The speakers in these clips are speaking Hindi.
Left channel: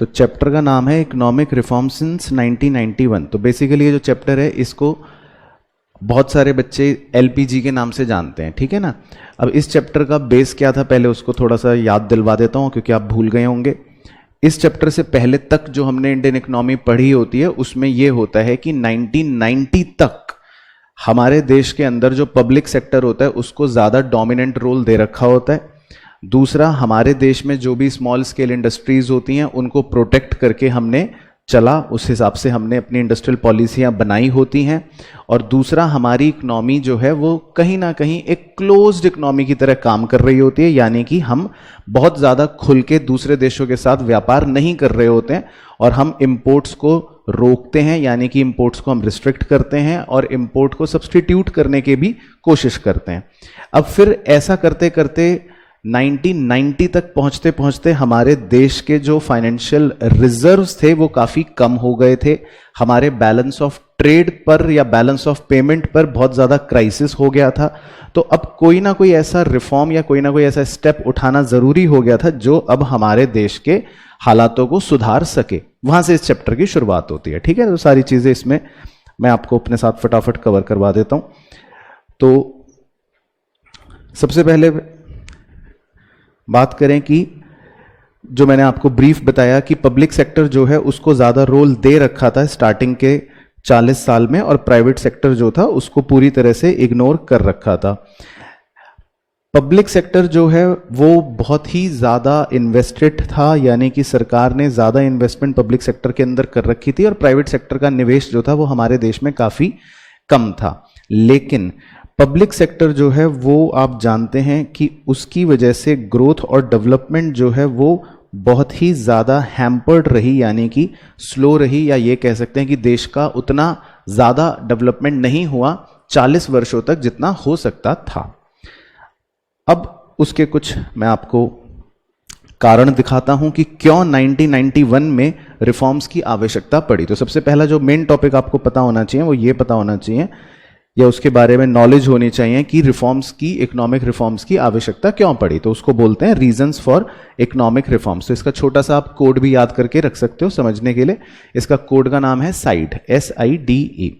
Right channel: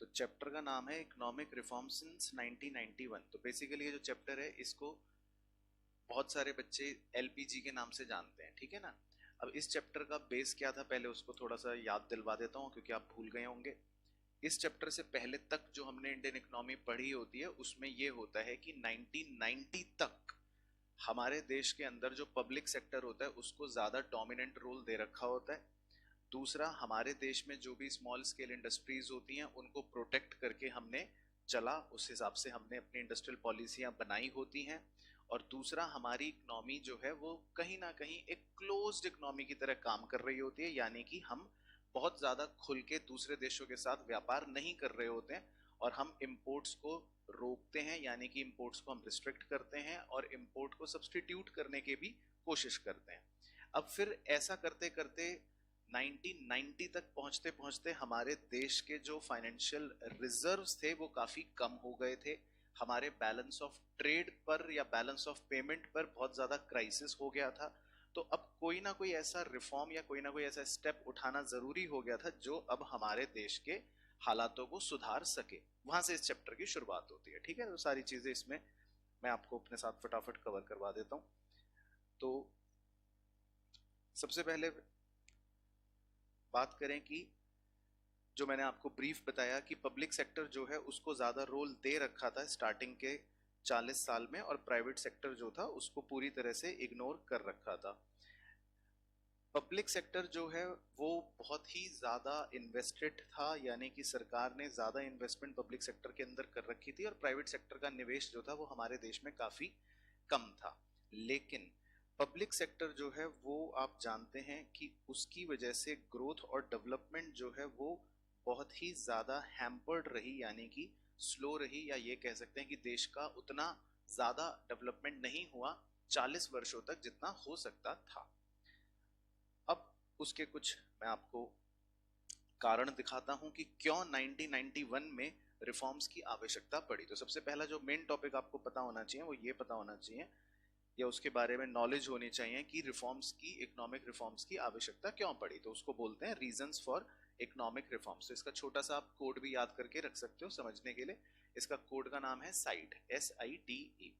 तो चैप्टर का नाम है इकोनॉमिक रिफॉर्म सिंस 1991। तो बेसिकली ये जो चैप्टर है इसको बहुत सारे बच्चे एलपीजी के नाम से जानते हैं, ठीक है ना। अब इस चैप्टर का बेस क्या था पहले उसको थोड़ा सा याद दिलवा देता हूँ, क्योंकि आप भूल गए होंगे। इस चैप्टर से पहले तक जो हमने इंडियन इकोनॉमी पढ़ी होती है उसमें ये होता है कि 1990 तक हमारे देश के अंदर जो पब्लिक सेक्टर होता है उसको ज़्यादा डोमिनेंट रोल दे रखा होता है। दूसरा, हमारे देश में जो भी स्मॉल स्केल इंडस्ट्रीज होती हैं उनको प्रोटेक्ट करके हमने चला, उस हिसाब से हमने अपनी इंडस्ट्रियल पॉलिसियां बनाई होती हैं। और दूसरा, हमारी इकोनॉमी जो है वो कहीं ना कहीं एक क्लोज्ड इकोनॉमी की तरह काम कर रही होती है, यानी कि हम बहुत ज़्यादा खुल के दूसरे देशों के साथ व्यापार नहीं कर रहे होते हैं और हम इंपोर्ट्स को रोकते हैं, यानी कि इंपोर्ट्स को हम रिस्ट्रिक्ट करते हैं और इंपोर्ट को सब्सटीट्यूट करने की भी कोशिश करते हैं। अब फिर ऐसा करते करते 1990 तक पहुंचते पहुंचते हमारे देश के जो फाइनेंशियल रिजर्व्स थे वो काफ़ी कम हो गए थे। हमारे बैलेंस ऑफ ट्रेड पर या बैलेंस ऑफ पेमेंट पर बहुत ज़्यादा क्राइसिस हो गया था। तो अब कोई ना कोई ऐसा रिफॉर्म या कोई ना कोई ऐसा स्टेप उठाना ज़रूरी हो गया था जो अब हमारे देश के हालातों को सुधार सके। वहाँ से इस चैप्टर की शुरुआत होती है, ठीक है। तो सारी चीज़ें इसमें मैं आपको अपने साथ फटाफट कवर करवा देता हूँ। तो सबसे पहले बात करें कि जो मैंने आपको ब्रीफ बताया कि पब्लिक सेक्टर जो है उसको ज़्यादा रोल दे रखा था स्टार्टिंग के 40 साल में, और प्राइवेट सेक्टर जो था उसको पूरी तरह से इग्नोर कर रखा था। पब्लिक सेक्टर जो है वो बहुत ही ज़्यादा इन्वेस्टेड था, यानी कि सरकार ने ज़्यादा इन्वेस्टमेंट पब्लिक सेक्टर के अंदर कर रखी थी और प्राइवेट सेक्टर का निवेश जो था वो हमारे देश में काफ़ी कम था। लेकिन पब्लिक सेक्टर जो है वो आप जानते हैं कि उसकी वजह से ग्रोथ और डेवलपमेंट जो है वो बहुत ही ज़्यादा हैम्पर्ड रही, यानी कि स्लो रही, या ये कह सकते हैं कि देश का उतना ज़्यादा डेवलपमेंट नहीं हुआ 40 वर्षों तक जितना हो सकता था। अब उसके कुछ मैं आपको कारण दिखाता हूं कि क्यों 1991 में रिफॉर्म्स की आवश्यकता पड़ी। तो सबसे पहला जो मेन टॉपिक आपको पता होना चाहिए वो ये पता होना चाहिए या उसके बारे में नॉलेज होनी चाहिए कि रिफॉर्म्स की, इकोनॉमिक रिफॉर्म्स की आवश्यकता क्यों पड़ी। तो उसको बोलते हैं रीजंस फॉर इकोनॉमिक रिफॉर्म्स। तो इसका छोटा सा आप कोड भी याद करके रख सकते हो समझने के लिए। इसका कोड का नाम है साइड, SIDE।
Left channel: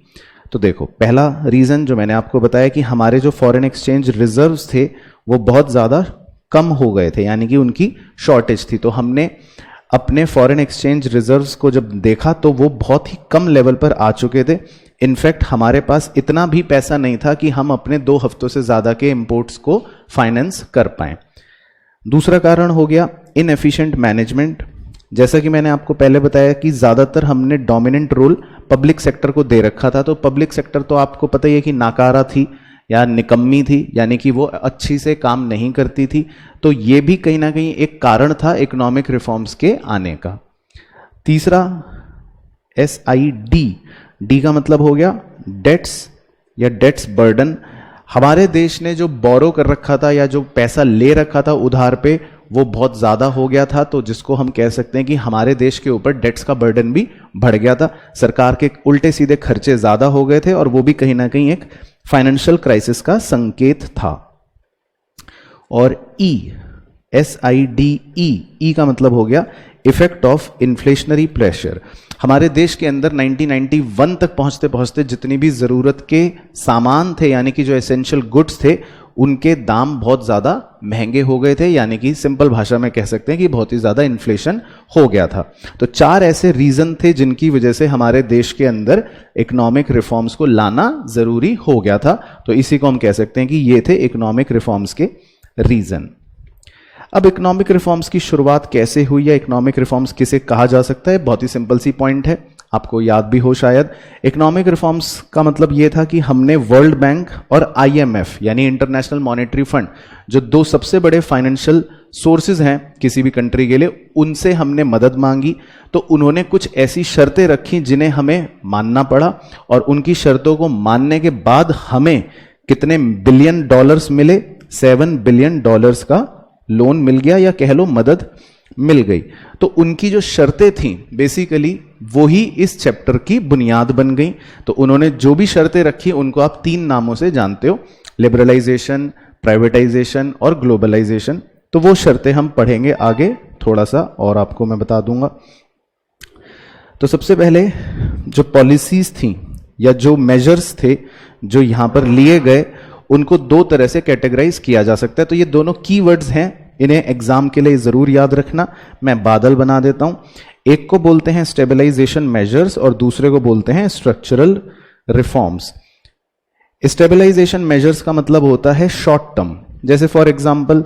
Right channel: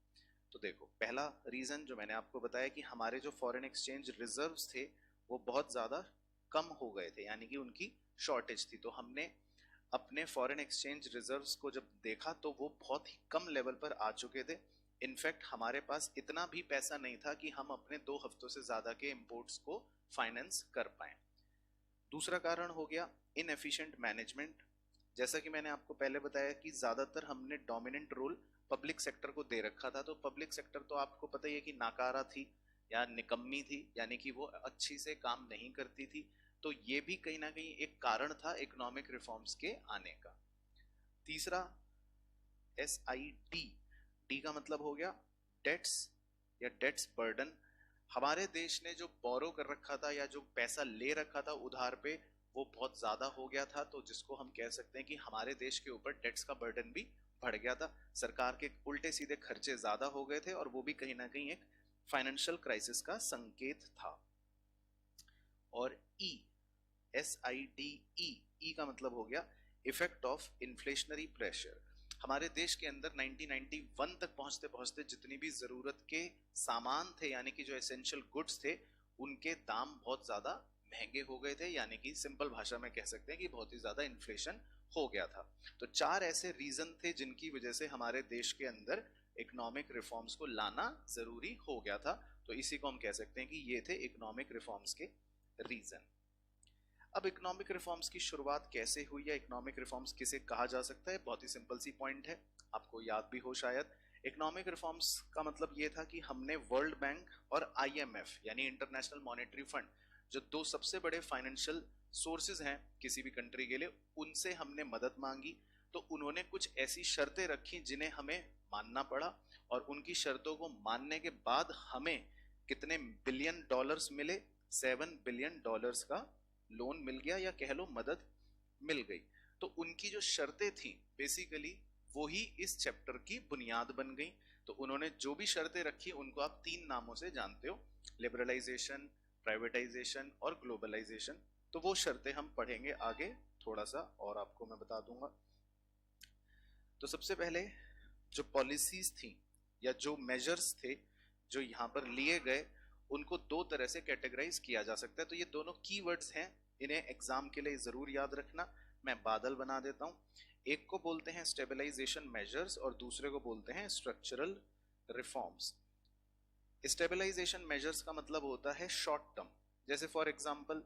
तो देखो, पहला रीजन जो मैंने आपको बताया कि हमारे जो फॉरेन एक्सचेंज रिजर्व्स थे वो बहुत ज़्यादा कम हो गए थे, यानी कि उनकी शॉर्टेज थी। तो हमने अपने फॉरेन एक्सचेंज रिजर्व्स को जब देखा तो वो बहुत ही कम लेवल पर आ चुके थे। इनफैक्ट हमारे पास इतना भी पैसा नहीं था कि हम अपने 2 हफ्तों से ज़्यादा के इंपोर्ट्स को फाइनेंस कर पाएं। दूसरा कारण हो गया इनएफिशिएंट मैनेजमेंट। जैसा कि मैंने आपको पहले बताया कि ज़्यादातर हमने डोमिनेंट रोल पब्लिक सेक्टर को दे रखा था। तो पब्लिक सेक्टर तो आपको पता ही है कि नाकारा थी या निकम्मी थी, यानी कि वो अच्छी से काम नहीं करती थी। तो ये भी कहीं ना कहीं एक कारण था इकोनॉमिक रिफॉर्म्स के आने का। तीसरा SID, डी का मतलब हो गया डेट्स या डेट्स बर्डन। हमारे देश ने जो बोरो कर रखा था या जो पैसा ले रखा था उधार पे वो बहुत ज़्यादा हो गया था, तो जिसको हम कह सकते हैं कि हमारे देश के ऊपर डेट्स का बर्डन भी बढ़ गया था। सरकार के उल्टे सीधे खर्चे ज़्यादा हो गए थे और वो भी कहीं ना कहीं एक फाइनेंशियल क्राइसिस का संकेत था। और SIDE का मतलब हो गया इफेक्ट ऑफ इन्फ्लेशनरी प्रेशर। हमारे देश के अंदर 1991 तक पहुंचते पहुंचते जितनी भी ज़रूरत के सामान थे, यानी कि जो एसेंशियल गुड्स थे, उनके दाम बहुत ज़्यादा महंगे हो गए थे, यानी कि सिंपल भाषा में कह सकते हैं कि बहुत ही ज़्यादा इन्फ्लेशन हो गया था। तो 4 ऐसे रीज़न थे जिनकी वजह से हमारे देश के अंदर इकोनॉमिक रिफॉर्म्स को लाना ज़रूरी हो गया था। तो इसी को हम कह सकते हैं कि ये थे इकोनॉमिक रिफॉर्म्स के रीज़न। अब इकोनॉमिक रिफॉर्म्स की शुरुआत कैसे हुई या इकोनॉमिक रिफॉर्म्स किसे कहा जा सकता है, बहुत ही सिंपल सी पॉइंट है, आपको याद भी हो शायद। इकोनॉमिक रिफॉर्म्स का मतलब ये था कि हमने वर्ल्ड बैंक और IMF यानी इंटरनेशनल मॉनेटरी फंड, जो 2 सबसे बड़े फाइनेंशियल सोर्सेज हैं किसी भी कंट्री के लिए, उनसे हमने मदद मांगी। तो उन्होंने कुछ ऐसी शर्तें रखी जिन्हें हमें मानना पड़ा, और उनकी शर्तों को मानने के बाद हमें कितने बिलियन डॉलर्स मिले, $7 बिलियन का लोन मिल गया, या कह लो मदद मिल गई। तो उनकी जो शर्तें थीं बेसिकली वो ही इस चैप्टर की बुनियाद बन गई। तो उन्होंने जो भी शर्तें रखी उनको आप 3 नामों से जानते हो, लिबरलाइजेशन, प्राइवेटाइजेशन और ग्लोबलाइजेशन। तो वो शर्तें हम पढ़ेंगे आगे, थोड़ा सा और आपको मैं बता दूंगा। तो सबसे पहले जो पॉलिसीज थी या जो मेजर्स थे जो यहां पर लिए गए, उनको दो तरह से कैटेगराइज किया जा सकता है। तो ये दोनों कीवर्ड्स हैं, इन्हें एग्जाम के लिए जरूर याद रखना। मैं बादल बना देता हूं। एक को बोलते हैं स्टेबलाइजेशन मेजर्स और दूसरे को बोलते हैं स्ट्रक्चरल रिफॉर्म्स। स्टेबलाइजेशन मेजर्स का मतलब होता है शॉर्ट टर्म। जैसे फॉर एग्जांपल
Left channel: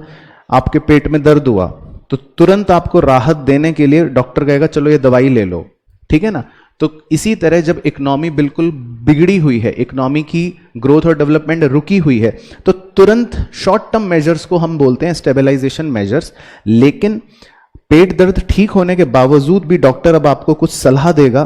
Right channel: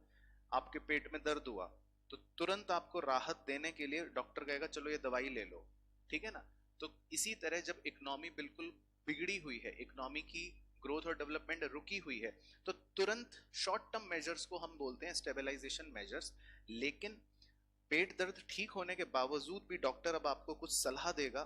आपके पेट में दर्द हुआ तो तुरंत आपको राहत देने के लिए डॉक्टर कहेगा चलो ये दवाई ले लो, ठीक है ना। तो इसी तरह जब इकोनॉमी बिल्कुल बिगड़ी हुई है, इकोनॉमी की ग्रोथ और डेवलपमेंट रुकी हुई है, तो तुरंत शॉर्ट टर्म मेजर्स को हम बोलते हैं स्टेबलाइजेशन मेजर्स। लेकिन पेट दर्द ठीक होने के बावजूद भी डॉक्टर अब आपको कुछ सलाह देगा,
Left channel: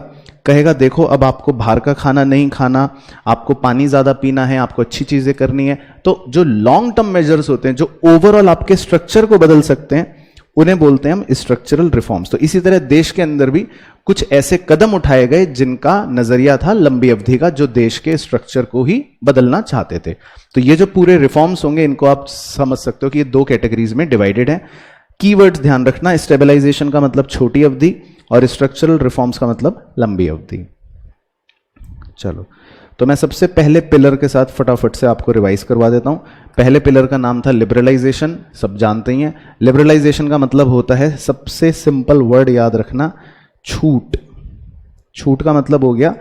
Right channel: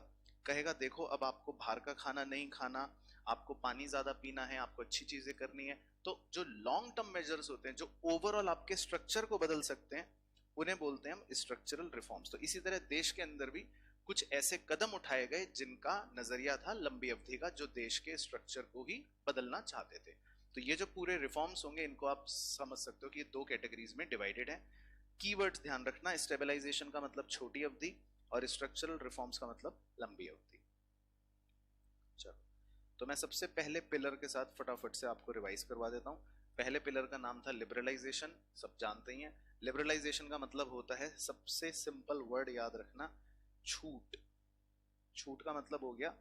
कहेगा देखो अब आपको बाहर का खाना नहीं खाना, आपको पानी ज्यादा पीना है, आपको अच्छी चीजें करनी है। तो जो लॉन्ग टर्म मेजर्स होते हैं जो ओवरऑल आपके स्ट्रक्चर को बदल सकते हैं, उन्हें बोलते हैं हम स्ट्रक्चरल रिफॉर्म्स। तो इसी तरह देश के अंदर भी कुछ ऐसे कदम उठाए गए जिनका नजरिया था लंबी अवधि का, जो देश के स्ट्रक्चर को ही बदलना चाहते थे। तो ये जो पूरे रिफॉर्म्स होंगे इनको आप समझ सकते हो कि ये दो कैटेगरीज में डिवाइडेड है। कीवर्ड्स ध्यान रखना, स्टेबलाइजेशन का मतलब छोटी अवधि और स्ट्रक्चरल रिफॉर्म्स का मतलब लंबी अवधि। चलो, तो मैं सबसे पहले पिलर के साथ फटाफट से आपको रिवाइज करवा देता हूं। पहले पिलर का नाम था लिबरलाइजेशन, सब जानते ही हैं। लिबरलाइजेशन का मतलब होता है, सबसे सिंपल वर्ड याद रखना, छूट। छूट का मतलब हो गया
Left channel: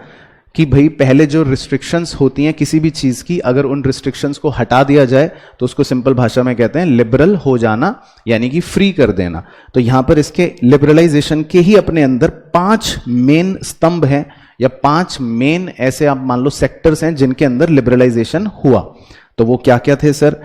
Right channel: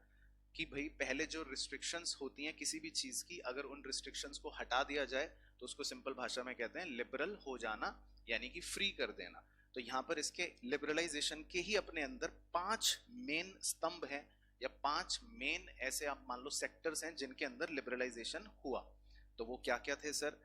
कि भाई पहले जो रिस्ट्रिक्शंस होती हैं किसी भी चीज की, अगर उन रिस्ट्रिक्शंस को हटा दिया जाए तो उसको सिंपल भाषा में कहते हैं लिबरल हो जाना, यानी कि फ्री कर देना। तो यहां पर इसके लिबरलाइजेशन के ही अपने अंदर 5 मेन स्तंभ हैं या 5 मेन ऐसे आप मान लो सेक्टर्स हैं जिनके अंदर लिबरलाइजेशन हुआ। तो वो क्या क्या थे sir?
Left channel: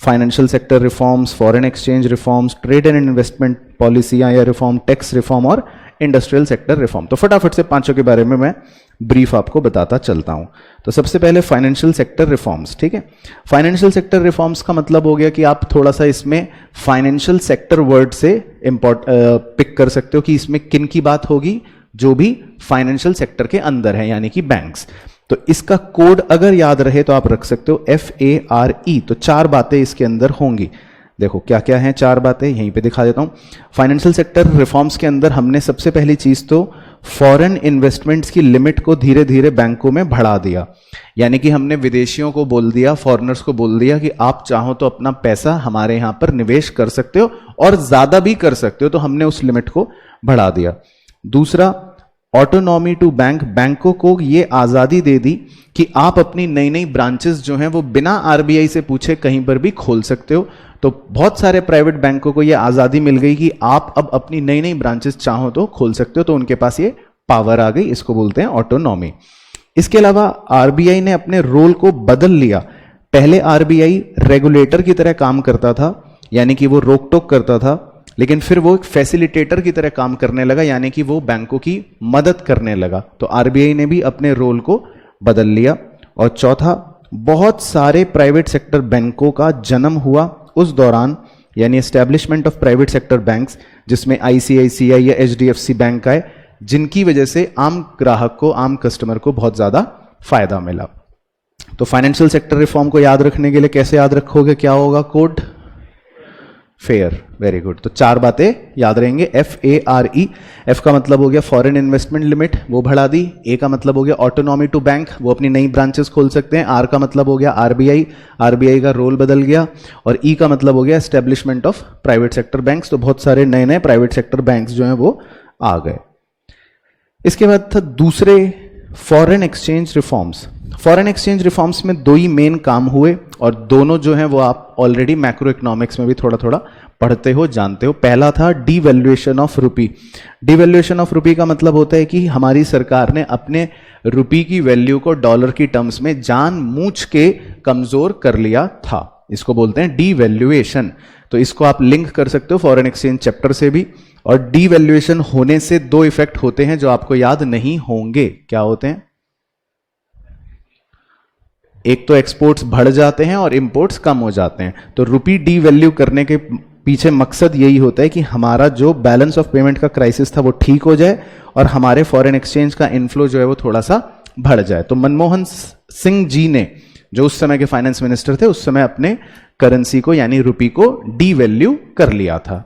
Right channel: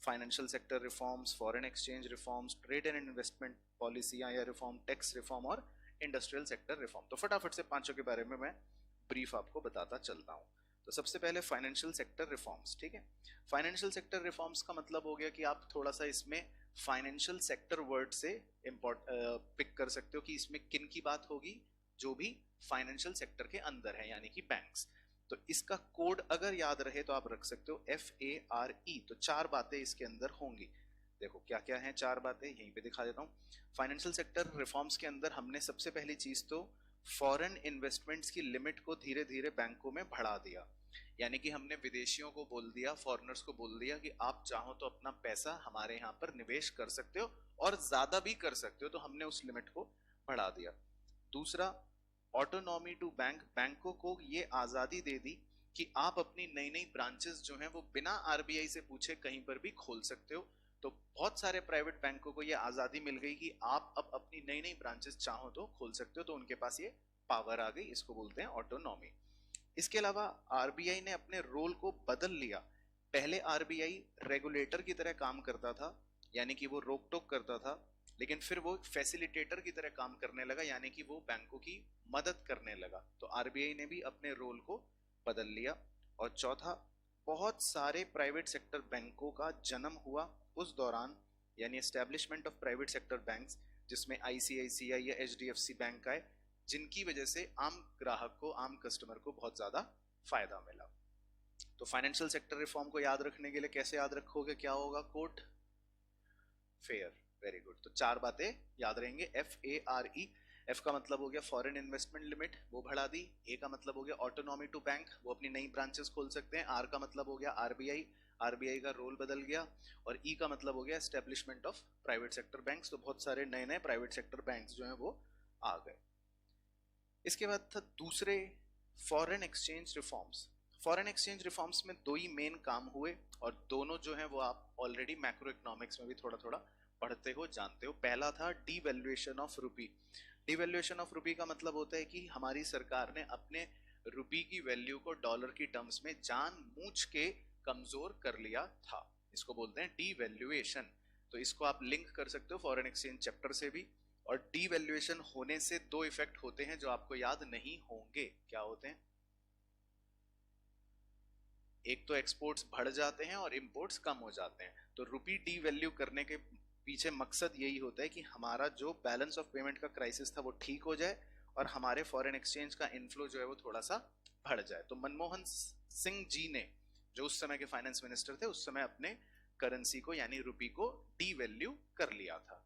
Financial sector reforms, foreign exchange reforms, trade and investment पॉलिसियां या रिफॉर्म, टैक्स रिफॉर्म और इंडस्ट्रियल सेक्टर रिफॉर्म। तो फटाफट से पांचों के बारे में मैं ब्रीफ आपको बताता चलता हूं। तो सबसे पहले फाइनेंशियल सेक्टर रिफॉर्म्स, ठीक है। फाइनेंशियल सेक्टर रिफॉर्म्स का मतलब हो गया कि आप थोड़ा सा इसमें फाइनेंशियल सेक्टर वर्ड से पिक कर सकते हो कि इसमें किन की बात होगी, जो भी फाइनेंशियल सेक्टर के अंदर है, यानी कि बैंक्स। तो इसका कोड अगर याद रहे तो आप रख सकते हो FARE। तो 4 बातें इसके अंदर होंगी। देखो क्या क्या हैं 4 बातें, यहीं पे दिखा देता हूं। फाइनेंशियल सेक्टर रिफॉर्म्स के अंदर हमने सबसे पहली चीज तो फॉरेन इन्वेस्टमेंट्स की लिमिट को धीरे धीरे बैंकों में बढ़ा दिया। यानी कि हमने विदेशियों को बोल दिया, फॉरेनर्स को बोल दिया कि आप चाहो तो अपना पैसा हमारे यहां पर निवेश कर सकते हो और ज्यादा भी कर सकते हो। तो हमने उस लिमिट को बढ़ा दिया। दूसरा, ऑटोनॉमी टू बैंक, बैंकों को ये आजादी दे दी कि आप अपनी नई नई ब्रांचेस जो हैं वो बिना RBI से पूछे कहीं पर भी खोल सकते हो। तो बहुत सारे प्राइवेट बैंकों को ये आजादी मिल गई कि आप अब अपनी नई नई ब्रांचेस चाहो तो खोल सकते हो। तो उनके पास ये पावर आ गई, इसको बोलते हैं ऑटोनॉमी। इसके अलावा RBI ने अपने रोल को बदल लिया। पहले RBI रेगुलेटर की तरह काम करता था, यानी कि वो रोक टोक करता था, लेकिन फिर वो एक फैसिलिटेटर की तरह काम करने लगा, यानी कि वो बैंकों की मदद करने लगा। तो RBI ने भी अपने रोल को बदल लिया। और चौथा, बहुत सारे प्राइवेट सेक्टर बैंकों का जन्म हुआ उस दौरान, यानी establishment of private sector banks, जिसमें ICICI या HDFC बैंक आए, जिनकी वजह से आम ग्राहक को, आम कस्टमर को बहुत ज्यादा फायदा मिला। तो फाइनेंशियल सेक्टर रिफॉर्म को याद रखने के लिए कैसे याद रखोगे, क्या होगा कोड? फेयर। Very good. तो 4 बातें याद रहेंगे, FARE। F का मतलब हो गया फॉरेन इन्वेस्टमेंट लिमिट, वो बढ़ा दी। A का मतलब हो गया ऑटोनॉमी टू बैंक, वो अपनी नई ब्रांचेस खोल सकते हैं। R का मतलब हो गया RBI का रोल बदल गया। और E का मतलब हो गया establishment of private sector banks. तो बहुत सारे नए नए प्राइवेट सेक्टर बैंक्स जो हैं वो आ गए। इसके बाद था दूसरे, foreign exchange reforms. Foreign exchange reforms में 2 ही मेन काम हुए और दोनों जो हैं वो आप ऑलरेडी मैक्रो इकोनॉमिक्स में भी थोड़ा थोड़ा पढ़ते हो, जानते हो। पहला था devaluation of rupee. Devaluation of rupee का मतलब होता है कि हमारी सरकार ने अपने रुपी की वैल्यू को डॉलर की टर्म्स में जानबूझ के कमजोर कर लिया था, इसको बोलते हैं डीवैल्यूएशन। तो इसको आप लिंक कर सकते हो फॉरेन एक्सचेंज चैप्टर से भी। और डीवैल्यूएशन होने से 2 इफेक्ट होते हैं जो आपको याद नहीं होंगे। क्या होते हैं? एक तो एक्सपोर्ट्स बढ़ जाते हैं और इंपोर्ट्स कम हो जाते हैं। तो रुपी डीवैल्यू करने के पीछे मकसद यही होता है कि हमारा जो बैलेंस ऑफ पेमेंट का क्राइसिस था वो ठीक हो जाए और हमारे फॉरेन एक्सचेंज का इनफ्लो जो है वो थोड़ा सा बढ़ जाए। तो मनमोहन सिंह जी ने, जो उस समय के फाइनेंस मिनिस्टर थे, उस समय अपने करेंसी को यानी रुपी को डीवैल्यू कर लिया था।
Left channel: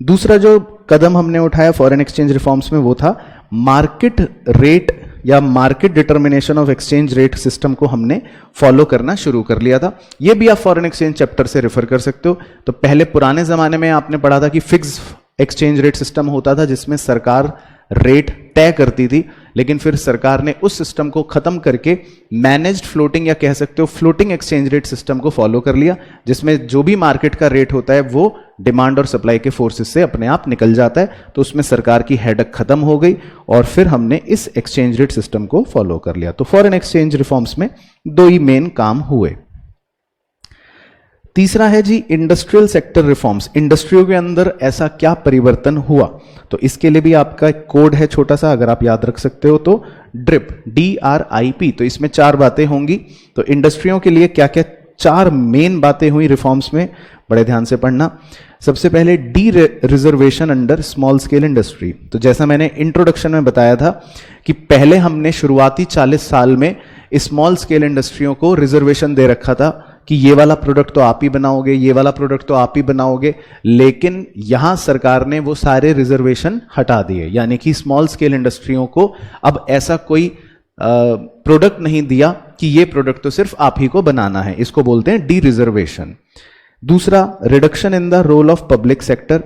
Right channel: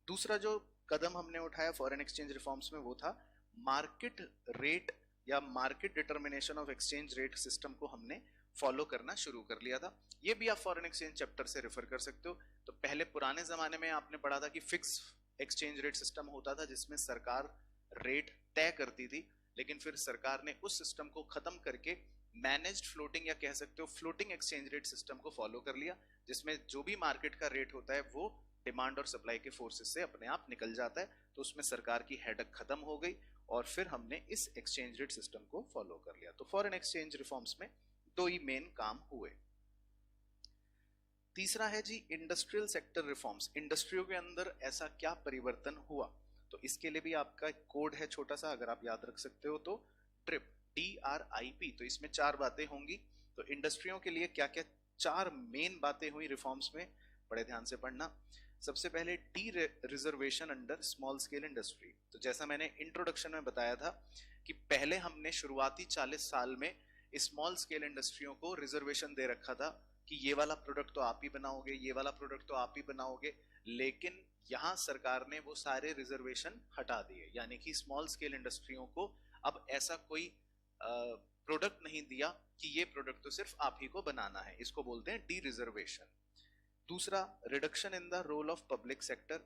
दूसरा जो कदम हमने उठाया फॉरेन एक्सचेंज रिफॉर्म्स में वो था मार्केट रेट या market determination of exchange rate system को हमने फॉलो करना शुरू कर लिया था। ये भी आप फॉरेन एक्सचेंज चैप्टर से रेफर कर सकते हो। तो पहले पुराने जमाने में आपने पढ़ा था कि फिक्स एक्सचेंज रेट सिस्टम होता था जिसमें सरकार रेट तय करती थी, लेकिन फिर सरकार ने उस सिस्टम को खत्म करके मैनेज्ड फ्लोटिंग या कह सकते हो फ्लोटिंग एक्सचेंज रेट सिस्टम को फॉलो कर लिया, जिसमें जो भी मार्केट का रेट होता है वो डिमांड और सप्लाई के फोर्सेस से अपने आप निकल जाता है। तो उसमें सरकार की हेडक खत्म हो गई और फिर हमने इस एक्सचेंज रेट सिस्टम को फॉलो कर लिया। तो फॉरेन एक्सचेंज रिफॉर्म्स में दो ही मेन काम हुए। तीसरा है जी इंडस्ट्रियल सेक्टर रिफॉर्म्स। इंडस्ट्रियों के अंदर ऐसा क्या परिवर्तन हुआ, तो इसके लिए भी आपका एक कोड है छोटा सा, अगर आप याद रख सकते हो तो ड्रिप, DRIP। तो इसमें 4 बातें होंगी। तो इंडस्ट्रियों के लिए क्या क्या 4 मेन बातें हुई रिफॉर्म्स में, बड़े ध्यान से पढ़ना। सबसे पहले D reservation under small scale industry. तो जैसा मैंने इंट्रोडक्शन में बताया था कि पहले हमने शुरुआती 40 साल में स्मॉल स्केल इंडस्ट्रियों को रिजर्वेशन दे रखा था कि ये वाला प्रोडक्ट तो आप ही बनाओगे, ये वाला प्रोडक्ट तो आप ही बनाओगे, लेकिन यहां सरकार ने वो सारे रिजर्वेशन हटा दिए। यानी कि स्मॉल स्केल इंडस्ट्रियों को अब ऐसा कोई प्रोडक्ट नहीं दिया कि ये प्रोडक्ट तो सिर्फ आप ही को बनाना है, इसको बोलते हैं डी रिजर्वेशन। दूसरा, reduction in the role of public sector.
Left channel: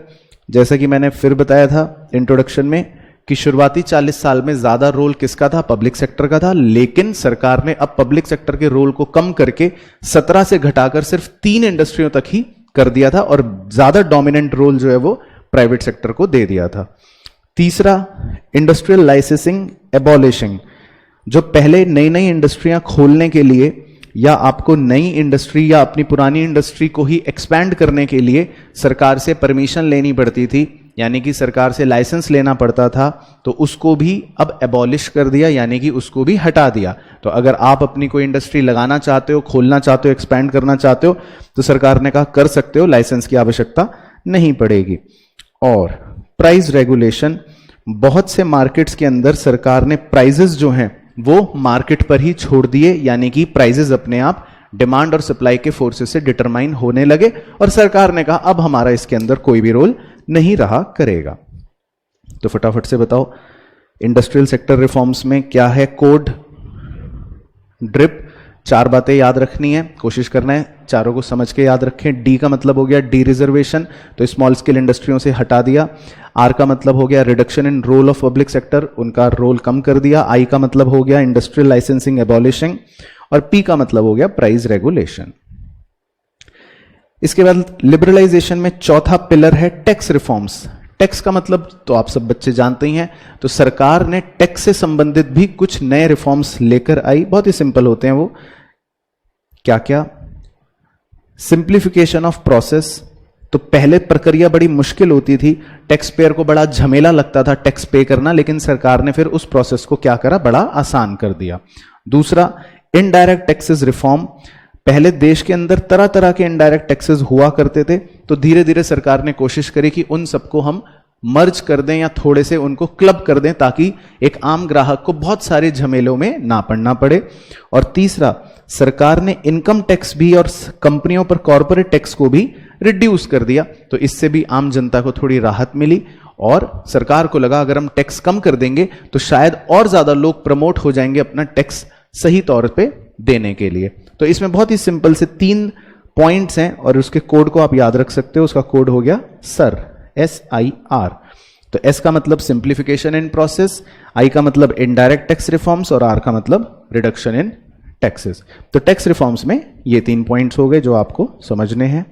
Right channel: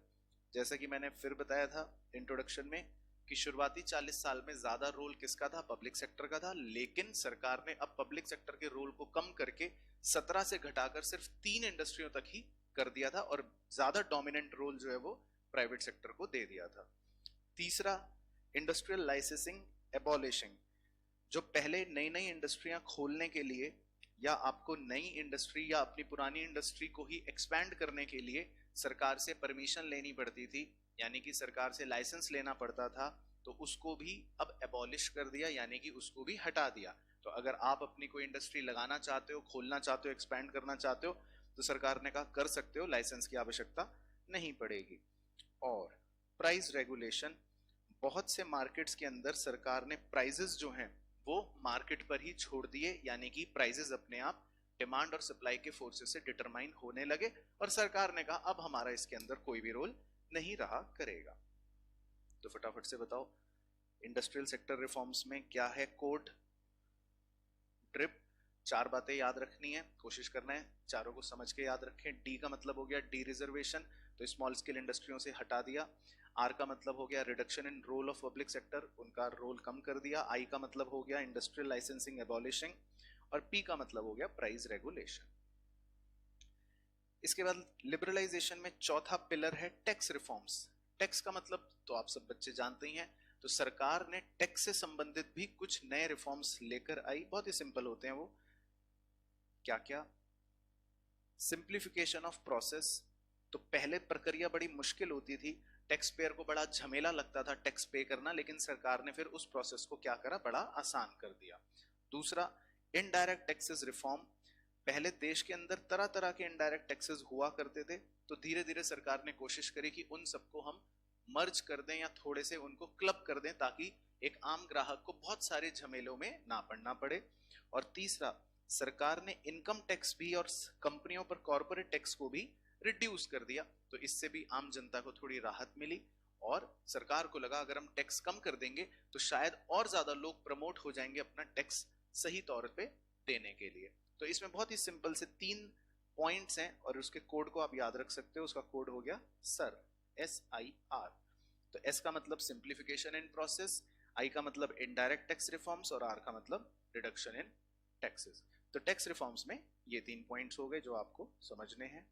जैसा कि मैंने फिर बताया था इंट्रोडक्शन में कि शुरुआती 40 साल में ज्यादा रोल किसका था, पब्लिक सेक्टर का था, लेकिन सरकार ने अब पब्लिक सेक्टर के रोल को कम करके 17 से घटाकर सिर्फ 3 इंडस्ट्रियों तक ही कर दिया था और ज्यादा डोमिनेंट रोल जो है वो प्राइवेट सेक्टर को दे दिया था। तीसरा, इंडस्ट्रियल लाइसेंसिंग एबॉलिशिंग। जो पहले नई नई इंडस्ट्रियां खोलने के लिए या आपको नई इंडस्ट्री या अपनी पुरानी इंडस्ट्री को ही एक्सपैंड करने के लिए सरकार से परमिशन लेनी पड़ती थी, यानी कि सरकार से लाइसेंस लेना पड़ता था, तो उसको भी अब एबॉलिश कर दिया, यानी कि उसको भी हटा दिया। तो अगर आप अपनी कोई इंडस्ट्री लगाना चाहते हो, खोलना चाहते हो, एक्सपैंड करना चाहते हो, तो सरकार ने कहा कर सकते हो, लाइसेंस की आवश्यकता नहीं पड़ेगी। और प्राइस रेगुलेशन। बहुत से मार्केट्स के अंदर सरकार ने प्राइजेस जो हैं वो मार्केट पर ही छोड़ दिए, यानी कि प्राइजेस अपने आप डिमांड और सप्लाई के फोर्सेस से डिटरमाइन होने लगे और सरकार ने कहा अब हमारा इसके अंदर कोई भी रोल नहीं रहा करेगा। तो फटाफट से बताओ इंडस्ट्रियल सेक्टर रिफॉर्म्स में क्या है कोड, ड्रिप। 4 बातें याद रखनी है, कोशिश करना है चारों को समझ के याद रखें। डी का मतलब हो गया डी रिजर्वेशन, तो स्मॉल स्केल इंडस्ट्रियों से हटा दिया। आर का मतलब हो गया reduction in role of public sector, उनका रोल कम कर दिया। आई का मतलब हो गया इंडस्ट्रियल लाइसेंसिंग एबॉलिशिंग और पी का मतलब हो गया प्राइस रेगुलेशन। इसके बाद लिबरलाइजेशन में चौथा पिलर है टैक्स रिफॉर्म्स। टैक्स का मतलब तो आप सब बच्चे जानते ही हैं, तो सरकार ने टैक्स से संबंधित भी कुछ नए रिफॉर्म्स लेकर आई। बहुत ही सिंपल होते हैं वो। क्या क्या? Simplification of process. तो पहले प्रक्रिया बड़ी मुश्किल होती थी, टैक्स पेयर को बड़ा झमेला लगता था टैक्स पे करना, लेकिन सरकार ने फिर उस प्रोसेस को क्या करा, बड़ा आसान कर दिया। दूसरा, इनडायरेक्ट टैक्सेस रिफॉर्म। पहले देश के अंदर तरह तरह के इनडायरेक्ट टैक्सेस हुआ करते थे, तो धीरे धीरे सरकार ने कोशिश करी कि उन सबको हम मर्ज कर दें या थोड़े से उनको क्लब कर दें, ताकि एक आम ग्राहक को बहुत सारे झमेलों में ना पड़ना पड़े। और तीसरा, सरकार ने इनकम टैक्स भी और कंपनियों पर कॉर्पोरेट टैक्स को भी रिड्यूस कर दिया, तो इससे भी आम जनता को थोड़ी राहत मिली और सरकार को लगा अगर हम टैक्स कम कर देंगे तो शायद और ज्यादा लोग प्रमोट हो जाएंगे अपना टैक्स सही तौर पे देने के लिए। तो इसमें बहुत ही सिंपल से 3 पॉइंट्स हैं और उसके कोड को आप याद रख सकते हो। उसका कोड हो गया सर, SIR। तो S का मतलब सिंप्लीफिकेशन इन प्रोसेस, I का मतलब इनडायरेक्ट टैक्स रिफॉर्म्स और R का मतलब रिडक्शन इन टैक्सेस। तो टैक्स रिफॉर्म्स में ये 3 पॉइंट्स हो गए जो आपको समझने हैं।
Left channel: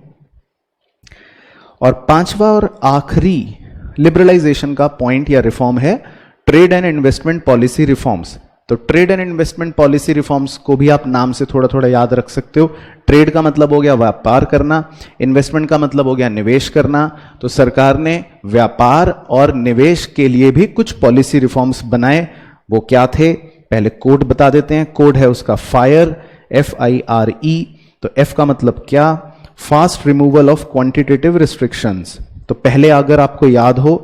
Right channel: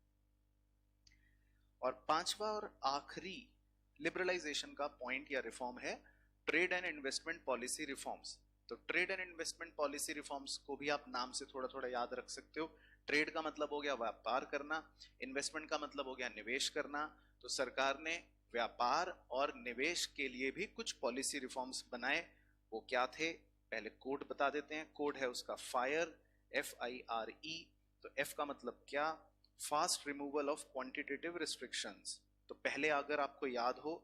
और पांचवा और आखिरी लिबरलाइजेशन का पॉइंट या रिफॉर्म है trade and investment policy reforms. तो trade and investment policy reforms को भी आप नाम से थोड़ा थोड़ा याद रख सकते हो। ट्रेड का मतलब हो गया व्यापार करना, इन्वेस्टमेंट का मतलब हो गया निवेश करना। तो सरकार ने व्यापार और निवेश के लिए भी कुछ पॉलिसी रिफॉर्म्स बनाए। वो क्या थे, पहले कोड बता देते हैं। कोड है उसका फायर, FIRE। तो F का मतलब क्या, fast removal of quantitative restrictions. तो पहले अगर आपको याद हो,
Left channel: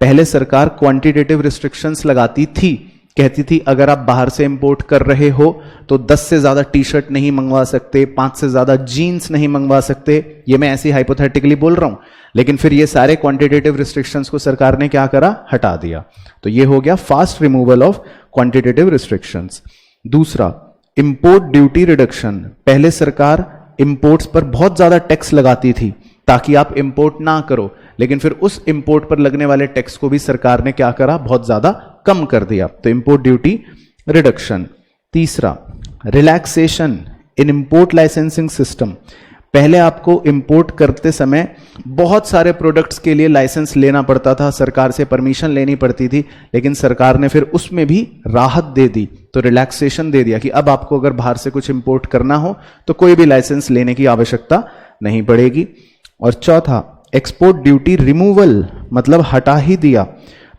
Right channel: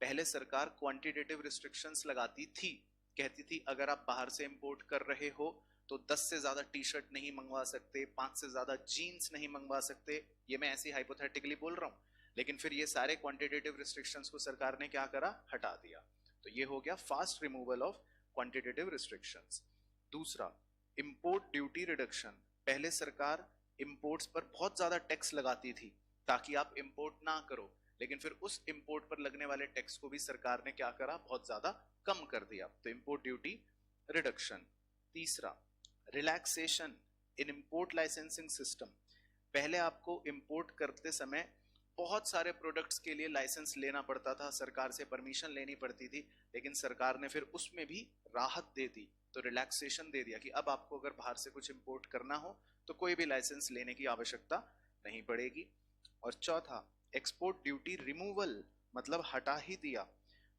पहले सरकार क्वांटिटेटिव रिस्ट्रिक्शंस लगाती थी, कहती थी अगर आप बाहर से इंपोर्ट कर रहे हो तो 10 से ज्यादा टी शर्ट नहीं मंगवा सकते, 5 से ज्यादा जीन्स नहीं मंगवा सकते। ये मैं ऐसे हाइपोथेटिकली बोल रहा हूं, लेकिन फिर ये सारे क्वांटिटेटिव रिस्ट्रिक्शंस को सरकार ने क्या करा, हटा दिया। तो ये हो गया fast removal of quantitative restrictions. दूसरा, इंपोर्ट ड्यूटी रिडक्शन। पहले सरकार इंपोर्ट्स पर बहुत ज्यादा टैक्स लगाती थी ताकि आप इंपोर्ट ना करो, लेकिन फिर उस इंपोर्ट पर लगने वाले टैक्स को भी सरकार ने क्या करा, बहुत ज्यादा कम कर दिया। तो इंपोर्ट ड्यूटी रिडक्शन। तीसरा, रिलैक्सेशन इन इंपोर्ट लाइसेंसिंग सिस्टम। पहले आपको इंपोर्ट करते समय बहुत सारे प्रोडक्ट्स के लिए लाइसेंस लेना पड़ता था, सरकार से परमिशन लेनी पड़ती थी, लेकिन सरकार ने फिर उसमें भी राहत दे दी। तो रिलैक्सेशन दे दिया कि अब आपको अगर बाहर से कुछ इंपोर्ट करना हो तो कोई भी लाइसेंस लेने की आवश्यकता नहीं पड़ेगी। और चौथा, एक्सपोर्ट ड्यूटी रिमूवल, मतलब हटा ही दिया।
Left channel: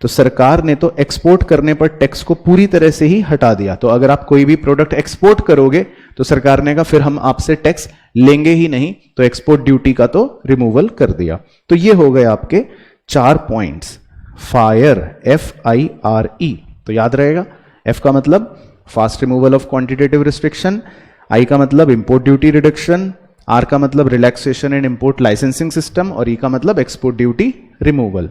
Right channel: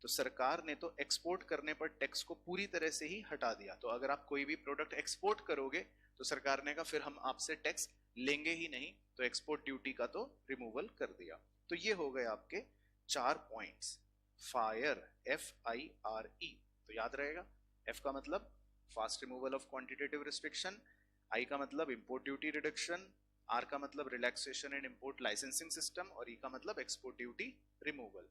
तो सरकार ने तो एक्सपोर्ट करने पर टैक्स को पूरी तरह से ही हटा दिया। तो अगर आप कोई भी प्रोडक्ट एक्सपोर्ट करोगे तो सरकार ने कहा फिर हम आपसे टैक्स लेंगे ही नहीं, तो एक्सपोर्ट ड्यूटी का तो रिमूवल कर दिया। तो ये हो गए आपके 4 पॉइंट्स। फायर, FIRE, तो याद रहेगा। F का मतलब fast removal of quantitative restriction, I का मतलब इंपोर्ट ड्यूटी रिडक्शन, R का मतलब relaxation and import licensing system, और E का मतलब एक्सपोर्ट ड्यूटी रिमूवल।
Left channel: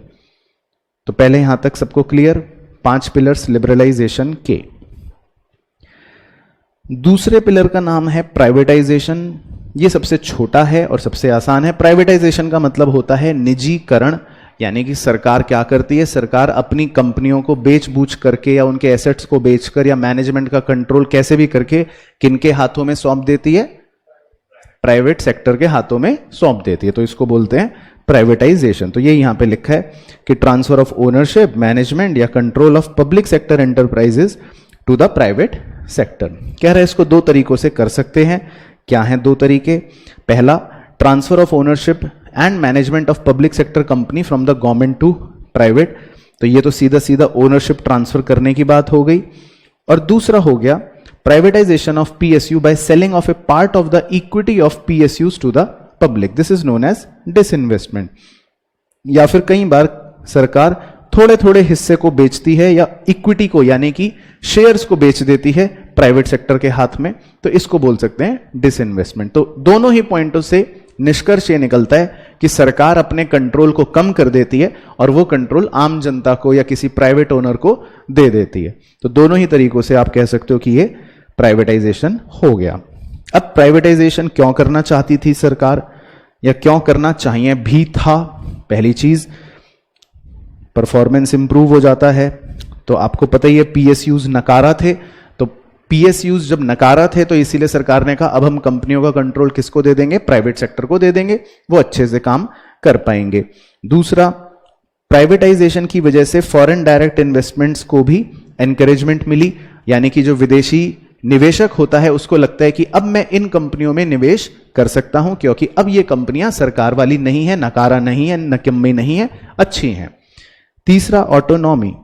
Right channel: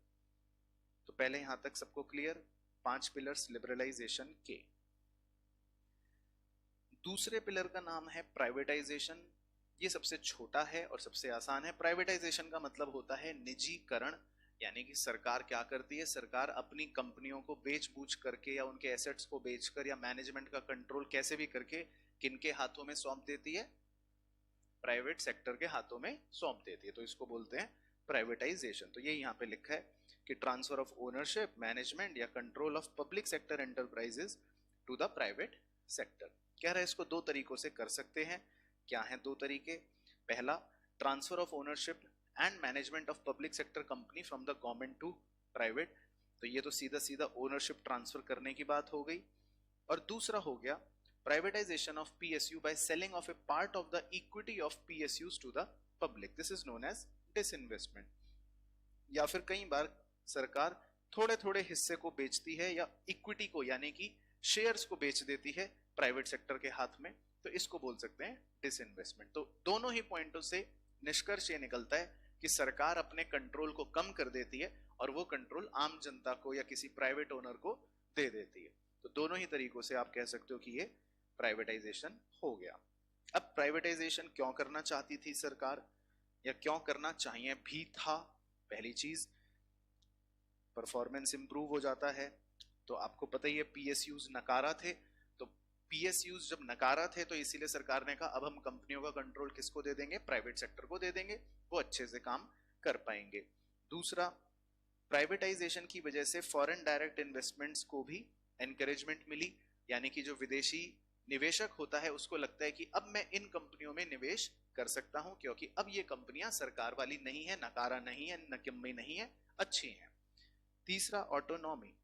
तो पहले यहां तक सबको क्लियर। 5 पिलर्स लिबरलाइजेशन के। दूसरे पिलर का नाम है प्राइवेटाइजेशन। ये सबसे छोटा है और सबसे आसान है। प्राइवेटाइजेशन का मतलब होता है निजीकरण, यानी कि सरकार क्या करती है, सरकार अपनी कंपनियों को बेच बूझ करके या उनके एसेट्स को बेचकर या मैनेजमेंट का कंट्रोल कैसे भी करके किनके हाथों में सौंप देती है, प्राइवेट सेक्टर के हाथों में सौंप देती है। तो इसको बोलते हैं प्राइवेटाइजेशन। तो ये यहां पे लिखा है कि ट्रांसफर ऑफ ओनरशिप, मैनेजमेंट या control of public sector enterprises to the private sector. कह रहे हैं इसको 2 तरीकों से कर सकते हैं। क्या हैं 2 तरीके? पहला, transfer of ownership and management of public sector company from the government to private. तो ये तो सीधा सीधा ओनरशिप ट्रांसफर करने की बात हो गई। और दूसरा हो गया privatisation of PSU by selling off a part of the equity of PSUs to the public. This is known as disinvestment. या फिर कई बार सरकार थोड़े थोड़े हिस्से को बेचती है या इक्विटी को यानी कि शेयर्स को बेच देती है प्राइवेट सेक्टर के हाथ में, तो इसको बोल सकते हैं डिसइन्वेस्टमेंट। तो दोनों ही पॉइंटों से निष्कर्ष ये निकलता है कि सरकार अपने कंट्रोल को कम कर देती है और वो कंट्रोल आम जनता को या किसी प्राइवेट ओनर को दे देती है। तो दोनों ही तरीकों से आप कह सकते हो कि ये प्राइवेटाइजेशन हो गया। अब प्राइवेटाइजेशन क्यों करना चाहती थी सरकार, या क्यों करना चाहिए भी था? पहली चीज, परफॉर्मेंस इंप्रूव हो जाता है। तो आपको पता ही है PSUs नकारा थे, तो PSUs जब नकारा थे तो इसीलिए सरकार ने कहा अब हम कंपनियों का कंट्रोल किसको दे देंगे, प्राइवेट सेक्टर को दे देंगे, वो अच्छे से काम कर पाएंगे। दूसरा, प्राइवेटाइजेशन की वजह से फॉरेन डायरेक्ट इन्वेस्टमेंट्स को भी एनकरेजमेंट मिली, यानी कि जो विदेशी निवेशक होता है उसको लगता है कि अब मैं इन कंपनियों में निवेश कर सकता हूं क्योंकि अब ये कंपनियां सरकार वाली नहीं है, नकारा नहीं है, नकम्मी नहीं है, अच्छी हैं। तीसरा, ऑटोनॉमी,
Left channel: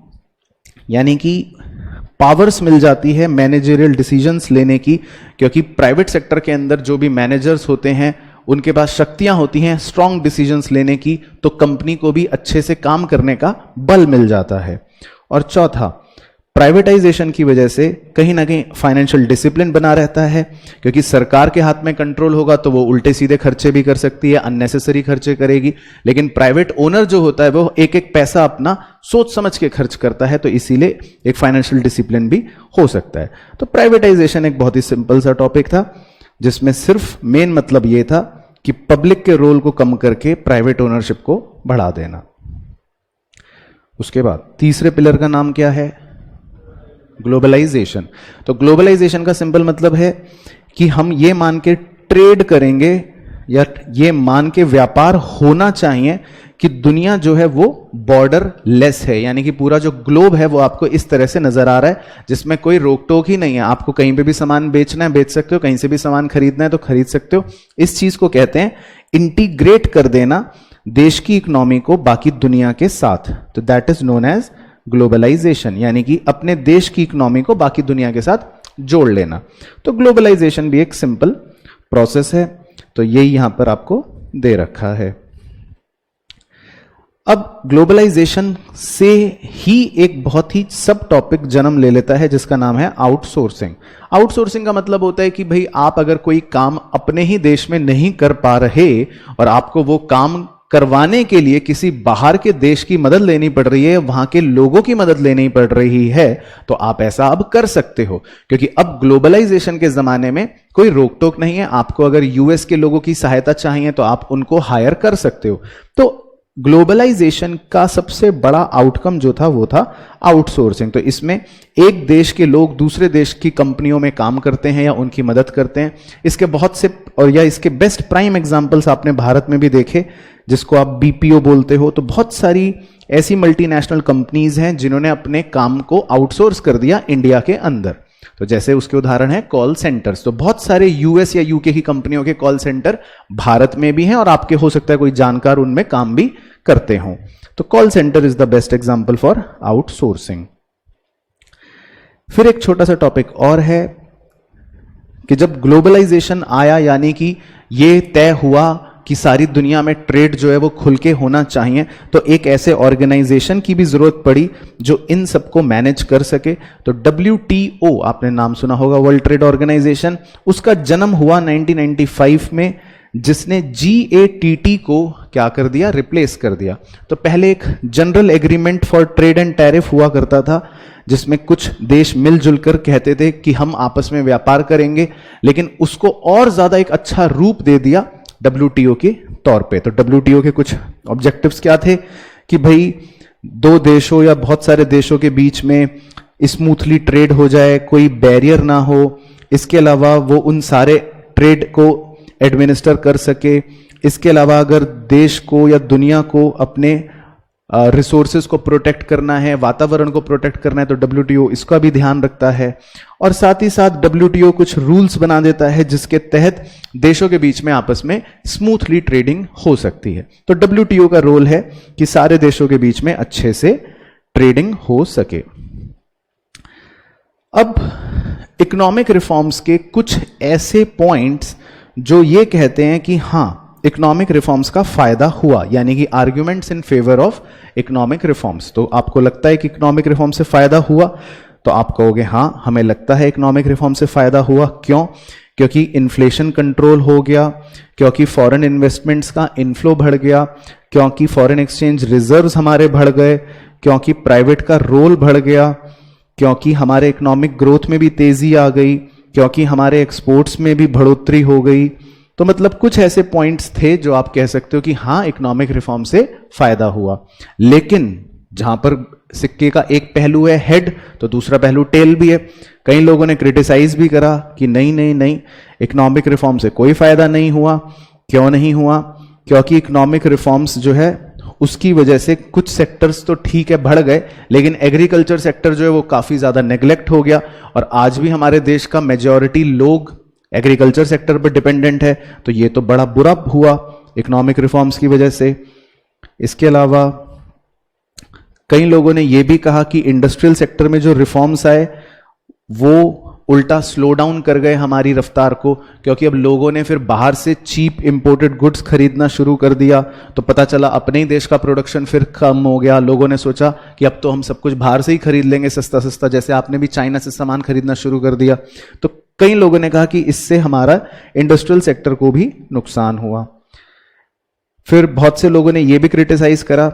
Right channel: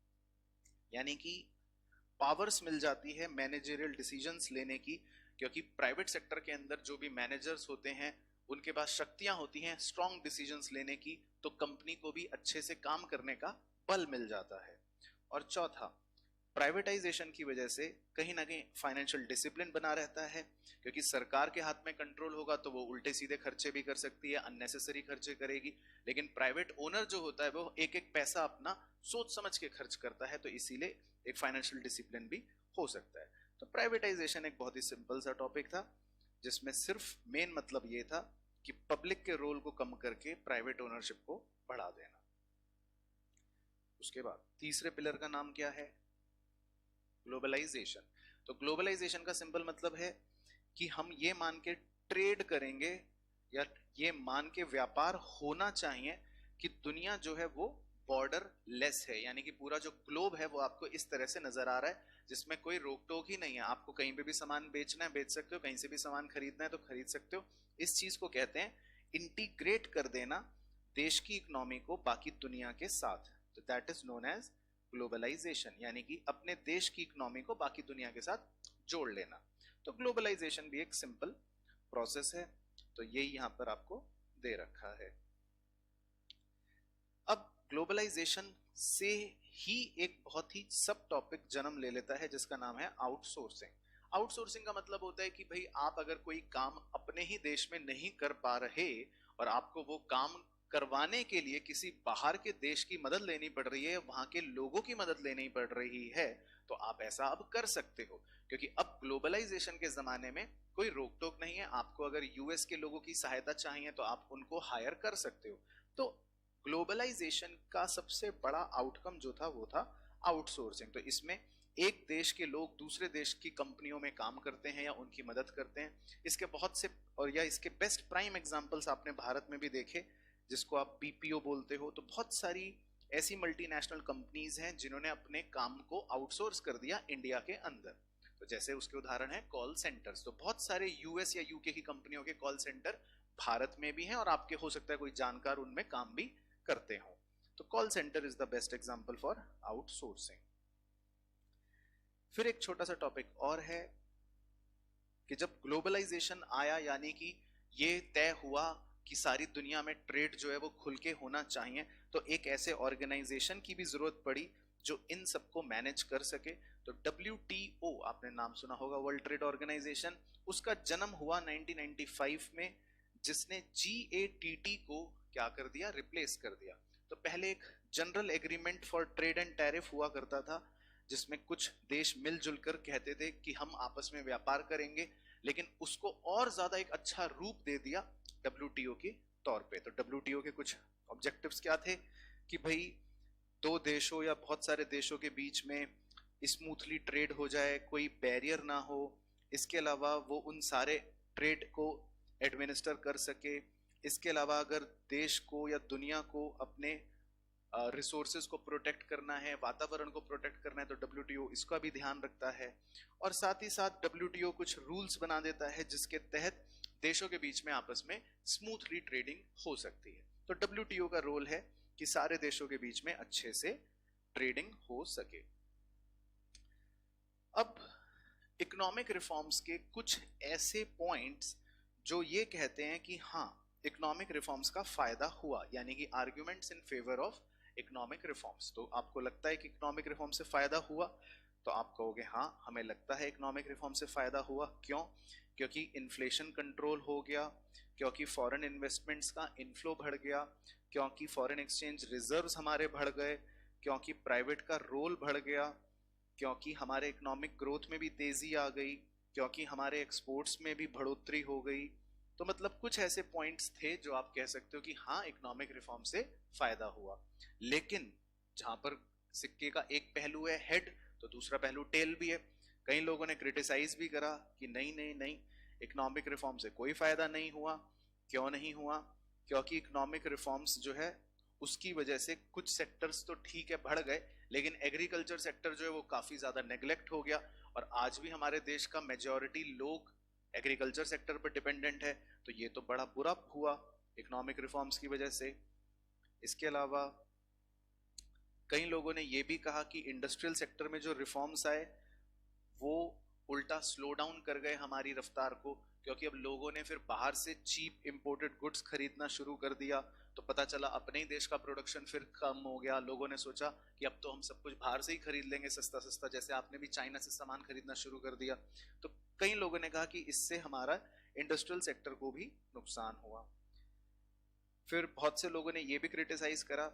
यानी कि पावर्स मिल जाती है मैनेजरियल डिसीजंस लेने की, क्योंकि प्राइवेट सेक्टर के अंदर जो भी मैनेजर्स होते हैं उनके पास शक्तियां होती हैं स्ट्रॉन्ग डिसीजंस लेने की, तो कंपनी को भी अच्छे से काम करने का बल मिल जाता है। और चौथा, प्राइवेटाइजेशन की वजह से कहीं ना कहीं फाइनेंशियल डिसिप्लिन बना रहता है, क्योंकि सरकार के हाथ में कंट्रोल होगा तो वो उल्टे सीधे खर्चे भी कर सकती है, अननेसेसरी खर्चे करेगी, लेकिन प्राइवेट ओनर जो होता है वो एक एक पैसा अपना सोच समझ के खर्च करता है, तो इसीलिए एक फाइनेंशियल डिसिप्लिन भी हो सकता है। तो प्राइवेटाइजेशन एक बहुत ही सिंपल सा टॉपिक था जिसमें सिर्फ मेन मतलब ये था कि पब्लिक के रोल को कम करके प्राइवेट ओनरशिप को बढ़ा देना। उसके बाद तीसरे पिलर का नाम क्या है? ग्लोबलाइजेशन। तो ग्लोबलाइजेशन का सिंपल मतलब है कि हम ये मान के ट्रेड करेंगे या ये मान के व्यापार होना चाहिए कि दुनिया जो है वो बॉर्डर लेस है, यानी कि पूरा जो ग्लोब है वो आपको इस तरह से नजर आ रहा है जिसमें कोई रोक टोक ही नहीं है। आपको कहीं पे भी सामान बेचना है बेच सकते हो, कहीं से भी सामान खरीदना है तो खरीद सकते हो। इस चीज को कहते हैं इंटीग्रेट कर देना देश की इकोनॉमी को बाकी दुनिया के साथ। तो that is known as globalisation, यानी कि अपने देश की इकोनॉमी को बाकी दुनिया के साथ जोड़ लेना। तो ग्लोबलाइजेशन भी एक सिंपल प्रोसेस है, तो यही यहां पर आपको दे रखा है। अब ग्लोबलाइजेशन से ही एक बहुत ही सब टॉपिक जन्म ले लेता है जिसका नाम है आउटसोर्सिंग। आउटसोर्सिंग का मतलब होता है कि भाई आप अगर कोई काम अपने ही देश में नहीं कर पा रहे और आपको वो काम करवाने के लिए किसी बाहर के देश की मदद लेनी पड़ रही है, वहां के लोगों की मदद लेनी पड़ रही है, तो आप ऐसा अब कर सकते हो, क्योंकि अब ग्लोबलाइजेशन के जमाने में कोई रोक टोक नहीं है। आपको अगर यूएस के लोगों की सहायता चाहिए तो आप उनको हायर कर सकते हो। तो ग्लोबलाइजेशन का सबसे बड़ा आउटकम जो था वो था आउटसोर्सिंग। तो इसमें एक देश के लोग दूसरे देश की कंपनियों में काम करते हैं या उनकी मदद करते हैं। इसके बहुत से और या इसके बेस्ट प्राइम एग्जांपल्स आपने भारत में भी देखे, जिसको आप बीपीओ बोलते हो। तो बहुत सारी ऐसी मल्टीनेशनल कंपनीज हैं जिन्होंने अपने काम को आउटसोर्स कर दिया इंडिया के अंदर। तो जैसे उसके उदाहरण है कॉल सेंटर्स। तो बहुत सारे यूएस या यूके की कंपनियों के कॉल सेंटर भारत में भी हैं और आपके हो सकता है कोई जानकार उनमें काम भी करते हों। तो call centre is the best example for outsourcing. फिर एक छोटा सा टॉपिक और है कि जब ग्लोबलाइजेशन आया, यानी कि ये तय हुआ कि सारी दुनिया में ट्रेड जो है वो खुल के होना चाहिए, तो एक ऐसे ऑर्गेनाइजेशन की भी जरूरत पड़ी जो इन सबको मैनेज कर सके। तो WTO आपने नाम सुना होगा, वर्ल्ड ट्रेड ऑर्गेनाइजेशन। उसका जन्म हुआ 1995 में, जिसने GATT को क्या कर दिया, रिप्लेस कर दिया। तो पहले एक general agreement for trade and tariff हुआ करता था, जिसमें कुछ देश मिलजुल कर कहते थे कि हम आपस में व्यापार करेंगे, लेकिन उसको और ज्यादा एक अच्छा रूप दे दिया WTO के तौर पे। तो WTO के कुछ ऑब्जेक्टिव्स क्या थे कि भाई दो देशों या बहुत सारे देशों के बीच में स्मूथली ट्रेड हो जाए, कोई बैरियर ना हो। इसके अलावा वो उन सारे ट्रेड को एडमिनिस्टर कर सके। इसके अलावा अगर देश को या दुनिया को अपने रिसोर्सेज को प्रोटेक्ट करना है, वातावरण को प्रोटेक्ट करना है, तो WTO इसका भी ध्यान रखता है। और साथ ही साथ WTO कुछ रूल्स बना देता है जिसके तहत देशों के बीच में आपस में स्मूथली ट्रेडिंग हो सकती है। तो WTO का रोल है कि सारे देशों के बीच में अच्छे से ट्रेडिंग हो सके। अब इकोनॉमिक रिफॉर्म्स के कुछ ऐसे पॉइंट्स जो ये कहते हैं कि हां, इकोनॉमिक रिफॉर्म्स का फायदा हुआ, यानी कि arguments in favour of economic reforms. तो आपको लगता है कि इकोनॉमिक रिफॉर्म से फायदा हुआ, तो आप कहोगे हां, हमें लगता है इकोनॉमिक रिफॉर्म से फायदा हुआ। क्यों? क्योंकि इन्फ्लेशन कंट्रोल हो गया, क्योंकि फॉरेन इन्वेस्टमेंट्स का इनफ्लो बढ़ गया, क्योंकि फॉरेन एक्सचेंज रिजर्व्स हमारे बढ़ गए, क्योंकि प्राइवेट का रोल बढ़ गया, क्योंकि हमारे इकोनॉमिक ग्रोथ में भी तेजी आ गई, क्योंकि हमारे एक्सपोर्ट्स में भी बढ़ोतरी हो गई। तो मतलब कुछ ऐसे पॉइंट्स थे जो आप कह सकते हो कि हां, इकोनॉमिक रिफॉर्म से फायदा हुआ। लेकिन जहां पर सिक्के का एक पहलू है हेड, तो दूसरा पहलू टेल भी है। कई लोगों ने क्रिटिसाइज भी करा कि नहीं नहीं नहीं, इकोनॉमिक रिफॉर्म से कोई फायदा नहीं हुआ। क्यों नहीं हुआ? क्योंकि इकोनॉमिक रिफॉर्म्स जो है उसकी वजह से कुछ सेक्टर्स तो ठीक है बढ़ गए, लेकिन एग्रीकल्चर सेक्टर जो है वो काफी ज्यादा नेग्लेक्ट हो गया। और आज भी हमारे देश का मेजॉरिटी लोग एग्रीकल्चर सेक्टर पर डिपेंडेंट है। तो ये तो बड़ा बुरा हुआ इकोनॉमिक रिफॉर्म्स की वजह से। इसके अलावा कई लोगों ने यह भी कहा कि इंडस्ट्रियल सेक्टर में जो रिफॉर्म्स आए वो उल्टा स्लो डाउन कर गए हमारी रफ्तार को, क्योंकि अब लोगों ने फिर बाहर से चीप इंपोर्टेड गुड्स खरीदना शुरू कर दिया। तो पता चला अपने ही देश का प्रोडक्शन फिर कम हो गया। लोगों ने सोचा कि अब तो हम सब कुछ बाहर से ही खरीद लेंगे सस्ता सस्ता, जैसे आपने भी चाइना से सामान खरीदना शुरू कर दिया। तो कई लोगों ने कहा कि इससे हमारा इंडस्ट्रियल सेक्टर को भी नुकसान हुआ। फिर बहुत से लोगों ने यह भी क्रिटिसाइज करा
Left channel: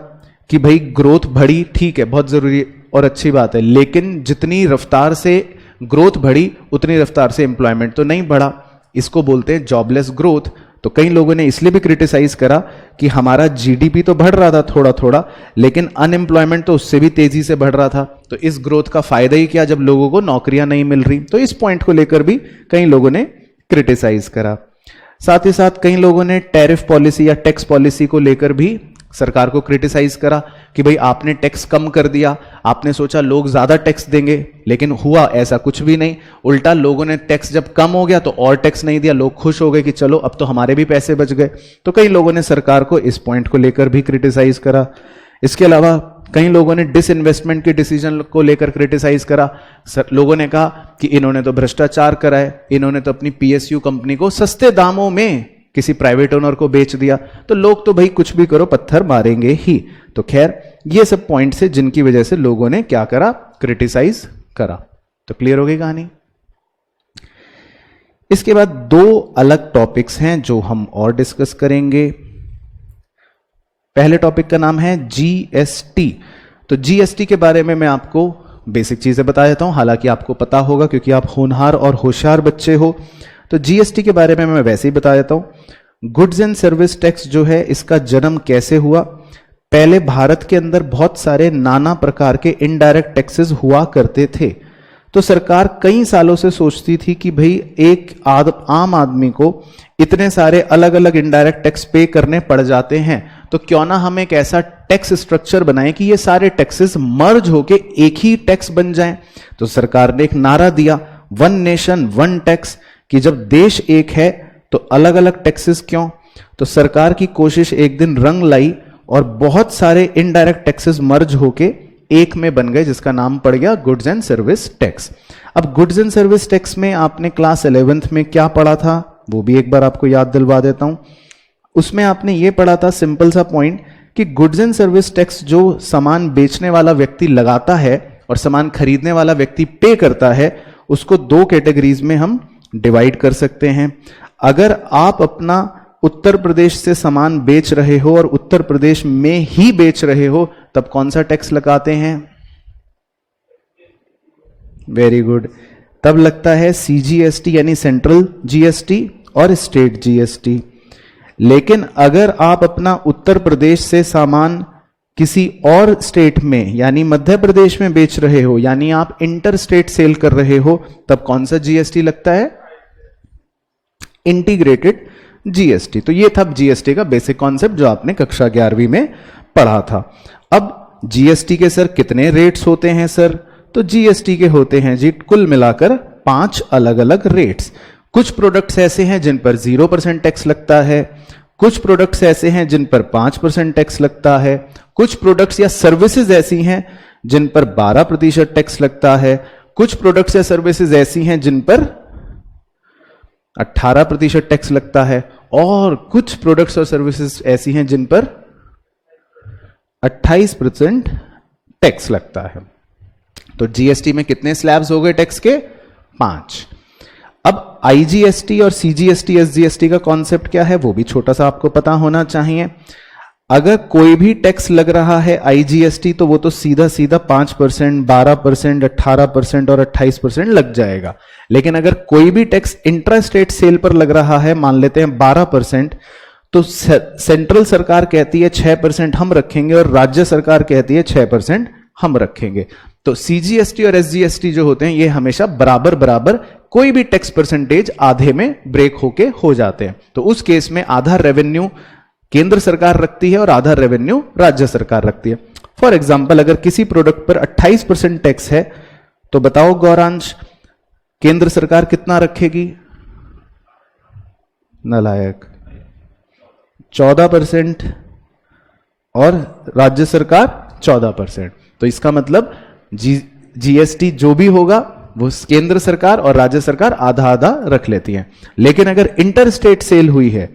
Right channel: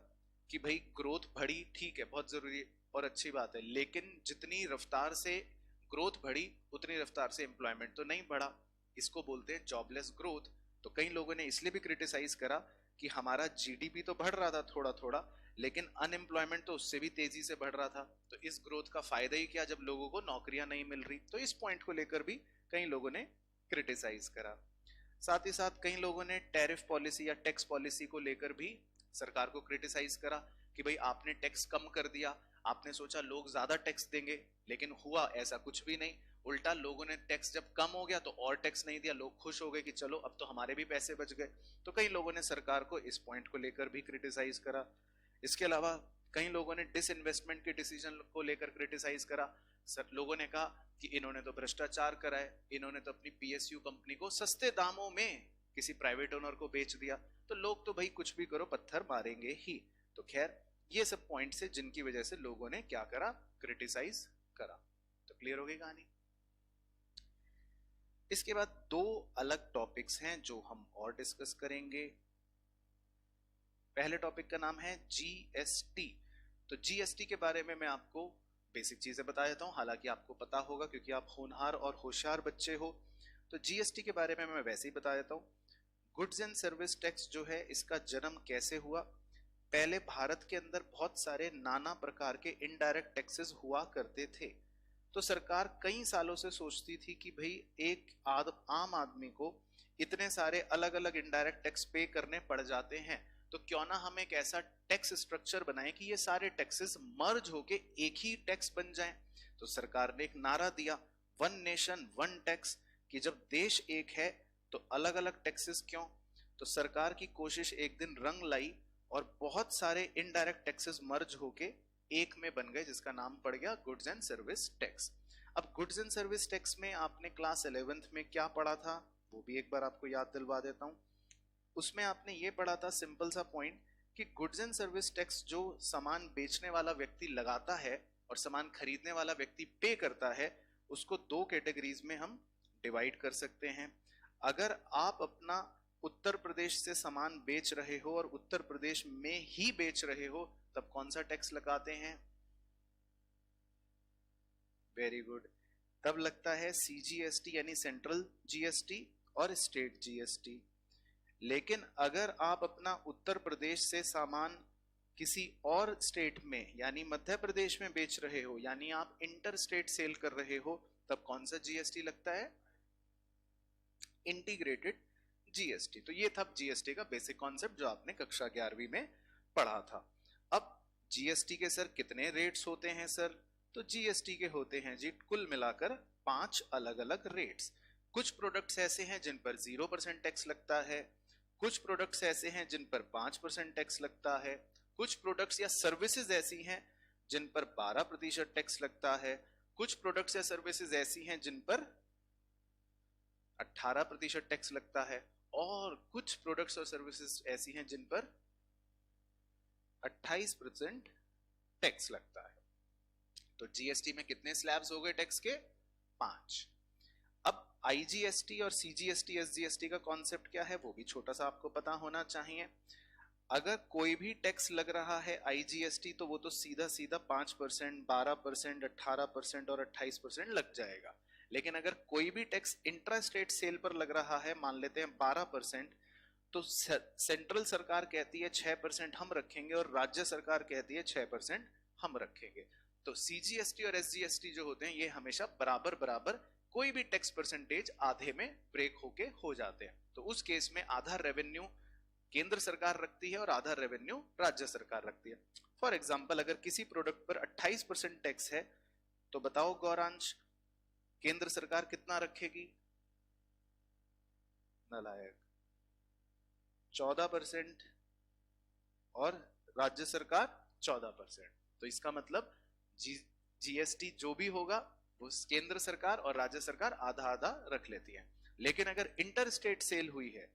कि भाई ग्रोथ बढ़ी, ठीक है, बहुत जरूरी और अच्छी बात है, लेकिन जितनी रफ्तार से ग्रोथ बढ़ी उतनी रफ्तार से एम्प्लॉयमेंट तो नहीं बढ़ा। इसको बोलते हैं जॉबलेस ग्रोथ। तो कई लोगों ने इसलिए भी क्रिटिसाइज करा कि हमारा GDP तो बढ़ रहा था थोड़ा थोड़ा, लेकिन अनएम्प्लॉयमेंट तो उससे भी तेजी से बढ़ रहा था। तो इस ग्रोथ का फायदा ही क्या जब लोगों को नौकरियां नहीं मिल रही। तो इस पॉइंट को लेकर भी कई लोगों ने क्रिटिसाइज करा। साथ ही साथ कई लोगों ने टैरिफ पॉलिसी या टैक्स पॉलिसी को लेकर भी सरकार को क्रिटिसाइज करा कि भाई आपने टैक्स कम कर दिया, आपने सोचा लोग ज्यादा टैक्स देंगे, लेकिन हुआ ऐसा कुछ भी नहीं। उल्टा लोगों ने टैक्स जब कम हो गया तो और टैक्स नहीं दिया, लोग खुश हो गए कि चलो अब तो हमारे भी पैसे बच गए। तो कई लोगों ने सरकार को इस पॉइंट को लेकर भी क्रिटिसाइज करा। इसके अलावा कई लोगों ने डिसइन्वेस्टमेंट के डिसीजन को लेकर क्रिटिसाइज करा। लोगों ने कहा कि इन्होंने तो भ्रष्टाचार करा है, इन्होंने तो अपनी PSU कंपनी को सस्ते दामों में किसी प्राइवेट ओनर को बेच दिया। तो लोग तो भाई कुछ भी करो पत्थर मारेंगे ही। तो खैर ये सब पॉइंट्स है जिनकी वजह से लोगों ने क्या करा, क्रिटिसाइज करा। तो क्लियर हो गई कहानी। इसके बाद दो अलग टॉपिक्स हैं जो हम और डिस्कस करेंगे। पहले टॉपिक का नाम है जीएसटी। तो जीएसटी के बारे में मैं आपको बेसिक चीजें बता देता हूं, हालांकि आपको पता होगा क्योंकि आप होनहार और होशियार बच्चे हो। तो जीएसटी के बारे में मैं वैसे ही बता देता हूं। गुड्स एंड सर्विस टैक्स जो है, इसका जन्म कैसे हुआ? पहले भारत के अंदर बहुत सारे नाना प्रकार के इनडायरेक्ट टैक्सेस हुआ करते थे। तो सरकार कई सालों से सोचती थी कि भाई एक आम आदमी को इतने सारे अलग अलग इनडायरेक्ट टैक्स पे करने पड़ जाते हैं, तो क्यों ना हम एक ऐसा टैक्स स्ट्रक्चर बनाएं कि ये सारे टैक्सेस मर्ज होके एक ही टैक्स बन जाएं। तो सरकार ने एक नारा दिया, वन नेशन वन टैक्स, कि जब देश एक है तो अलग अलग टैक्सेस क्यों? तो सरकार की कोशिश एक दिन रंग लाई और बहुत सारे इनडायरेक्ट टैक्सेस मर्ज होके एक में बन गए, जिसका नाम पड़ गया गुड्स एंड सर्विस टैक्स। अब गुड्स एंड सर्विस टैक्स में आपने क्लास 11th में क्या पढ़ा था, वो भी एक बार आपको याद दिलवा देता हूं। उसमें आपने ये पढ़ा था, सिंपल सा पॉइंट, कि गुड्स एंड सर्विस टैक्स जो सामान बेचने वाला व्यक्ति लगाता है और सामान खरीदने वाला व्यक्ति पे करता है, उसको दो कैटेगरीज में हम डिवाइड कर सकते हैं। अगर आप अपना उत्तर प्रदेश से सामान बेच रहे हो और उत्तर प्रदेश में ही बेच रहे हो, तब कौन सा टैक्स लगाते हैं? वेरी गुड, तब लगता है सीजीएसटी यानी सेंट्रल जीएसटी और स्टेट जीएसटी। लेकिन अगर आप अपना उत्तर प्रदेश से सामान किसी और स्टेट में यानी मध्य प्रदेश में बेच रहे हो, यानी आप इंटर स्टेट सेल कर रहे हो, तब कौन सा जीएसटी लगता है? Integrated GST. तो ये था जीएसटी का बेसिक कॉन्सेप्ट जो आपने कक्षा 11वीं में पढ़ा था। अब जीएसटी के सर कितने रेट्स होते हैं सर? तो जीएसटी के होते हैं जी कुल मिलाकर 5 अलग अलग रेट्स। कुछ प्रोडक्ट्स ऐसे हैं जिन पर 0% टैक्स लगता है, कुछ प्रोडक्ट्स ऐसे हैं जिन पर 5% टैक्स लगता है, कुछ प्रोडक्ट्स या सर्विसेज ऐसी हैं जिन पर 12% टैक्स लगता है, कुछ प्रोडक्ट्स या सर्विसेज ऐसी हैं जिन पर 18% टैक्स लगता है, और कुछ प्रोडक्ट्स और सर्विसेज ऐसी हैं जिन पर 28% टैक्स लगता है। तो जीएसटी में कितने स्लैब्स हो गए टैक्स के? 5। अब आईजीएसटी और सीजीएसटी एसजीएसटी का कॉन्सेप्ट क्या है, वो भी छोटा सा आपको पता होना चाहिए। अगर कोई भी टैक्स लग रहा है आईजीएसटी, तो वो तो सीधा सीधा 5%, 12%, 18% और 28% लग जाएगा। लेकिन अगर कोई भी टैक्स इंट्रा स्टेट सेल पर लग रहा है, मान लेते हैं 12%, तो सेंट्रल सरकार कहती है 6% हम रखेंगे और राज्य सरकार कहती है 6% हम रखेंगे। तो सीजीएसटी और एसजीएसटी जो होते हैं ये हमेशा बराबर बराबर, कोई भी टैक्स परसेंटेज आधे में ब्रेक होके हो जाते हैं। तो उस केस में आधा रेवेन्यू केंद्र सरकार रखती है और आधा रेवेन्यू राज्य सरकार रखती है। फॉर एग्जाम्पल, अगर किसी प्रोडक्ट पर 28% टैक्स है, तो बताओ गौरांश, केंद्र सरकार कितना रखेगी? नालायक, 14% और राज्य सरकार 14%। तो इसका मतलब जीएसटी जो भी होगा वो केंद्र सरकार और राज्य सरकार आधा आधा रख लेती है। लेकिन अगर इंटर स्टेट सेल हुई है,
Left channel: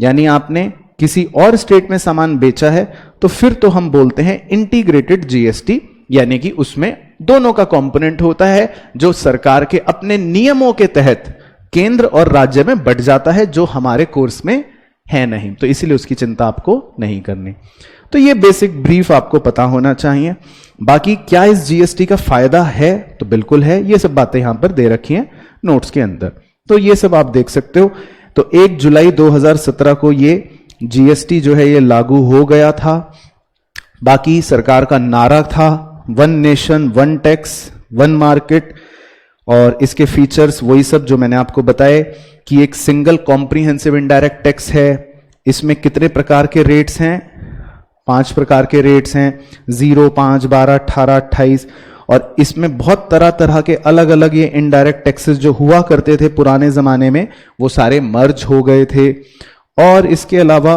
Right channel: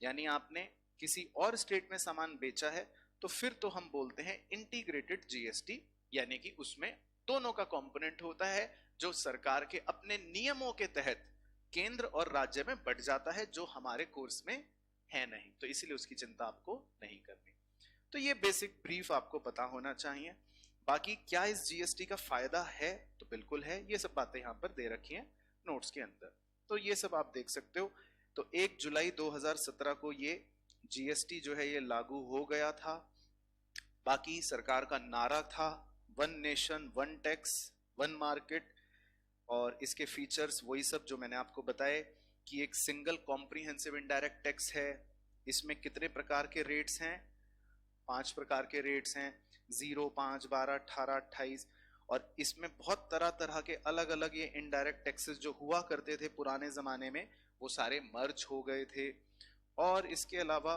यानी आपने किसी और स्टेट में सामान बेचा है, तो फिर तो हम बोलते हैं इंटीग्रेटेड जीएसटी, यानी कि उसमें दोनों का कंपोनेंट होता है जो सरकार के अपने नियमों के तहत केंद्र और राज्य में बढ़ जाता है, जो हमारे कोर्स में है नहीं। तो इसीलिए उसकी चिंता आपको नहीं करनी। तो ये बेसिक ब्रीफ आपको पता होना चाहिए। बाकी क्या इस जीएसटी का फायदा है? तो बिल्कुल है। ये सब बातें यहां पर दे रखी हैं नोट्स के अंदर, तो ये सब आप देख सकते हो। तो 1 जुलाई 2017 को ये जीएसटी जो है ये लागू हो गया था। बाकी सरकार का नारा था one nation one tax one market, और इसके फीचर्स वही सब जो मैंने आपको बताए कि एक सिंगल कॉम्प्रिहेंसिव इनडायरेक्ट टैक्स है। इसमें कितने प्रकार के रेट्स हैं? 5 प्रकार के रेट्स हैं, 0, 5, 12, 18, 28। और इसमें बहुत तरह तरह के अलग अलग ये इनडायरेक्ट टैक्सेस जो हुआ करते थे पुराने जमाने में, वो सारे मर्ज हो गए थे। और इसके अलावा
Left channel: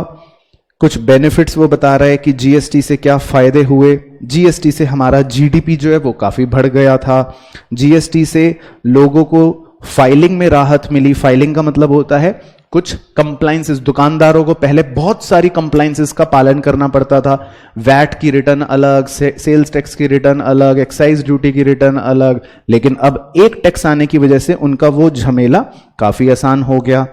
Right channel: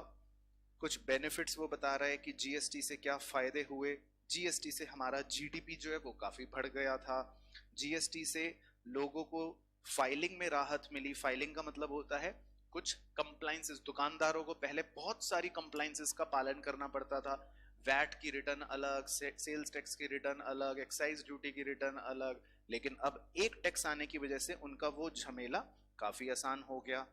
कुछ बेनिफिट्स वो बता रहा है कि जीएसटी से क्या फायदे हुए। जीएसटी से हमारा जीडीपी जो है वो काफी बढ़ गया था। जीएसटी से लोगों को फाइलिंग में राहत मिली। फाइलिंग का मतलब होता है कुछ कंप्लाइंसेस, दुकानदारों को पहले बहुत सारी कंप्लाइंसेस का पालन करना पड़ता था। वैट की रिटर्न अलग, सेल्स टैक्स की रिटर्न अलग, एक्साइज ड्यूटी की रिटर्न अलग। लेकिन अब एक टैक्स आने की वजह से उनका वो झमेला काफी आसान हो गया।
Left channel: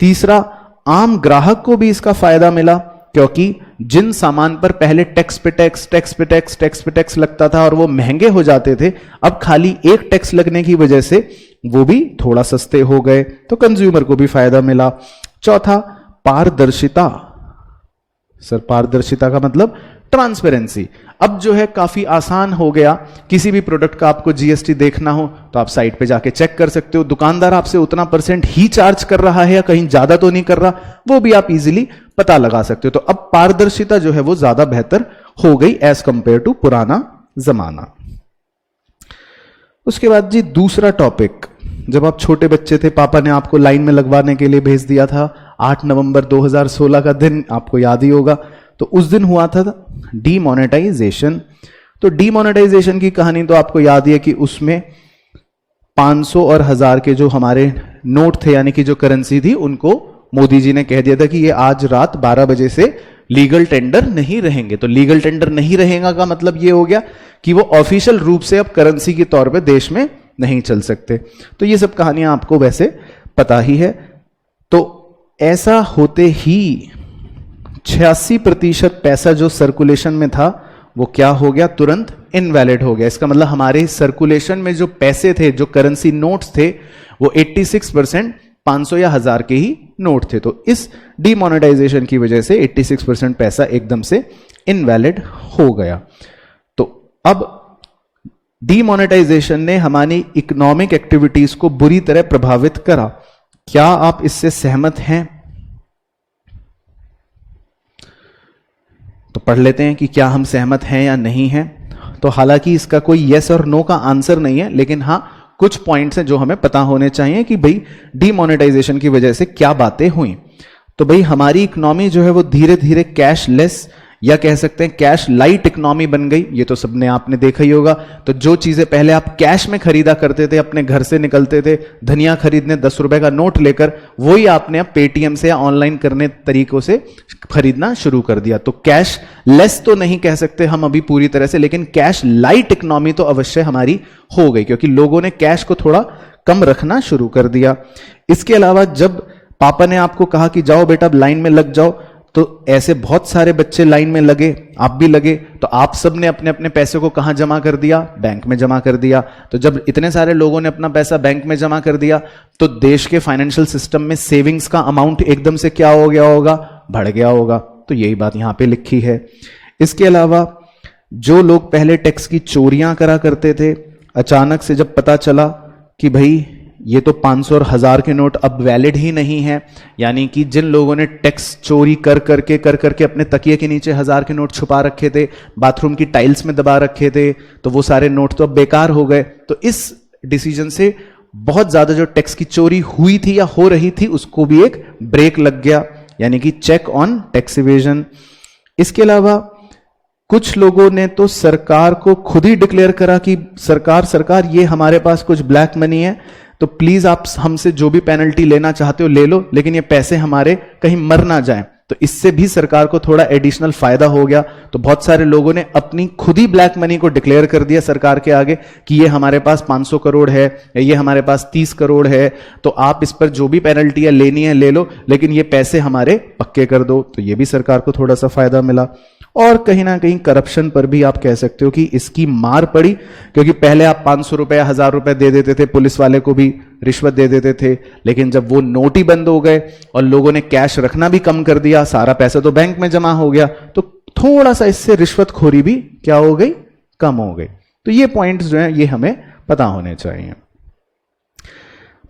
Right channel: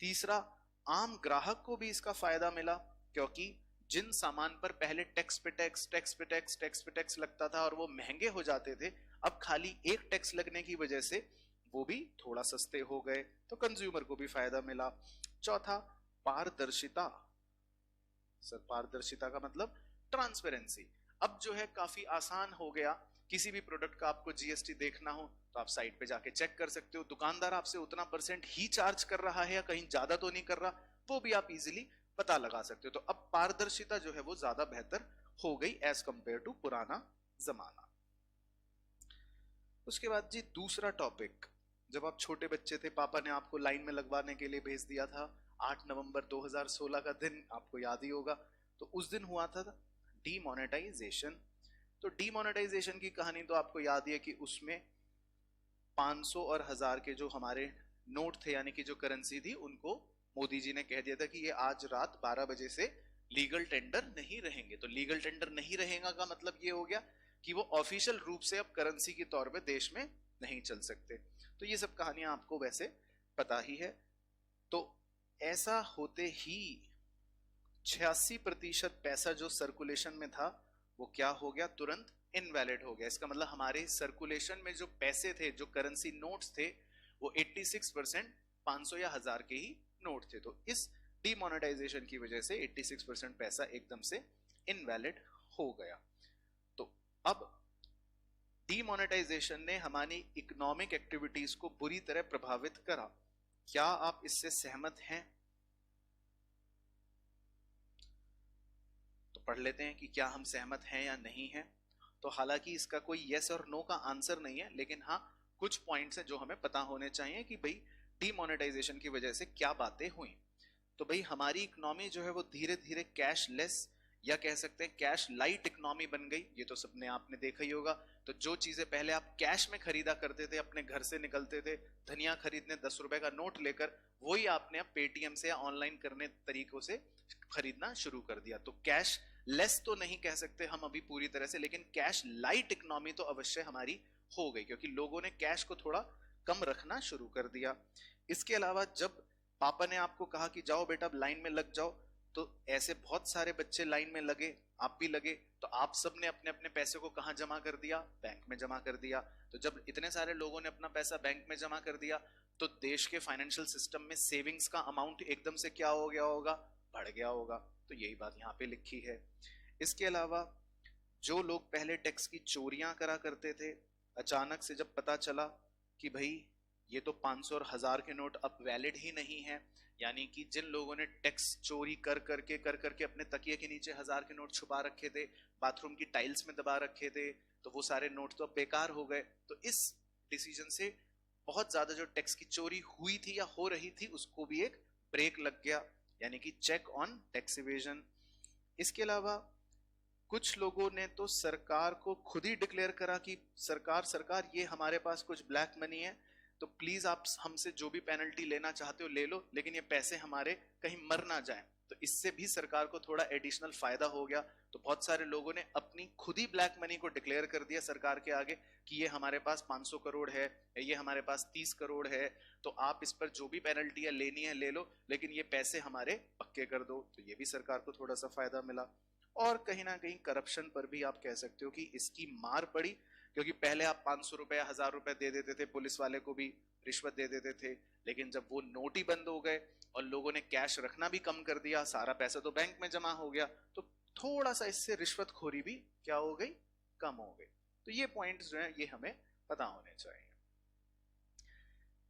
तीसरा, आम ग्राहक को भी इसका फायदा मिला, क्योंकि जिन सामान पर पहले टैक्स पे टैक्स, टैक्स पे टैक्स, टैक्स पे टैक्स लगता था और वो महंगे हो जाते थे, अब खाली एक टैक्स लगने की वजह से वो भी थोड़ा सस्ते हो गए, तो कंज्यूमर को भी फायदा मिला। चौथा, पारदर्शिता। सर पारदर्शिता का मतलब ट्रांसपेरेंसी। अब जो है काफी आसान हो गया, किसी भी प्रोडक्ट का आपको जीएसटी देखना हो तो आप साइट पे जाके चेक कर सकते हो, दुकानदार आपसे उतना % ही चार्ज कर रहा है या कहीं ज्यादा तो नहीं कर रहा, वो भी आप इजीली पता लगा सकते हो। तो अब पारदर्शिता जो है वो ज्यादा बेहतर हो गई एज कंपेयर टू पुराना जमाना। उसके बाद जी दूसरा टॉपिक, जब आप छोटे बच्चे थे पापा ने आपको लाइन में लगवाने के लिए भेज दिया था, 8 नवंबर 2016 का दिन आपको याद ही होगा। तो उस दिन हुआ था डीमोनेटाइजेशन। तो डीमोनेटाइजेशन की कहानी तो आपको याद ही है कि उसमें 500 और 1000 के जो हमारे नोट थे यानी कि जो करेंसी थी, उनको मोदी जी ने कह दिया था कि ये आज रात 12 बजे से लीगल टेंडर नहीं रहेंगे। तो लीगल टेंडर नहीं रहेगा का मतलब ये हो गया कि वो ऑफिशियल रूप से अब करेंसी के तौर पे देश में नहीं चल सकते। तो ये सब कहानियां आपको वैसे पता ही है। तो ऐसा होते ही 86% पैसा जो सर्कुलेशन में था वो क्या हो गया, तुरंत इनवैलिड हो गया। इसका मतलब हमारे सर्कुलेशन में जो पैसे थे, जो करेंसी नोट्स थे, वो 86% 500 या 1000 के ही नोट थे। तो इस डीमोनेटाइजेशन की वजह से 86% पैसा एकदम से इनवैलिड हो गया। तो अब डीमोनेटाइजेशन ने हमारी इकोनॉमिक एक्टिविटीज को बुरी तरह प्रभावित करा। क्या आप इससे सहमत हैं? तो पढ़ लेते हैं कि क्या हम सहमत हैं या नहीं हैं। तो हालांकि इसका कोई यस और नो का आंसर नहीं है, लेकिन हाँ कुछ पॉइंट्स हैं जो हमें पता होने चाहिए कि भाई डीमोनेटाइजेशन की वजह से क्या बातें हुई। तो भाई हमारी इकोनॉमी जो है वो धीरे धीरे कैशलेस या कह सकते हैं कैश लाइट इकोनॉमी बन गई। ये तो सबने आपने देखा ही होगा। तो जो चीजें पहले आप कैश में खरीदा करते थे, अपने घर से निकलते थे धनिया खरीदने 10 रुपए का नोट लेकर, वही आपने अब पेटीएम से या ऑनलाइन करने तरीकों से खरीदना शुरू कर दिया। तो कैश लेस तो नहीं कह सकते हम अभी पूरी तरह से, लेकिन कैश लाइट इकोनॉमी तो अवश्य हमारी हो गई, क्योंकि लोगों ने कैश को थोड़ा कम रखना शुरू कर दिया। इसके अलावा जब पापा ने आपको कहा कि जाओ बेटा लाइन में लग जाओ, तो ऐसे बहुत सारे बच्चे लाइन में लगे, आप भी लगे। तो आप सब ने अपने अपने पैसे को कहां जमा कर दिया? बैंक में जमा कर दिया। तो जब इतने सारे लोगों ने अपना पैसा बैंक में जमा कर दिया, तो देश के फाइनेंशियल सिस्टम में सेविंग्स का अमाउंट एकदम से क्या हो गया होगा? बढ़ गया होगा। तो यही बात यहां पे लिखी है। इसके अलावा जो लोग पहले टैक्स की चोरियां करा करते थे, अचानक से जब पता चला कि भाई ये तो 500 और 1000 के नोट अब वैलिड ही नहीं है, यानी कि जिन लोगों ने टैक्स चोरी कर करके अपने तकिए के नीचे 1000 के नोट छुपा रखे थे, बाथरूम की टाइल्स में दबा रखे थे, तो वो सारे नोट तो अब बेकार हो गए। तो इस डिसीजन से बहुत ज्यादा जो टैक्स की चोरी हुई थी या हो रही थी, उसको भी एक ब्रेक लग गया, यानी कि चेक ऑन टैक्स इवेजन। इसके अलावा कुछ लोगों ने तो सरकार को खुद ही डिक्लेयर करा कि सरकार ये हमारे पास कुछ ब्लैक मनी है, तो प्लीज आप हमसे जो भी पेनल्टी लेना चाहते हो ले लो, लेकिन ये पैसे हमारे कहीं मर ना जाएं। तो इससे भी सरकार को थोड़ा एडिशनल फायदा हो गया। तो बहुत सारे लोगों ने अपनी खुद ही ब्लैक मनी को डिक्लेयर कर दिया सरकार के आगे कि ये हमारे पास 500 करोड़ है या ये हमारे पास 30 करोड़ है, तो आप इस पर जो भी पेनल्टी लेनी है ले लो, लेकिन ये पैसे हमारे पक्के कर दो। तो ये भी सरकार को थोड़ा सा फायदा मिला। और कहीं ना कहीं करप्शन पर भी आप कह सकते हो कि इसकी मार पड़ी, क्योंकि पहले आप 500 रुपए 1000 रुपए दे देते थे, पुलिस वाले को भी रिश्वत दे देते थे, लेकिन जब वो नोट ही बंद हो गए और लोगों ने कैश रखना भी कम कर दिया, सारा पैसा तो बैंक में जमा हो गया, तो थोड़ा सा इससे रिश्वतखोरी भी क्या हो गई? कम हो गई। तो ये पॉइंट्स जो हैं ये हमें पता होने चाहिए।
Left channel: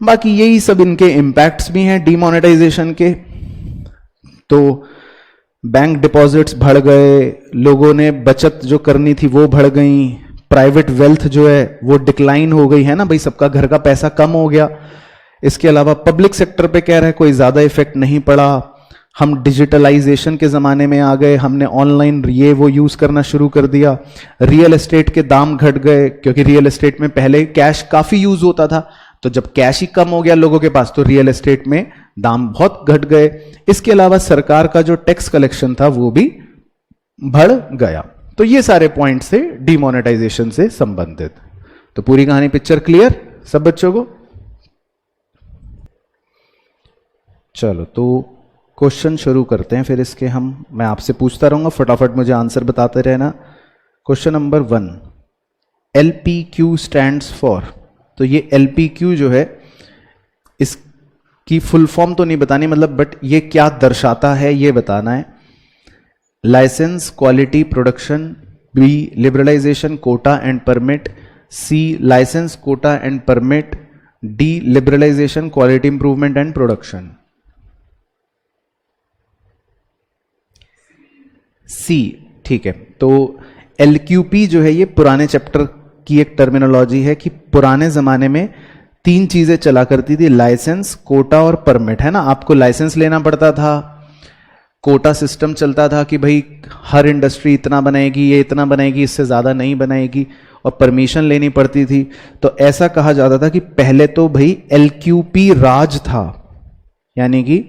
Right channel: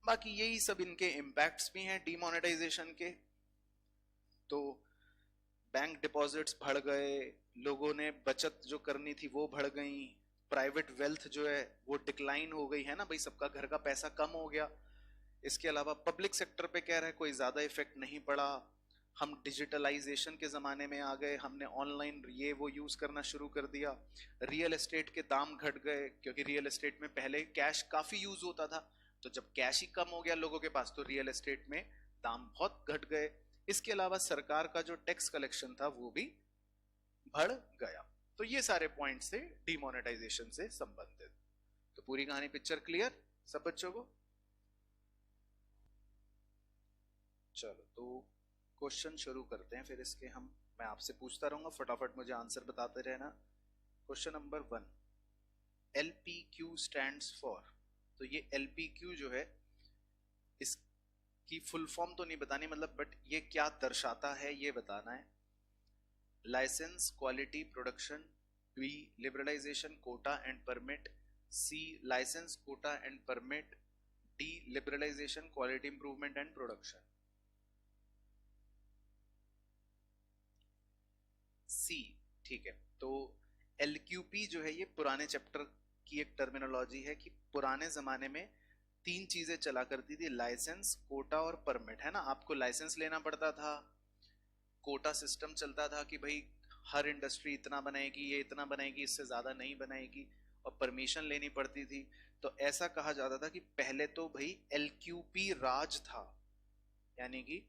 बाकी यही सब इनके इंपैक्ट्स भी हैं डीमोनेटाइजेशन के। तो बैंक डिपॉजिट्स बढ़ गए, लोगों ने बचत जो करनी थी वो बढ़ गई, प्राइवेट वेल्थ जो है वो डिक्लाइन हो गई है ना भाई, सबका घर का पैसा कम हो गया। इसके अलावा पब्लिक सेक्टर पे कह रहे हैं कोई ज्यादा इफेक्ट नहीं पड़ा, हम डिजिटलाइजेशन के जमाने में आ गए, हमने ऑनलाइन ये वो यूज करना शुरू कर दिया। रियल एस्टेट के दाम घट गए, क्योंकि रियल एस्टेट में पहले कैश काफी यूज होता था, तो जब कैश ही कम हो गया लोगों के पास, तो रियल एस्टेट में दाम बहुत घट गए। इसके अलावा सरकार का जो टैक्स कलेक्शन था वो भी बढ़ गया। तो ये सारे पॉइंट्स थे डीमोनेटाइजेशन से संबंधित। तो पूरी कहानी पिक्चर क्लियर सब बच्चों को? चलो, तो क्वेश्चन शुरू करते हैं, फिर इसके मैं आपसे पूछता रहूंगा, फटाफट मुझे आंसर बताते रहना। Question number 1, LPQ stands for. तो ये LPQ जो है, इसकी फुल फॉर्म तो नहीं बतानी, मतलब बट ये क्या दर्शाता है ये बताना है। Licence, quality, production. B, liberalisation, quota and permit. C, licence, quota and permit. D, liberalisation, quality improvement and production. C, ठीक है। तो LQP जो है ये पुराने चैप्टर की एक टर्मिनोलॉजी है कि पुराने जमाने में 3 चीजें चला करती थी, लाइसेंस, कोटा और परमिट, है ना। आपको लाइसेंस लेना पड़ता था, कोटा सिस्टम चलता था कि भाई हर इंडस्ट्री इतना बनाएगी, ये इतना बनाएगी, इससे ज़्यादा नहीं बनाएगी, और परमिशन लेनी पड़ती थी। तो ऐसा कहा जाता था कि पहले तो भाई LQP राज था, यानी कि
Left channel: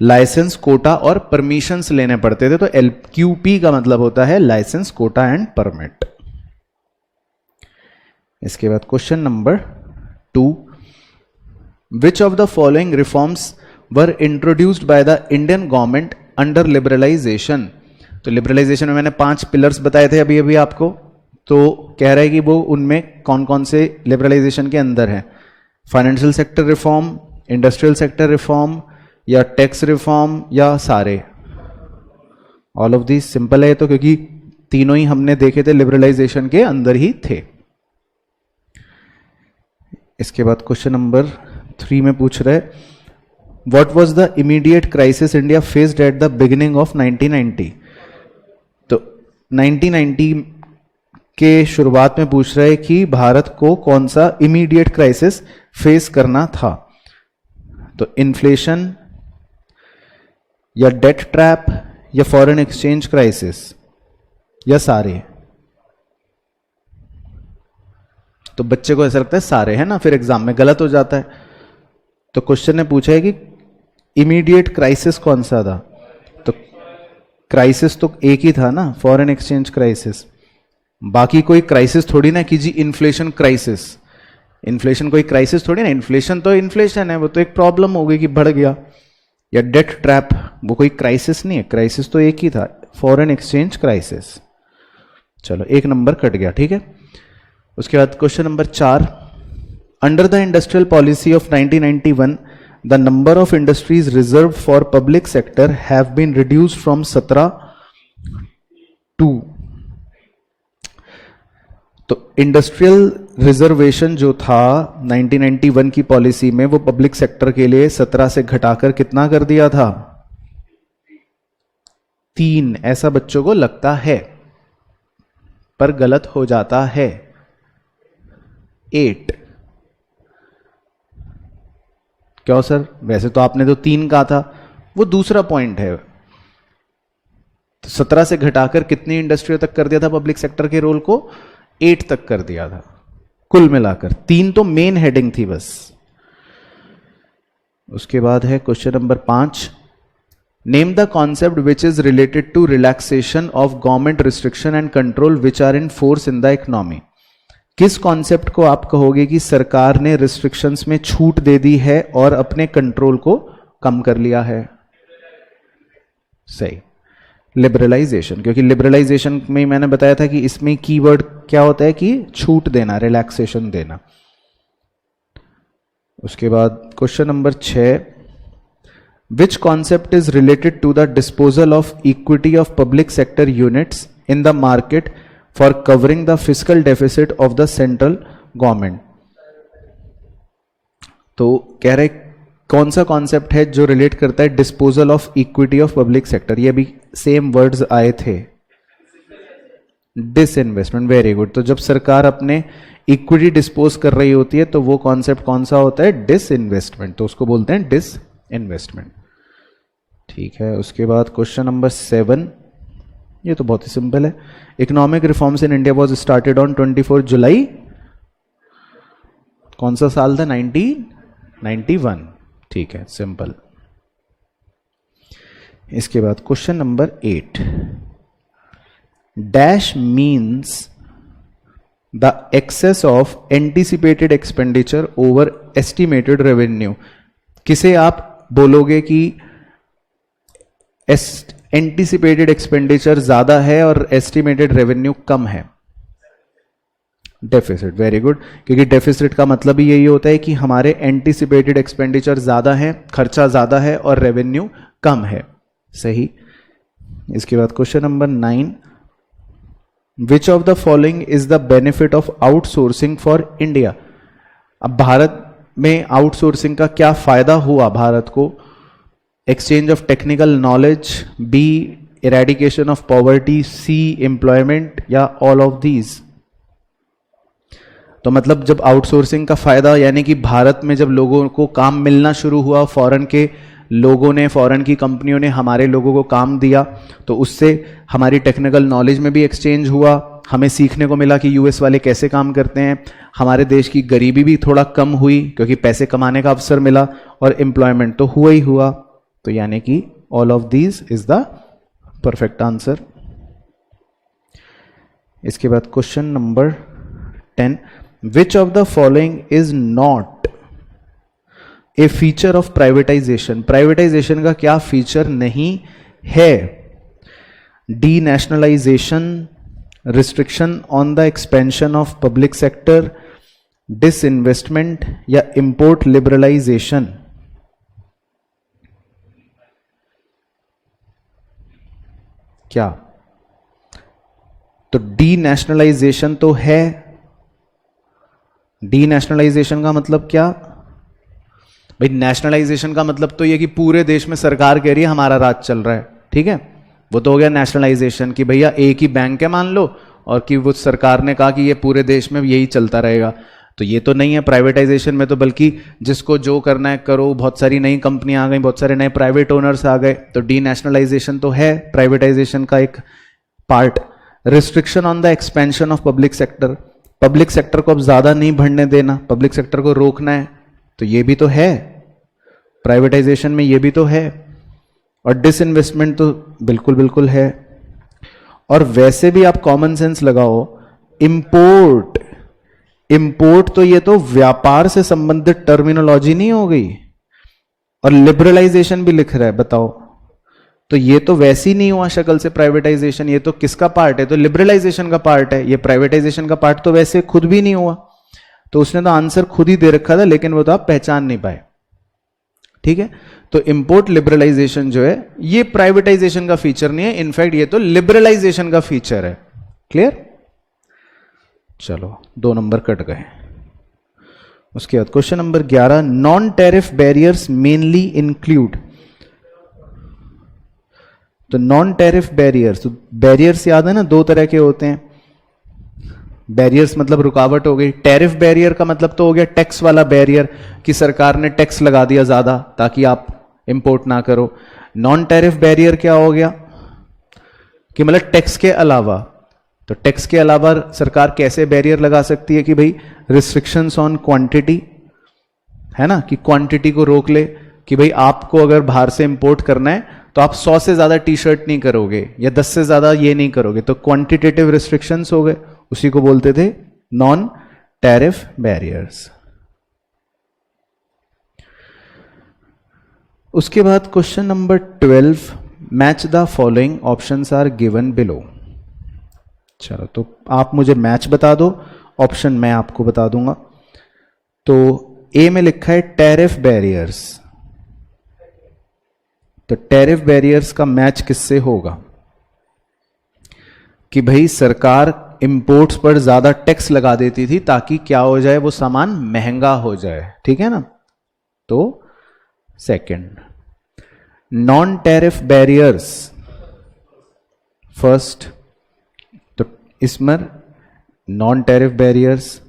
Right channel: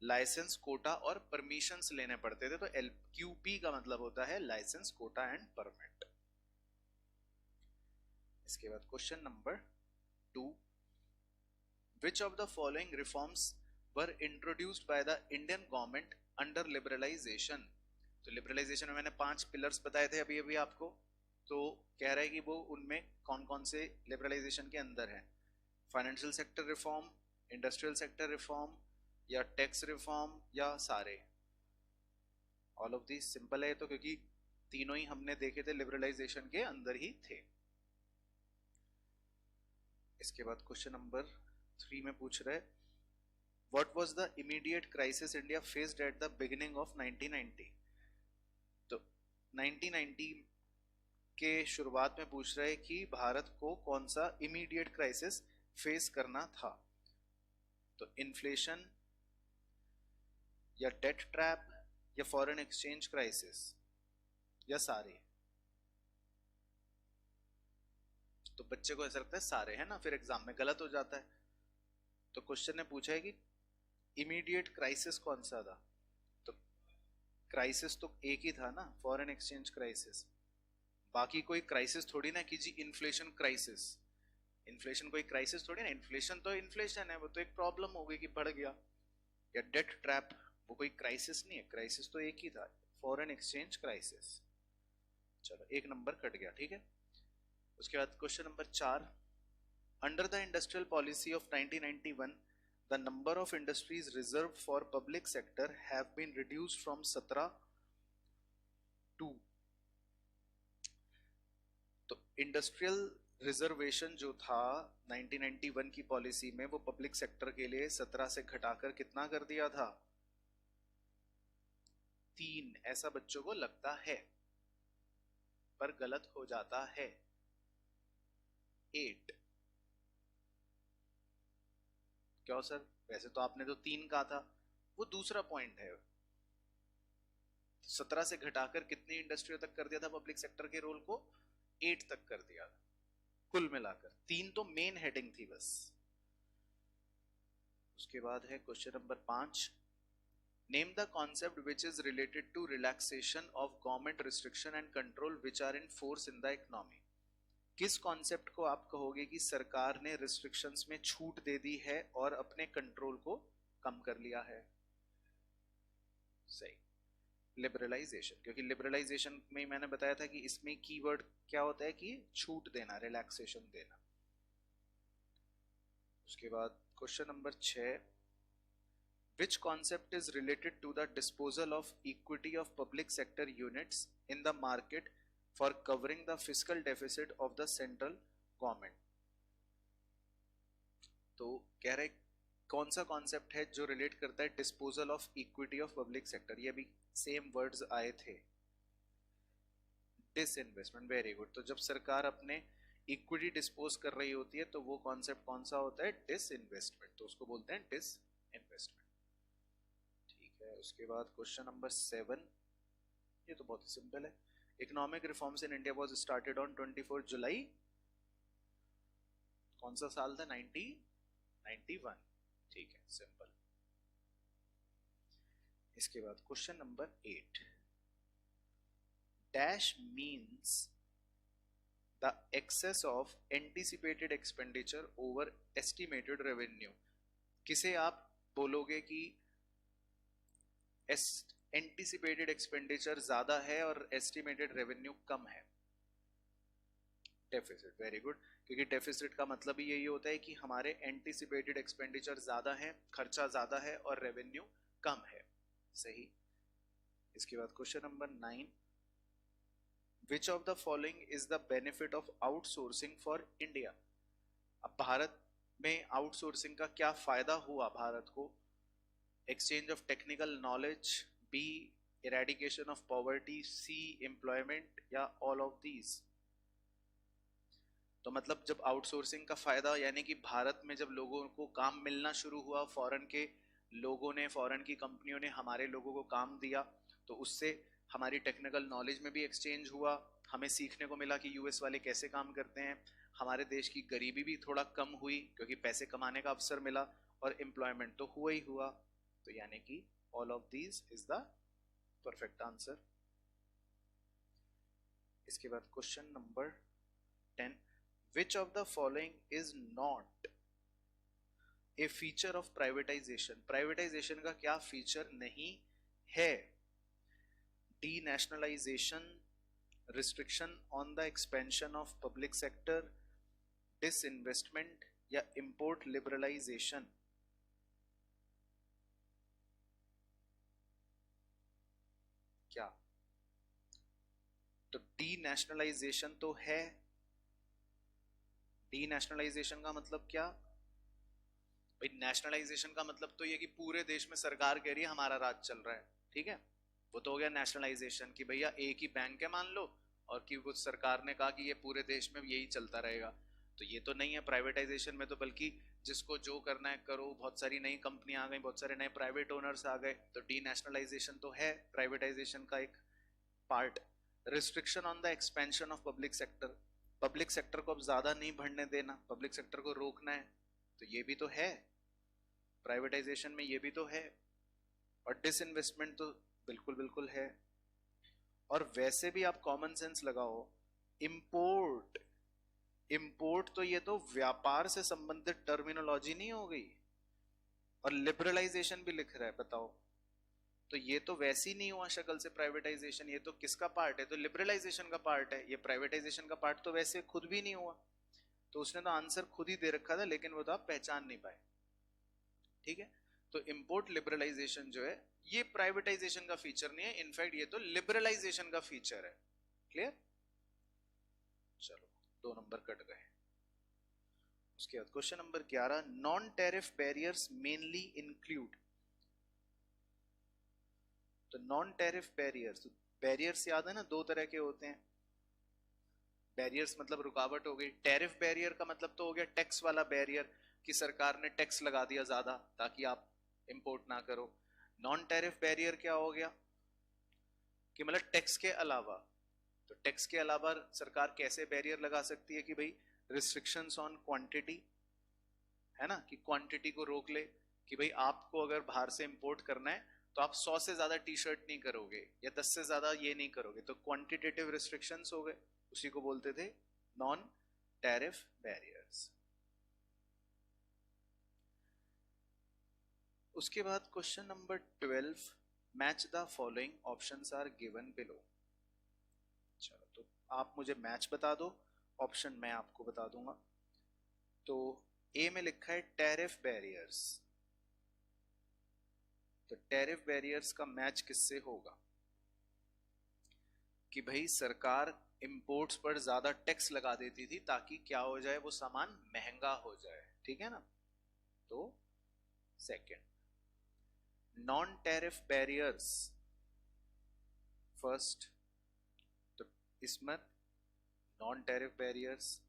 लाइसेंस, कोटा और परमिशंस लेने पड़ते थे। तो LQP का मतलब होता है लाइसेंस, कोटा एंड परमिट। इसके बाद question number 2, which of the following reforms were introduced by the Indian government under liberalisation. तो लिबरलाइजेशन में मैंने 5 पिलर्स बताए थे अभी अभी आपको, तो कह रहा है कि वो उनमें कौन कौन से लिबरलाइजेशन के अंदर है। Financial sector reform, industrial sector reform, या टैक्स रिफॉर्म, या सारे। ऑल ऑफ दिस सिंपल है तो, क्योंकि तीनों ही हमने देखे थे लिबरलाइजेशन के अंदर ही थे। इसके बाद क्वेश्चन नंबर 3 में पूछ रहे, what was the immediate crisis India faced at the beginning of 1990। तो 1990 के शुरुआत में पूछ रहे कि भारत को कौन सा इमीडिएट क्राइसिस फेस करना था। तो इन्फ्लेशन, या डेट ट्रैप, या फॉरेन एक्सचेंज क्राइसिस, या सारे। तो बच्चे को ऐसा लगता है सारे, है ना, फिर एग्जाम में गलत हो जाता है। तो क्वेश्चन ने पूछा है कि इमीडिएट क्राइसिस कौन सा था। तो क्राइसिस तो एक ही था ना, फॉरेन एक्सचेंज क्राइसिस। बाकी कोई क्राइसिस थोड़ी ना कि जी इन्फ्लेशन क्राइसिस, इन्फ्लेशन कोई क्राइसिस थोड़ी ना, इन्फ्लेशन तो इन्फ्लेशन है, वो तो एक प्रॉब्लम हो गई कि बढ़ गया। या डेट ट्रैप, वो कोई क्राइसिस नहीं है, क्राइसिस तो एक ही था, फॉरेन एक्सचेंज क्राइसिस। चलो एक नंबर कट गया, ठीक है। उसके बाद question number 4, under the industrial policy of 1991 the number of industries reserved for public sector have been reduced from 17 to. तो इंडस्ट्रियल रिजर्वेशन जो था 1991 की पॉलिसी में, वो पब्लिक सेक्टर के लिए 17 से घटाकर कितना कर दिया था, 3। ऐसा बच्चों को लगता है पर गलत हो जाता है, 8। क्यों सर, वैसे तो आपने तो 3 कहा था, वो दूसरा पॉइंट है। तो 17 से घटाकर कितनी इंडस्ट्रियों तक कर दिया था पब्लिक सेक्टर के रोल को, 8 तक कर दिया था कुल मिलाकर। 3 तो मेन हेडिंग थी बस। उसके बाद है question number 5, name the concept which is related to relaxation of government restriction and control which are in force in the economy. किस कॉन्सेप्ट को आप कहोगे कि सरकार ने रिस्ट्रिक्शंस में छूट दे दी है और अपने कंट्रोल को कम कर लिया है? सही, लिबरलाइजेशन। क्योंकि लिबरलाइजेशन में मैंने बताया था कि इसमें कीवर्ड क्या होता है कि छूट देना, रिलैक्सेशन देना। उसके बाद question number 6, which concept is related to the disposal of equity of public sector units in the market for covering the fiscal deficit of the central government. तो कह रहे कौन सा कॉन्सेप्ट है जो रिलेट करता है disposal of equity of public sector. ये भी सेम वर्ड्स आए थे, डिसइन्वेस्टमेंट। Very good. तो जब सरकार अपने इक्विटी डिस्पोज कर रही होती है तो वो कॉन्सेप्ट कौन सा होता है, डिसइन्वेस्टमेंट। तो उसको बोलते हैं डिसइन्वेस्टमेंट। ठीक है। उसके बाद क्वेश्चन नंबर 7, ये तो बहुत ही सिंपल है। Economic reforms in India was started on 24 जुलाई, कौन सा साल था, 1991। ठीक है, सिंपल। इसके बाद question number 8, dash means the excess of anticipated expenditure over estimated revenue. किसे आप बोलोगे कि एंटीसिपेटेड एक्सपेंडिचर ज्यादा है और एस्टिमेटेड रेवेन्यू कम है? डेफिसिट, वेरी गुड, क्योंकि डेफिसिट का मतलब ही यही होता है कि हमारे एंटीसिपेटेड एक्सपेंडिचर ज्यादा है, खर्चा ज्यादा है और रेवेन्यू कम है। सही। इसके बाद question number 9, which of the following is the benefit of outsourcing for India? अब भारत में आउटसोर्सिंग का क्या फायदा हुआ भारत को? Exchange of technical knowledge, B eradication of poverty, C employment, या ऑल ऑफ दीज? तो मतलब जब आउटसोर्सिंग का फायदा यानी कि भारत में जब लोगों को काम मिलना शुरू हुआ, फॉरेन के लोगों ने, फॉरेन की कंपनियों ने हमारे लोगों को काम दिया, तो उससे हमारी टेक्निकल नॉलेज में भी एक्सचेंज हुआ, हमें सीखने को मिला कि यूएस वाले कैसे काम करते हैं, हमारे देश की गरीबी भी थोड़ा कम हुई क्योंकि पैसे कमाने का अवसर मिला, और एम्प्लॉयमेंट तो हुआ ही हुआ। तो यानी कि all of these is the perfect answer. इसके बाद question number 10, which of the following is not a feature of privatisation? Privatisation का क्या फीचर नहीं है? D nationalisation, restriction on the expansion of public sector, disinvestment, या इंपोर्ट लिबरलाइजेशन? क्या? तो डी नेशनलाइजेशन तो है। डी नेशनलाइजेशन का मतलब क्या भाई? नेशनलाइजेशन का मतलब तो ये कि पूरे देश में सरकार कह रही है हमारा राज चल रहा है, ठीक है, वो तो हो गया नेशनलाइजेशन, कि भैया एक ही बैंक है मान लो, और कि वो सरकार ने कहा कि ये पूरे देश में यही चलता रहेगा। तो ये तो नहीं है प्राइवेटाइजेशन में, तो बल्कि जिसको जो करना है करो, बहुत सारी नई कंपनियां आ गई, बहुत सारे नए प्राइवेट ओनर्स आ गए, तो डी नेशनलाइजेशन तो है प्राइवेटाइजेशन का एक part. Restriction on the expansion of public sector, public sector को अब ज्यादा नहीं बढ़ने देना, पब्लिक सेक्टर को रोकना है, तो ये भी तो है प्राइवेटाइजेशन में, ये भी तो है। और डिसइन्वेस्टमेंट तो बिल्कुल बिल्कुल है। और वैसे भी आप कॉमन सेंस लगाओ, इंपोर्ट, इंपोर्ट तो ये तो व्यापार से संबंधित टर्मिनोलॉजी नहीं हो गई, और लिबरलाइजेशन भी लिख रहा है, बताओ, तो ये तो वैसे ही नहीं हुआ शक्ल से प्राइवेटाइजेशन, ये तो किसका पार्ट है? तो लिबरलाइजेशन का पार्ट है, ये प्राइवेटाइजेशन का पार्ट तो वैसे खुद भी नहीं हुआ। तो उसने तो आंसर खुद ही दे रखा था, लेकिन वो तो आप पहचान नहीं पाए, ठीक है। तो इंपोर्ट लिबरलाइजेशन जो है ये प्राइवेटाइजेशन का फीचर नहीं है, इनफैक्ट ये तो लिबरलाइजेशन का फीचर है। क्लियर? चलो 2 नंबर कट गए। उसके बाद question number 11, non tariff barriers mainly include? तो नॉन टैरिफ बैरियर्स, तो बैरियर्स याद है ना, 2 तरह के होते हैं। बैरियर्स मतलब रुकावट हो गई, टैरिफ बैरियर का मतलब तो हो गया टैक्स वाला बैरियर, कि सरकार ने टैक्स लगा दिया ज्यादा ताकि आप इंपोर्ट ना करो। नॉन टैरिफ बैरियर क्या हो गया कि मतलब टैक्स के अलावा, तो टैक्स के अलावा सरकार कैसे बैरियर लगा सकती है कि भाई रिस्ट्रिक्शंस ऑन क्वांटिटी, है ना, कि क्वांटिटी को रोक ले, कि भाई आपको अगर बाहर से इंपोर्ट करना है तो आप 100 से ज्यादा टी शर्ट नहीं करोगे या 10 से ज्यादा ये नहीं करोगे, तो क्वांटिटेटिव रिस्ट्रिक्शंस हो गए, उसी को बोलते थे नॉन टैरिफ बैरियर्स। उसके बाद question number 12, match the following options are given below. चलो तो आप मुझे मैच बता दो, ऑप्शन मैं आपको बता दूंगा। तो ए में लिखा है टैरिफ बैरियर्स, तो टैरिफ बैरियर्स का मैच किससे होगा? कि भाई सरकार इंपोर्ट्स पर ज्यादा टैक्स लगा देती थी ताकि क्या हो जाए, वो सामान महंगा हो जाए, ठीक है ना। तो second, non tariff barriers first, तो इसमें नॉन टैरिफ बैरियर्स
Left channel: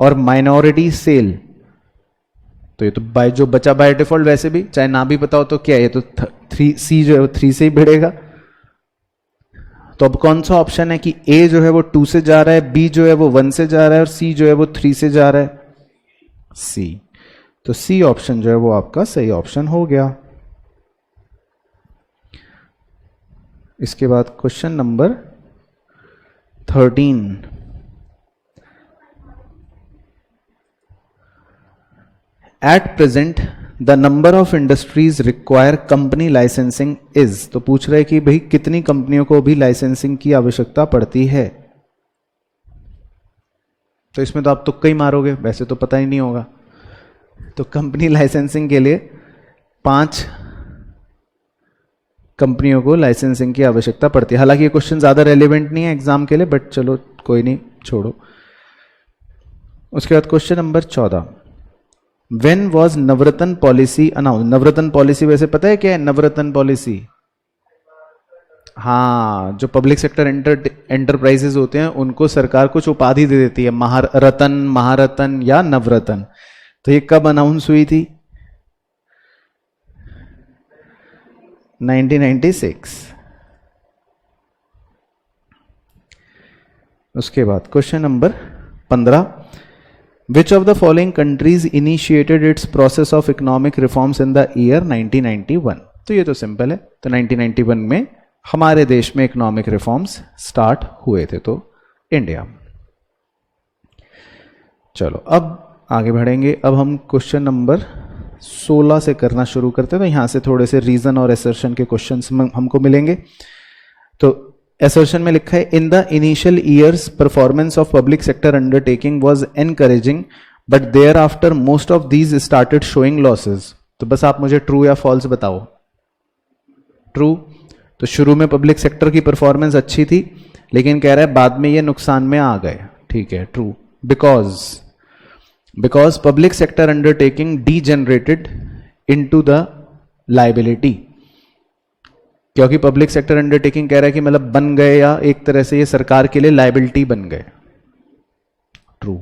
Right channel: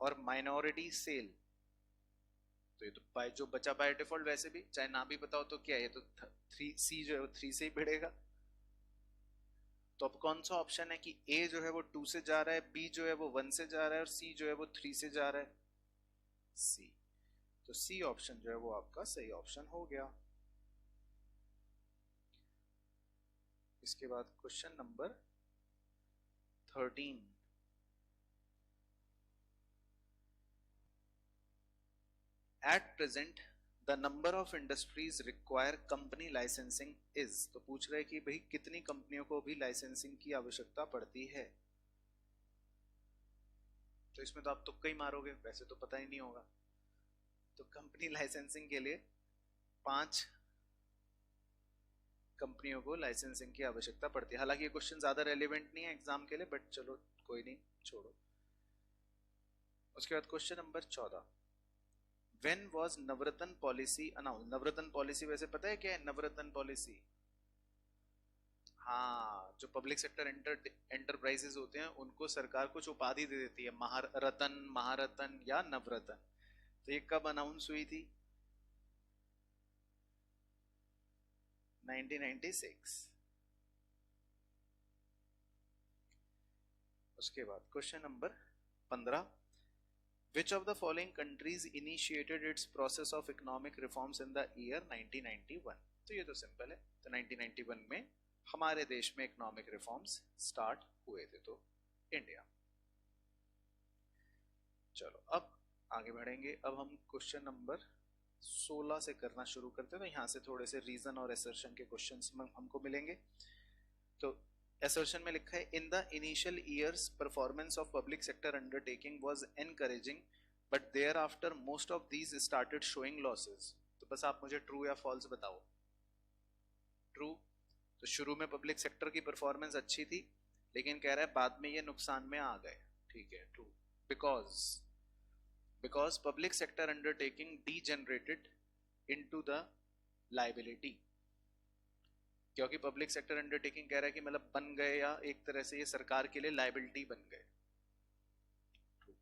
और माइनॉरिटी सेल, तो ये तो बाय जो बचा बाय डिफॉल्ट, वैसे भी चाहे ना भी बताओ तो क्या है, ये तो 3C जो है वो 3 से ही बढ़ेगा। तो अब कौन सा ऑप्शन है कि ए जो है वो 2 से जा रहा है, बी जो है वो 1 से जा रहा है, और सी जो है वो 3 से जा रहा है? सी। तो सी ऑप्शन जो है वो आपका सही ऑप्शन हो गया। इसके बाद question number 13, at present the number of industries require company licensing is, तो पूछ रहे कि भाई कितनी कंपनियों को भी लाइसेंसिंग की आवश्यकता पड़ती है। तो इसमें तो आप तुक्का ही मारोगे, वैसे तो पता ही नहीं होगा। तो कंपनी लाइसेंसिंग के लिए 5 कंपनियों को लाइसेंसिंग की आवश्यकता पड़ती है। हालांकि ये क्वेश्चन ज़्यादा रेलिवेंट नहीं है एग्जाम के लिए, बट चलो कोई नहीं, छोड़ो। उसके बाद question number 14, when was Navratna policy announce. Navratna policy वैसे पता है क्या है नवरत्न पॉलिसी? हाँ, जो पब्लिक सेक्टर एंटरप्राइजेज होते हैं उनको सरकार कुछ उपाधि दे देती है, महारत्न, महारत्न या नवरत्न। तो ये कब अनाउंस हुई थी? 1996। उसके बाद question number 15, which of the following countries initiated it's process of economic reforms in the year 1991। तो ये तो सिंपल है, तो 1991 में हमारे देश में इकोनॉमिक रिफॉर्म्स स्टार्ट हुए थे, तो इंडिया। चलो अब आगे बढ़ेंगे। अब हम क्वेश्चन नंबर 16 से करना शुरू करते हैं। तो यहाँ से थोड़े से रीजन और एसर्शन के क्वेश्चंस हमको मिलेंगे। तो एसर्शन में लिखा है, in the initial years performance of public sector undertaking was encouraging but thereafter most of these started showing losses. तो बस आप मुझे ट्रू या फॉल्स बताओ। ट्रू। तो शुरू में पब्लिक सेक्टर की परफॉर्मेंस अच्छी थी, लेकिन कह रहा है बाद में ये नुकसान में आ गए। ठीक है, true. Because public sector undertaking degenerated into the liability. क्योंकि पब्लिक सेक्टर अंडरटेकिंग कह रहा है कि मतलब बन गए या एक तरह से ये सरकार के लिए लायबिलिटी बन गए। ट्रू।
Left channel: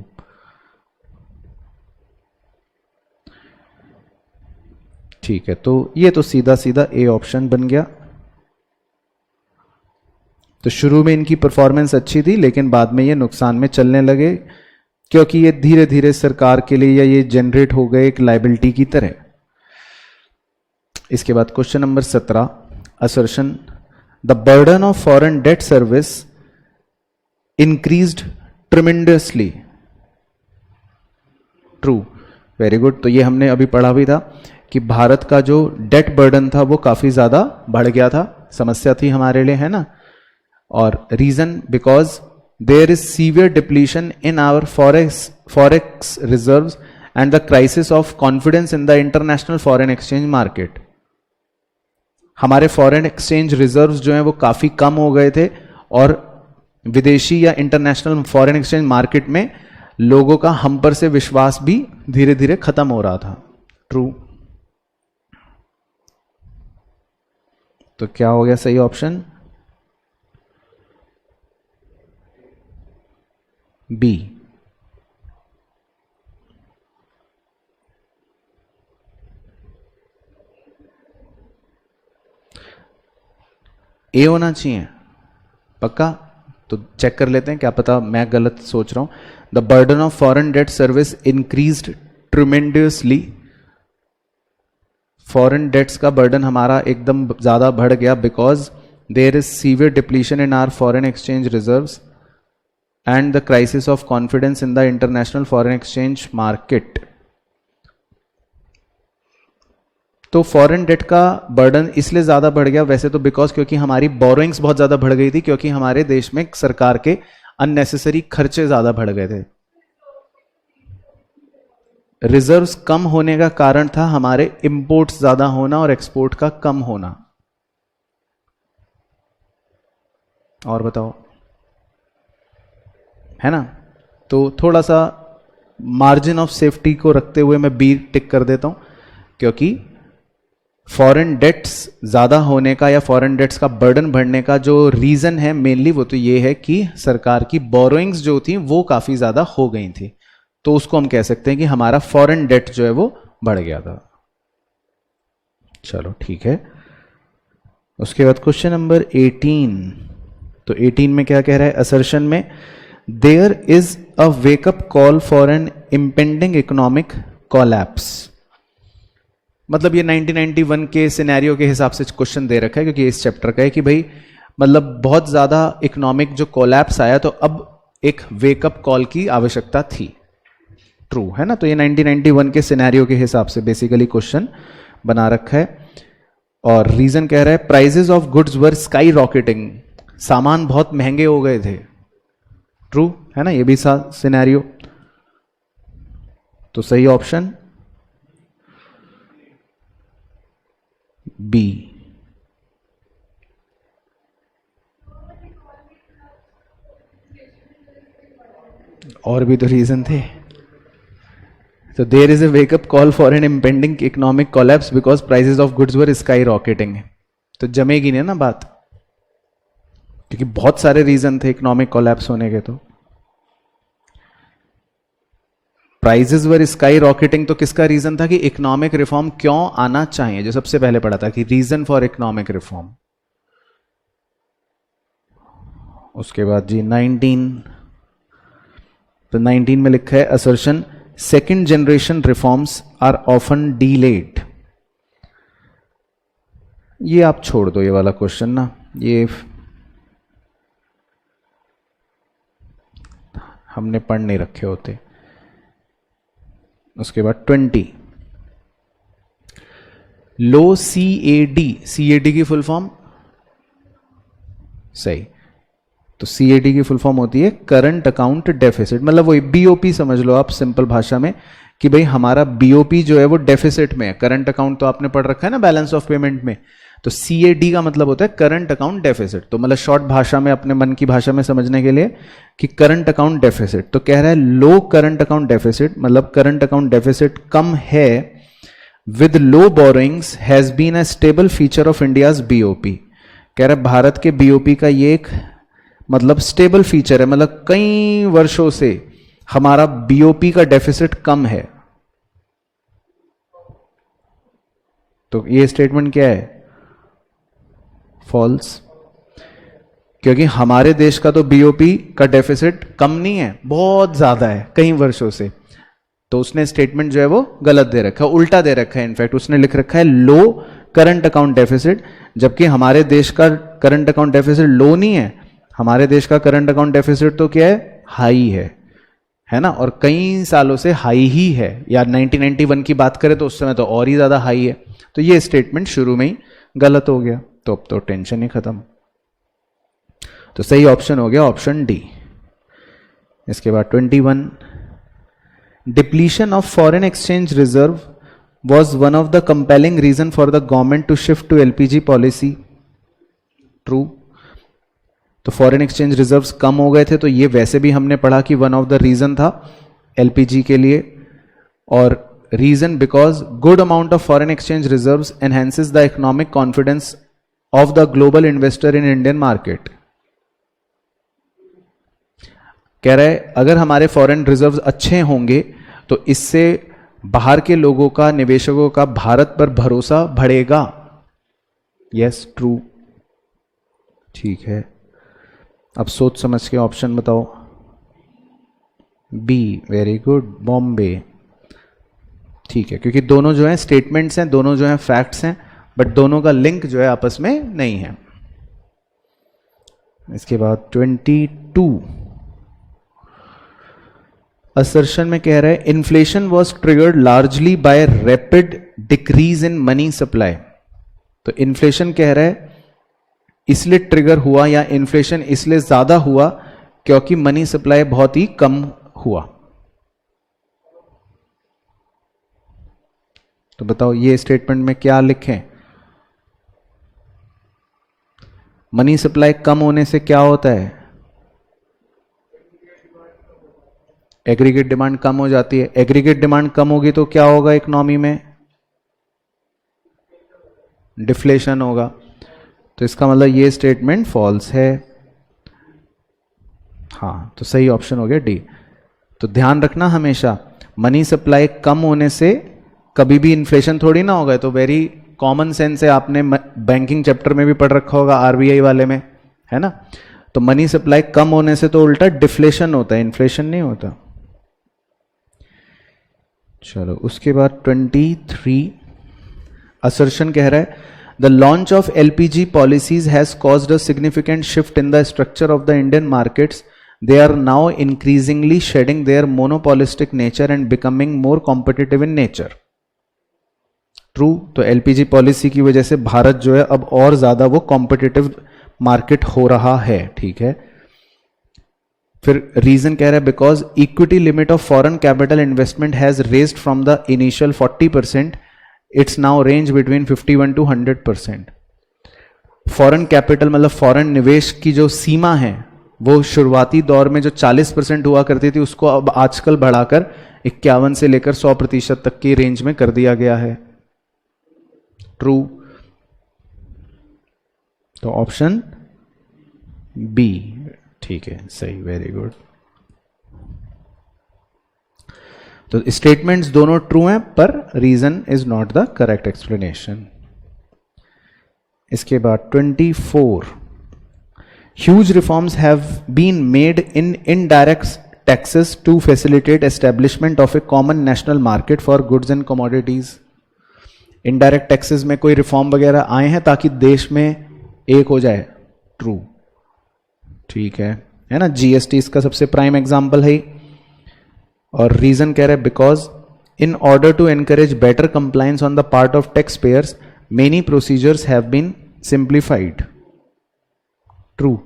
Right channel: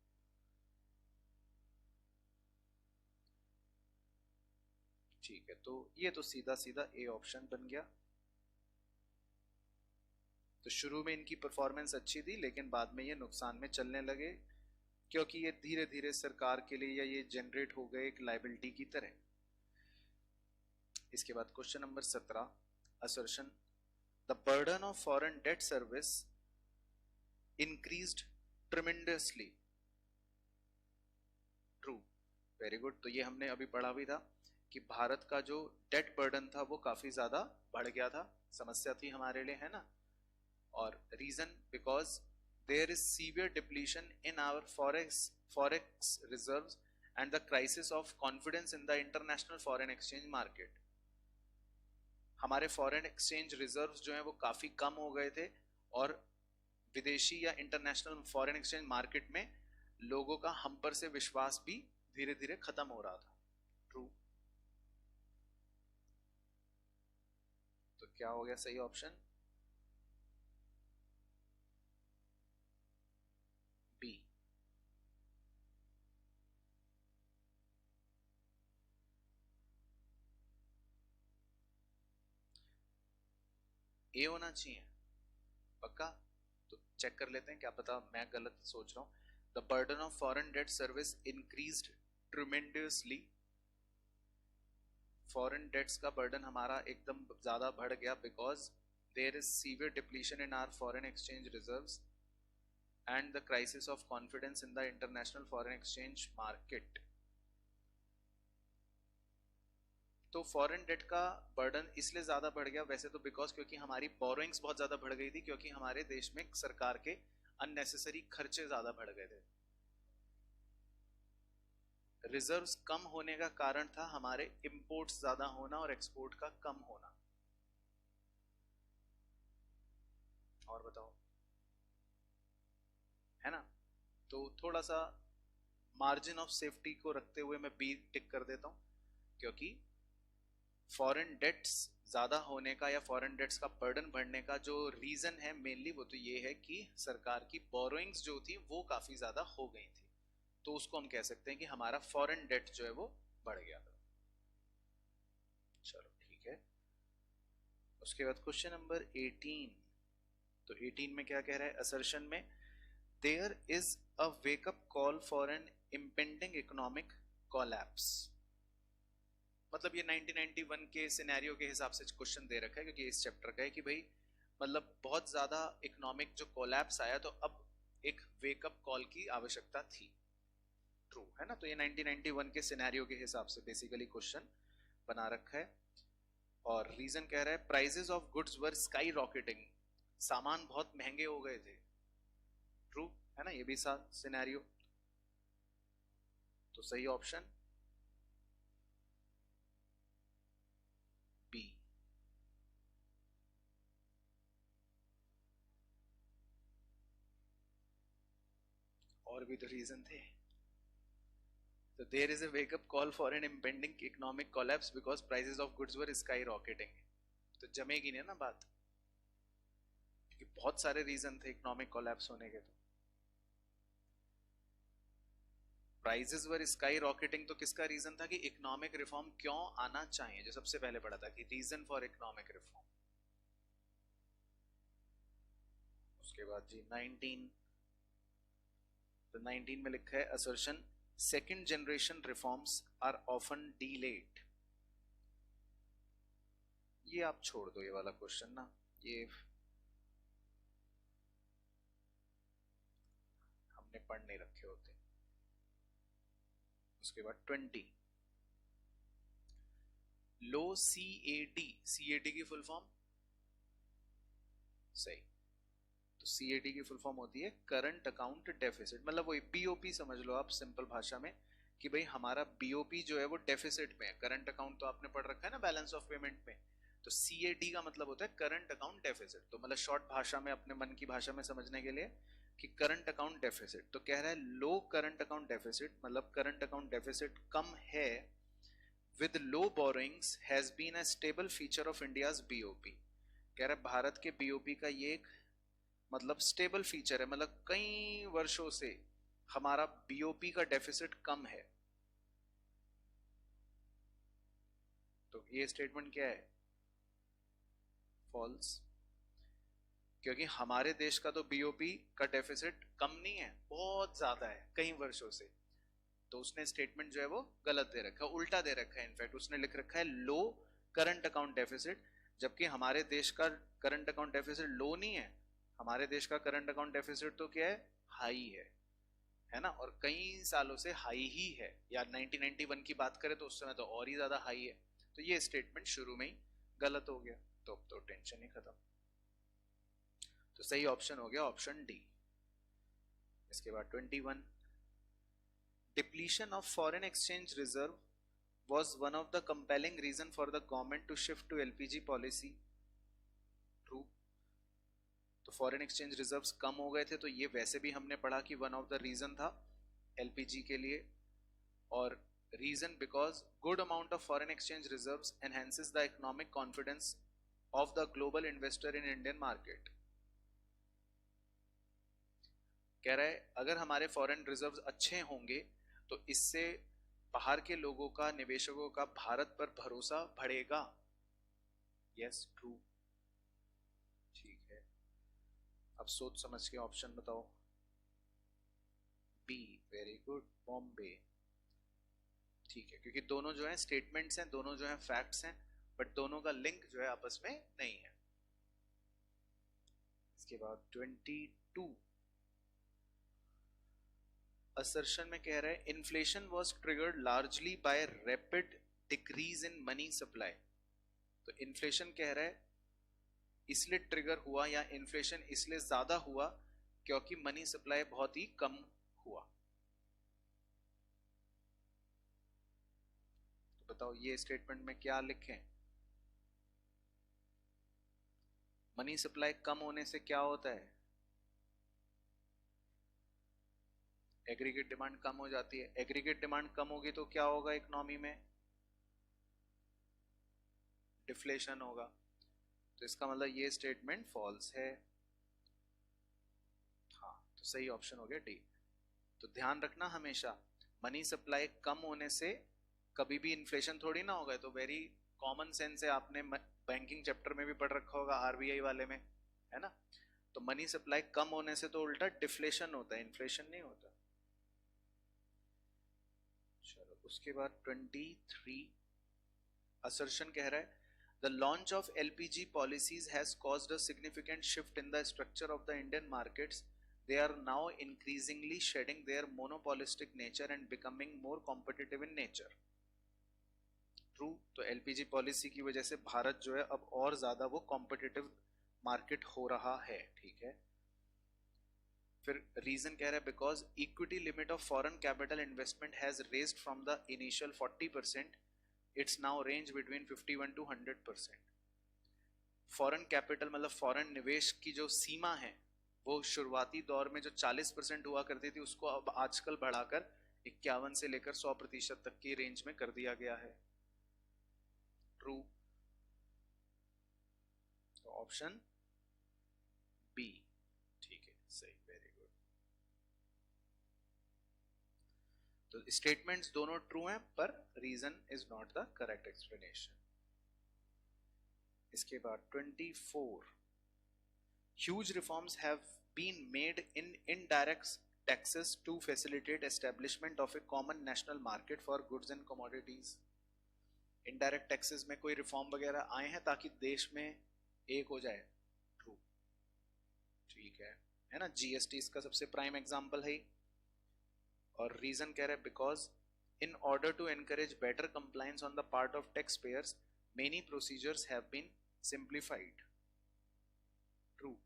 ठीक है, तो ये तो सीधा सीधा ए ऑप्शन बन गया। तो शुरू में इनकी परफॉर्मेंस अच्छी थी, लेकिन बाद में ये नुकसान में चलने लगे, क्योंकि ये धीरे धीरे सरकार के लिए या ये जनरेट हो गए एक लायबिलिटी की तरह। इसके बाद question number 17, assertion, the burden of foreign debt service increased tremendously. True. Very good. तो ये हमने अभी पढ़ा भी था कि भारत का जो डेट बर्डन था वो काफी ज्यादा बढ़ गया था, समस्या थी हमारे लिए, है ना। और reason, because there is severe depletion in our forex reserves and the crisis of confidence in the international foreign exchange market. हमारे फॉरेन एक्सचेंज रिजर्व्स जो हैं वो काफ़ी कम हो गए थे, और विदेशी या इंटरनेशनल फॉरेन एक्सचेंज मार्केट में लोगों का हम पर से विश्वास भी धीरे धीरे खत्म हो रहा था। ट्रू। तो क्या हो गया सही ऑप्शन? बी। ए होना चाहिए पक्का। तो चेक कर लेते हैं, क्या पता मैं गलत सोच रहा हूं। The burden of foreign debt service increased tremendously. Foreign debts का बर्डन हमारा एकदम ज्यादा बढ़ गया, because there is severe depletion in our foreign exchange reserves and the crisis of confidence in the international foreign exchange market. तो फॉरेन डेट का बर्डन इसलिए ज्यादा बढ़ गया वैसे तो, बिकॉज क्योंकि हमारी बोरोइंग्स बहुत ज्यादा बढ़ गई थी, क्योंकि हमारे देश में सरकार के अननेसेसरी खर्चे ज्यादा बढ़ गए थे। रिजर्व्स कम होने का कारण था हमारे इंपोर्ट्स ज्यादा होना और एक्सपोर्ट का कम होना। और बताओ, है ना। तो थोड़ा सा मार्जिन ऑफ सेफ्टी को रखते हुए मैं बी टिक कर देता हूं, क्योंकि फॉरेन डेट्स ज़्यादा होने का या फॉरेन डेट्स का बर्डन बढ़ने का जो रीज़न है मेनली, वो तो ये है कि सरकार की बोरोइंग्स जो थी वो काफ़ी ज़्यादा हो गई थी। तो उसको हम कह सकते हैं कि हमारा फॉरेन डेट जो है वो बढ़ गया था। चलो ठीक है। उसके बाद क्वेश्चन नंबर 18। तो 18 में क्या कह रहा है असर्शन में, there is a wake up call for an impending economic collapse. मतलब ये 1991 के सिनेरियो के हिसाब से क्वेश्चन दे रखा है, क्योंकि इस चैप्टर का है कि भाई मतलब बहुत ज्यादा इकोनॉमिक जो कोलैप्स आया, तो अब एक वेकअप कॉल की आवश्यकता थी। ट्रू है ना। तो ये 1991 के सिनेरियो के हिसाब से बेसिकली क्वेश्चन बना रखा है। और रीजन कह रहा है prices of goods were skyrocketing, सामान बहुत महंगे हो गए थे। ट्रू है ना, ये भी सिनेरियो। तो सही ऑप्शन बी। और भी तो रीजन थे। तो there is a wake up call for an impending economic collapse because prices of goods were skyrocketing. तो जमेगी नहीं ना बात, क्योंकि बहुत सारे रीजन थे इकोनॉमिक कोलैप्स होने के। तो प्राइजेस वर स्काई रॉकेटिंग तो किसका रीजन था कि इकोनॉमिक रिफॉर्म क्यों आना चाहिए, जो सबसे पहले पढ़ा था कि रीजन फॉर इकोनॉमिक रिफॉर्म। उसके बाद जी 19, तो 19 में लिखा है assertion second generation reforms are often delayed. ये आप छोड़ दो, ये वाला क्वेश्चन ना, ये हमने पढ़ नहीं रखे होते। उसके बाद 20 लो CAD, CAD की फुल फॉर्म सही। तो CAD की फुल फॉर्म होती है करंट अकाउंट डेफिसिट, मतलब वही BOP समझ लो आप सिंपल भाषा में कि भाई हमारा BOP जो है वो डेफिसिट में है। करंट अकाउंट तो आपने पढ़ रखा है ना बैलेंस ऑफ पेमेंट में। तो CAD का मतलब होता है करंट अकाउंट डेफिसिट। तो मतलब शॉर्ट भाषा में अपने मन की भाषा में समझने के लिए कि करंट अकाउंट डेफिसिट, तो कह रहा है लो करंट अकाउंट डेफिसिट, मतलब करंट अकाउंट डेफिसिट कम है with low borrowings has been a stable feature of India's BOP। कह रहा है भारत के BOP का ये एक मतलब स्टेबल फीचर है, मतलब कई वर्षों से हमारा BOP का डेफिसिट कम है। तो ये स्टेटमेंट क्या है? फॉल्स, क्योंकि हमारे देश का तो BOP का डेफिसिट कम नहीं है, बहुत ज्यादा है कई वर्षों से। तो उसने स्टेटमेंट जो है वो गलत दे रखा है, उल्टा दे रखा है। इनफैक्ट उसने लिख रखा है लो करंट अकाउंट डेफिसिट, जबकि हमारे देश का करंट अकाउंट डेफिसिट लो नहीं है। हमारे देश का करंट अकाउंट डेफिसिट तो क्या है? हाई है ना, और कई सालों से हाई ही है। या 1991 की बात करें तो उस समय तो और ही ज्यादा हाई है। तो ये स्टेटमेंट शुरू में ही गलत हो गया, तो अब तो टेंशन ही खत्म। तो सही ऑप्शन हो गया ऑप्शन डी। इसके बाद 21 depletion of foreign exchange reserve was one of the compelling reason for the government to shift to LPG policy. True. तो फॉरेन एक्सचेंज रिजर्व्स कम हो गए थे, तो ये वैसे भी हमने पढ़ा कि वन ऑफ द रीजन था LPG के लिए। और reason because good amount of foreign exchange reserves enhances the economic confidence of the global investor in Indian market. कह रहा है अगर हमारे फॉरेन रिजर्व्स अच्छे होंगे तो इससे बाहर के लोगों का, निवेशकों का भारत पर भरोसा बढ़ेगा। Yes, true. ठीक है, अब सोच समझ के ऑप्शन बताओ। B, very good, Bombay. ठीक है, क्योंकि दोनों जो है स्टेटमेंट्स हैं, दोनों जो है फैक्ट्स हैं, बट दोनों का लिंक जो है आपस में नहीं है। इसके बाद 22 असर्शन में कह रहा है inflation was triggered largely by rapid decrease in money supply. तो इन्फ्लेशन कह रहा है इसलिए ट्रिगर हुआ या इन्फ्लेशन इसलिए ज्यादा हुआ क्योंकि मनी सप्लाई बहुत ही कम हुआ। तो बताओ ये स्टेटमेंट में क्या लिखें? मनी सप्लाई कम होने से क्या होता है? एग्रीगेट डिमांड कम हो जाती है। एग्रीगेट डिमांड कम होगी तो क्या होगा इकोनॉमी में? डिफ्लेशन होगा। तो इसका मतलब ये स्टेटमेंट फॉल्स है। हाँ, तो सही ऑप्शन हो गया डी। तो ध्यान रखना हमेशा, मनी सप्लाई कम होने से कभी भी इन्फ्लेशन थोड़ी ना होगा। तो वेरी कॉमन सेंस है, आपने बैंकिंग चैप्टर में भी पढ़ रखा होगा, RBI वाले में, है ना। तो मनी सप्लाई कम होने से तो उल्टा डिफ्लेशन होता है, इन्फ्लेशन नहीं होता। चलो उसके बाद 23 असर्शन कह रहा है the launch of LPG policies has caused a significant shift in the structure of the Indian markets they are now increasingly shedding their monopolistic nature and becoming more competitive in nature. True. तो एलपीजी पॉलिसी की वजह से भारत जो है अब और ज्यादा वो कॉम्पिटिटिव मार्केट हो रहा है. ठीक है. फिर रीजन कह रहा है because equity limit of foreign capital investment has raised from the initial 40%, it's now range between 51 to 100%. Foreign capital मतलब फॉरेन निवेश की जो सीमा है वो शुरुआती दौर में जो 40% हुआ करती थी उसको अब आजकल बढ़ाकर 51 से लेकर 100% तक की रेंज में कर दिया गया है. ट्रू. तो ऑप्शन बी ठीक है, सही, वेरी गुड. तो स्टेटमेंट्स दोनों ट्रू हैं पर reason is not the correct explanation. इसके बाद 24, huge reforms have been made in indirect taxes to facilitate establishment of a common national market for goods and commodities. Indirect taxes में कोई रिफॉर्म वगैरह आए हैं ताकि देश में एक हो जाए. ट्रू. ठीक है ना. जीएसटी इसका सबसे प्राइम एग्जांपल है. और रीजन कह रहे हैं because in order to encourage better compliance on the part of tax payers many procedures have been simplified. True.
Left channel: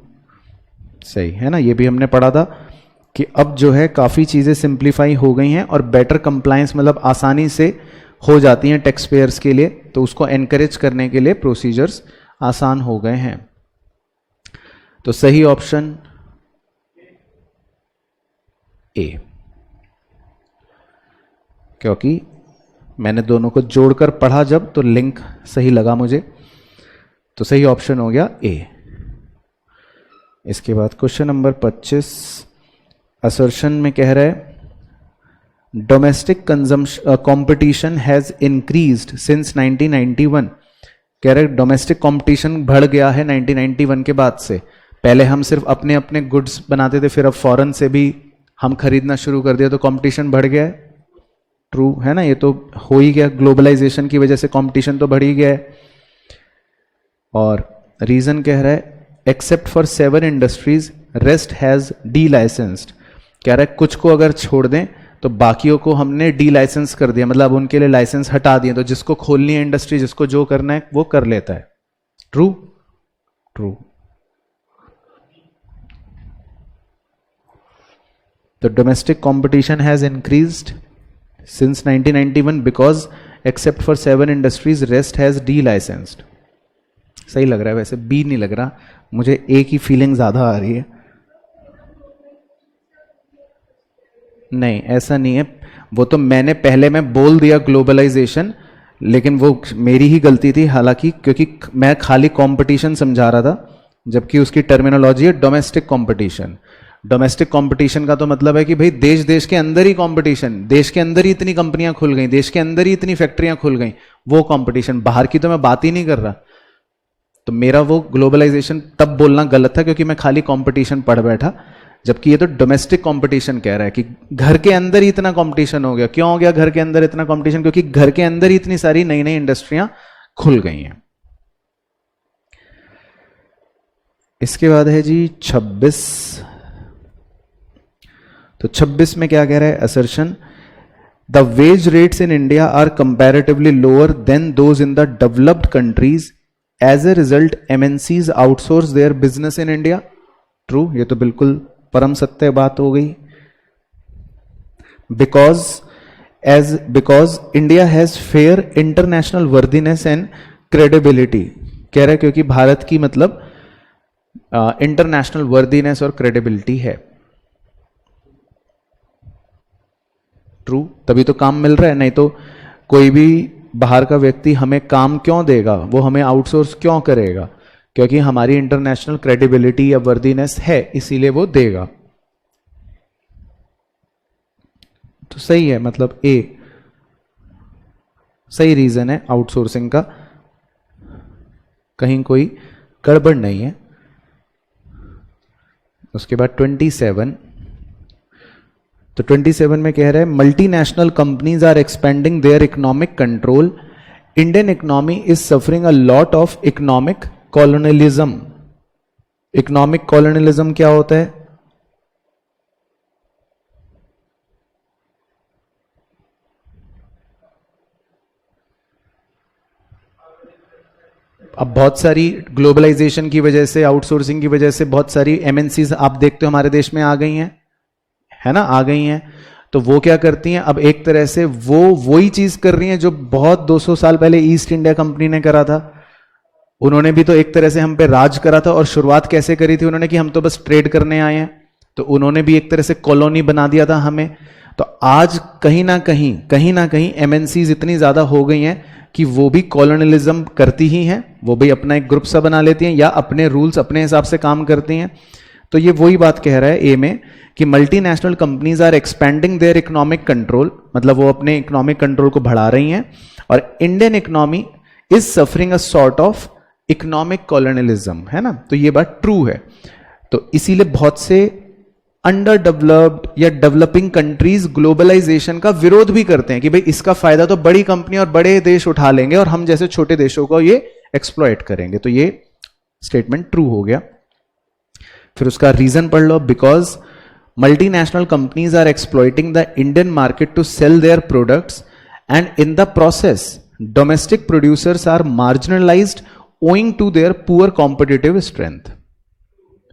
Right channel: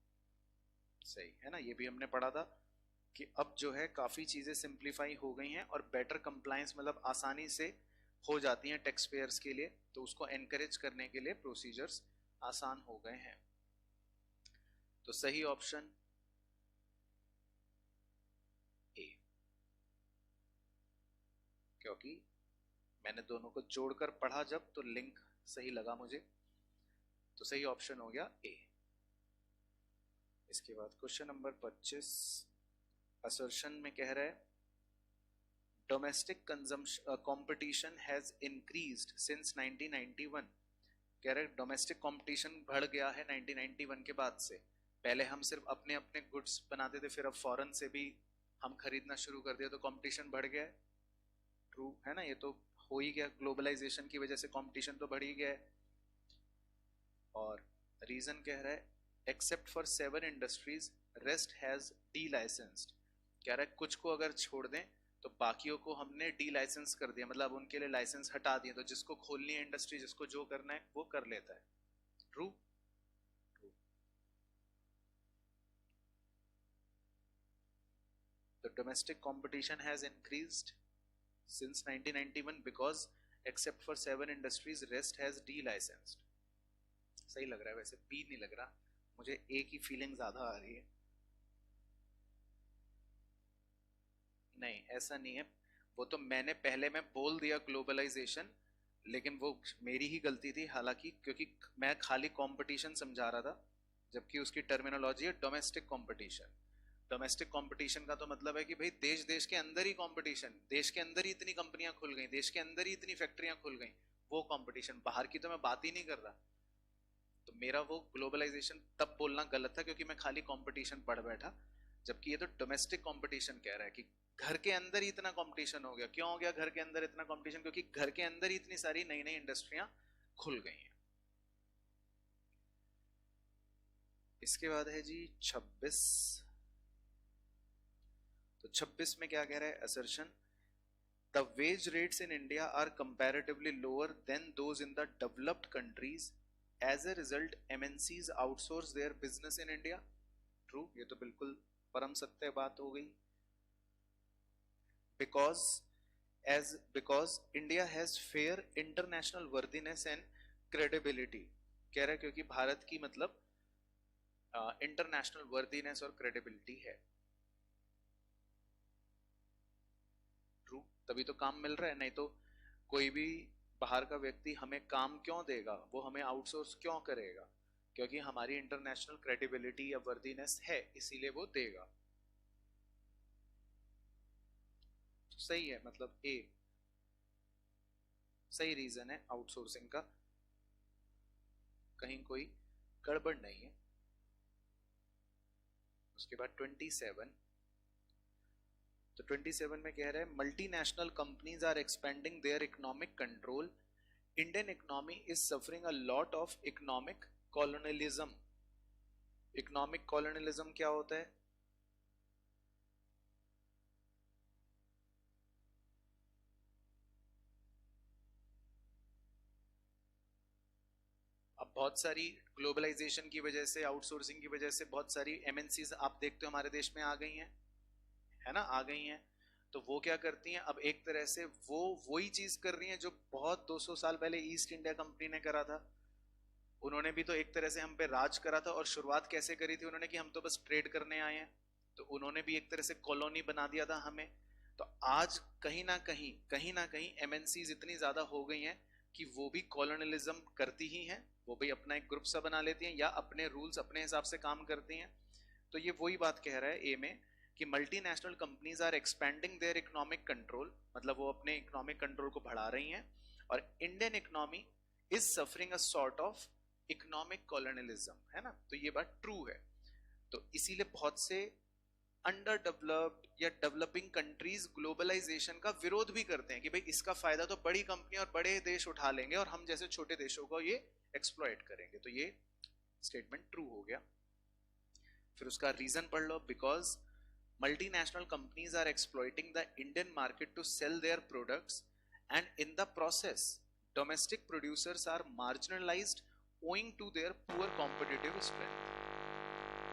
सही है ना. ये भी हमने पढ़ा था कि अब जो है काफी चीजें सिंप्लीफाई हो गई हैं और बेटर कंप्लायंस मतलब आसानी से हो जाती हैं टैक्स पेयर्स के लिए, तो उसको एनकरेज करने के लिए प्रोसीजर्स आसान हो गए हैं. तो सही ऑप्शन ए, क्योंकि मैंने दोनों को जोड़कर पढ़ा जब तो लिंक सही लगा मुझे. तो सही ऑप्शन हो गया ए. इसके बाद क्वेश्चन नंबर 25 असर्शन में कह रहा है domestic competition has increased since 1991. कह रहे डोमेस्टिक कंपटीशन बढ़ गया है 1991 के बाद से. पहले हम सिर्फ अपने अपने गुड्स बनाते थे, फिर अब फॉरेन से भी हम खरीदना शुरू कर दिया तो कंपटीशन बढ़ गया है. ट्रू है ना. ये तो हो ही गया, ग्लोबलाइजेशन की वजह से कंपटीशन तो बढ़ ही गया है. और रीजन कह रहा है except for 7 industries rest has D licensed. कह रहा है कुछ को अगर छोड़ दें तो बाकियों को हमने डी लाइसेंस कर दिया, मतलब उनके लिए लाइसेंस हटा दिए. तो जिसको खोलनी है इंडस्ट्री, जिसको जो करना है वो कर लेता है. ट्रू. ट्रू. तो domestic competition has increased since 1991 because except for 7 industries rest has de-licensed. सही लग रहा है वैसे, बी नहीं लग रहा मुझे, ए की फीलिंग ज्यादा आ रही है. नहीं ऐसा नहीं है, वो तो मैंने पहले में बोल दिया ग्लोबलाइजेशन, लेकिन वो मेरी ही गलती थी हालांकि, क्योंकि मैं खाली कंपटीशन समझा रहा था जबकि उसकी टर्मिनोलॉजी है डोमेस्टिक कंपटीशन. डोमेस्टिक कंपटीशन का तो मतलब है कि भाई देश देश के अंदर ही कंपटीशन, देश के अंदर ही इतनी कंपनियां खुल गई, देश के अंदर ही इतनी फैक्ट्रियां खुल गई, वो कंपटीशन. बाहर की तो मैं बात ही नहीं कर रहा. तो मेरा वो ग्लोबलाइजेशन तब बोलना गलत था क्योंकि मैं खाली कंपटीशन पढ़ बैठा, जबकि ये तो डोमेस्टिक कंपटीशन कह रहा है कि घर के अंदर ही इतना कंपटीशन हो गया. क्यों हो गया घर के अंदर इतना कंपटीशन? क्योंकि घर के अंदर ही इतनी सारी नई नई इंडस्ट्रियां खुल गई हैं. इसके बाद है जी 26. तो 26 में क्या कह रहा है assertion the wage rates in India are comparatively lower than those in the developed countries. As a result MNCs outsource their business in India. True. ये तो बिल्कुल परम सत्य बात हो गई. Because India has fair international worthiness and credibility. कह रहा है क्योंकि भारत की मतलब इंटरनेशनल वर्दीनेस और क्रेडिबिलिटी है. ट्रू. तभी तो काम मिल रहा है, नहीं तो कोई भी बाहर का व्यक्ति हमें काम क्यों देगा, वो हमें आउटसोर्स क्यों करेगा? क्योंकि हमारी इंटरनेशनल क्रेडिबिलिटी या वर्दीनेस है, इसीलिए वो देगा. तो सही है, मतलब ए सही रीजन है आउटसोर्सिंग का, कहीं कोई गड़बड़ नहीं है. उसके बाद 27. तो 27 में कह रहे हैं multinational companies are expanding their economic control. Indian economy is suffering a lot of economic colonialism. Economic colonialism क्या होता है? अब बहुत सारी ग्लोबलाइजेशन की वजह से, आउटसोर्सिंग की वजह से बहुत सारी एमएनसीज आप देखते हो हमारे देश में आ गई हैं, है ना, आ गई हैं। तो वो क्या करती हैं, अब एक तरह से वो वही चीज कर रही हैं जो बहुत 200 साल पहले ईस्ट इंडिया कंपनी ने करा था। उन्होंने भी तो एक तरह से हम पे राज करा था, और शुरुआत कैसे करी थी उन्होंने, कि हम तो बस ट्रेड करने आए हैं। तो उन्होंने भी एक तरह से कॉलोनी बना दिया था हमें। तो आज कहीं ना कहीं एमएनसीज इतनी ज्यादा हो गई हैं कि वो भी कॉलोनियलिज्म करती ही हैं, वो भी अपना एक ग्रुप सा बना लेती हैं या अपने रूल्स अपने हिसाब से काम करती हैं। तो ये वही बात कह रहा है ए में कि multinational companies are expanding their economic control, मतलब वो अपने इकोनॉमिक कंट्रोल को बढ़ा रही हैं, और Indian economy is suffering a sort of economic colonialism, है ना। तो ये बात ट्रू है। तो इसीलिए बहुत से अंडर डेवलप्ड या डेवलपिंग कंट्रीज ग्लोबलाइजेशन का विरोध भी करते हैं कि भाई इसका फायदा तो बड़ी कंपनी और बड़े देश उठा लेंगे और हम जैसे छोटे देशों को ये एक्सप्लॉइट करेंगे। तो ये स्टेटमेंट ट्रू हो गया। फिर उसका रीजन पढ़ लो, because multinational companies are exploiting the Indian market to sell their products and in the process domestic producers are marginalised owing to their poor competitive strength,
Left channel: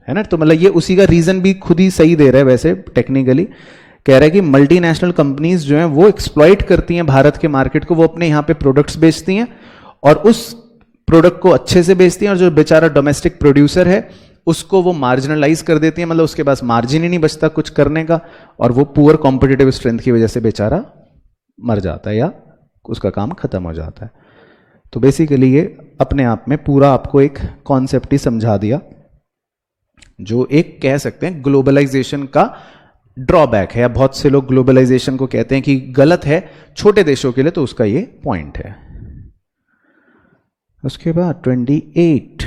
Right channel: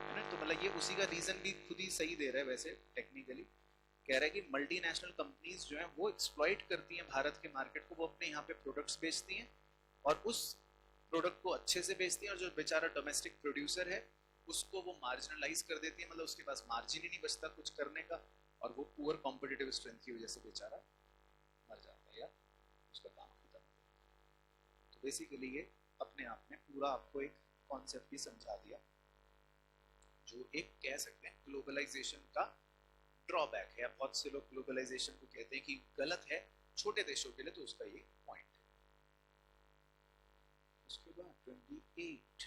है ना। तो मतलब ये उसी का रीजन भी खुद ही सही दे रहा है वैसे टेक्निकली। कह रहा है कि मल्टीनेशनल कंपनीज जो हैं वो एक्सप्लॉइट करती हैं भारत के मार्केट को, वो अपने यहाँ पे प्रोडक्ट्स बेचती हैं और उस प्रोडक्ट को अच्छे से बेचती हैं, और जो बेचारा डोमेस्टिक प्रोड्यूसर है उसको वो मार्जिनलाइज कर देती है, मतलब उसके पास मार्जिन ही नहीं बचता कुछ करने का, और वो पुअर कॉम्पिटिटिव स्ट्रेंथ की वजह से बेचारा मर जाता है या उसका काम खत्म हो जाता है। तो बेसिकली ये अपने आप में पूरा आपको एक कॉन्सेप्ट ही समझा दिया, जो एक कह सकते हैं ग्लोबलाइजेशन का ड्रॉबैक है, या बहुत से लोग ग्लोबलाइजेशन को कहते हैं कि गलत है छोटे देशों के लिए, तो उसका ये पॉइंट है। उसके बाद 28,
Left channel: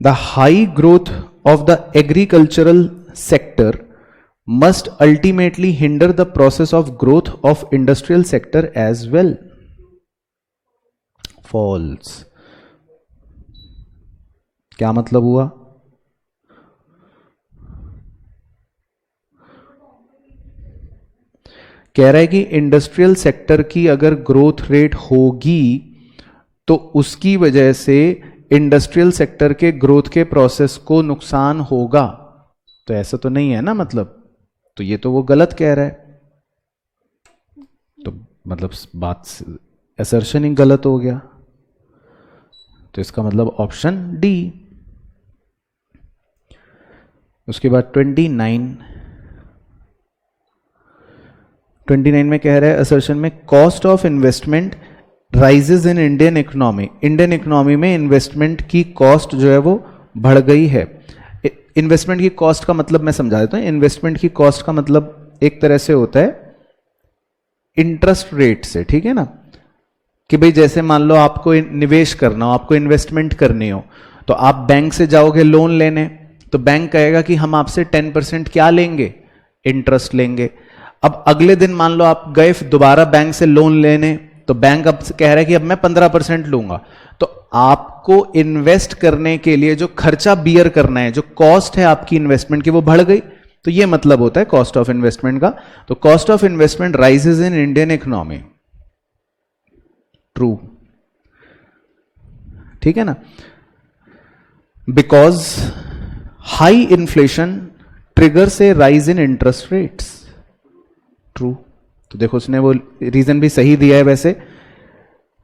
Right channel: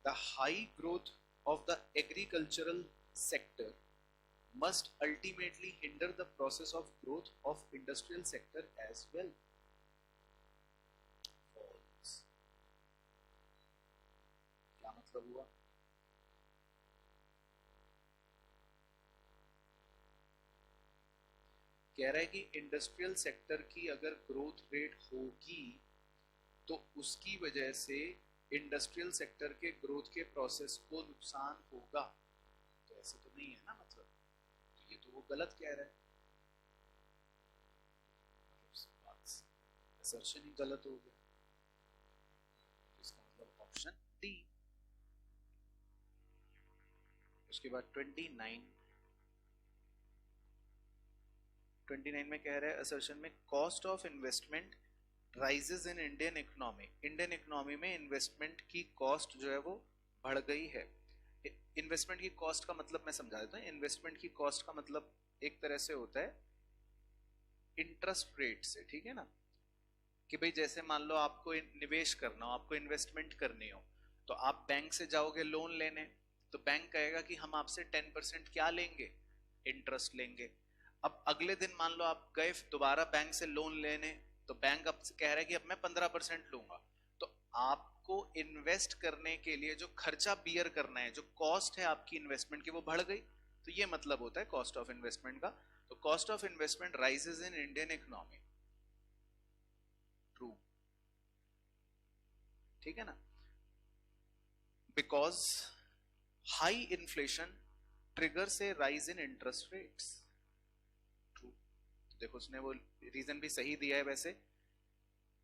the high growth of the agricultural sector must ultimately hinder the process of growth of industrial sector as well. False. क्या मतलब हुआ? कह रहा है कि इंडस्ट्रियल सेक्टर की अगर ग्रोथ रेट होगी तो उसकी वजह से इंडस्ट्रियल सेक्टर के ग्रोथ के प्रोसेस को नुकसान होगा। तो ऐसा तो नहीं है ना, मतलब तो ये तो वो गलत कह रहा है, तो मतलब बात असर्शन ही गलत हो गया। तो इसका मतलब ऑप्शन डी। उसके बाद 29 में कह रहा है असर्शन में cost of investment rises in Indian economy. Indian economy में इन्वेस्टमेंट की कॉस्ट जो है वो बढ़ गई है। इन्वेस्टमेंट की कॉस्ट का मतलब मैं समझा देता हूं। इन्वेस्टमेंट की कॉस्ट का मतलब एक तरह से होता है इंटरेस्ट रेट से, ठीक है ना, कि भाई जैसे मान लो आपको निवेश करना हो, आपको इन्वेस्टमेंट करनी हो, तो आप बैंक से जाओगे लोन लेने, तो बैंक कहेगा कि हम आपसे 10% क्या लेंगे, इंटरेस्ट लेंगे। अब अगले दिन मान लो आप गए दोबारा बैंक से लोन लेने, तो बैंक अब कह रहा है कि अब मैं 15% लूंगा। तो आपको इन्वेस्ट करने के लिए जो खर्चा बियर करना है, जो कॉस्ट है आपकी इन्वेस्टमेंट की, वो बढ़ गई। तो ये मतलब होता है कॉस्ट ऑफ इन्वेस्टमेंट का। तो cost of investment rises in Indian economy, true, ठीक है ना, because high inflation triggers A rise in interest rates, true. तो देखो उसने वो रीजन भी सही दिया है। वैसे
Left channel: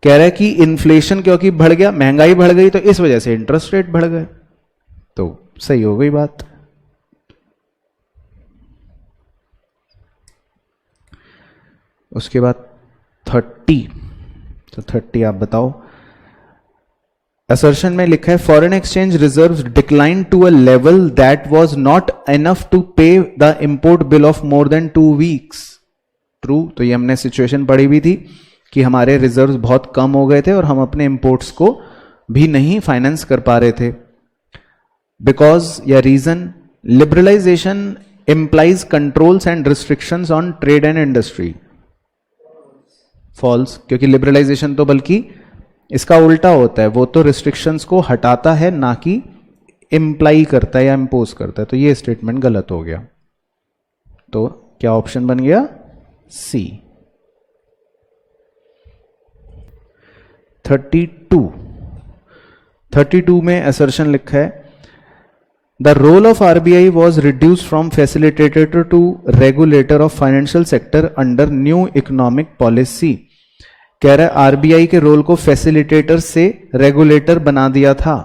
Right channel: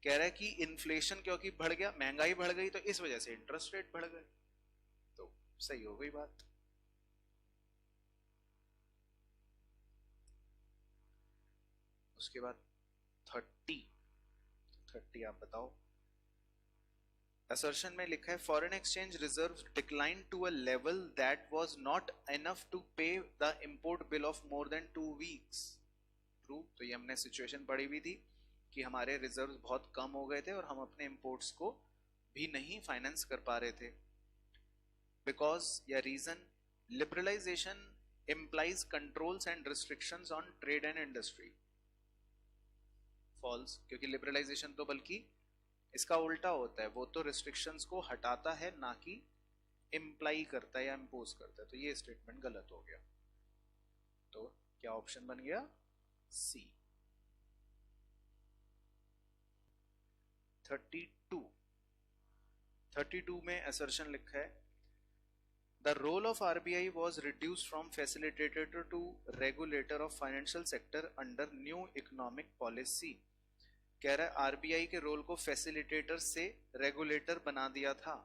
कह रहा है कि इन्फ्लेशन क्योंकि बढ़ गया, महंगाई बढ़ गई, तो इस वजह से इंटरेस्ट रेट बढ़ गए, तो सही हो गई बात। उसके बाद 30, तो 30 आप बताओ। असर्शन में लिखा है foreign exchange reserves decline to a level that was not enough to pay the import bill of more than 2 weeks, true. तो ये हमने सिचुएशन पढ़ी हुई थी कि हमारे रिजर्व्स बहुत कम हो गए थे और हम अपने इंपोर्ट्स को भी नहीं फाइनेंस कर पा रहे थे। बिकॉज या reason, liberalisation implies controls and restrictions on trade and industry, false. क्योंकि लिबरलाइजेशन तो बल्कि इसका उल्टा होता है, वो तो रिस्ट्रिक्शंस को हटाता है, ना कि इंप्लाई करता है या इंपोज करता है। तो ये स्टेटमेंट गलत हो गया। तो क्या ऑप्शन बन गया? सी। 32 में असर्शन लिखा है, the role of RBI was reduce from facilitator to regulator of financial sector under new economic policy. कह रहा है आरबीआई के रोल को फैसिलिटेटर से रेगुलेटर बना दिया था।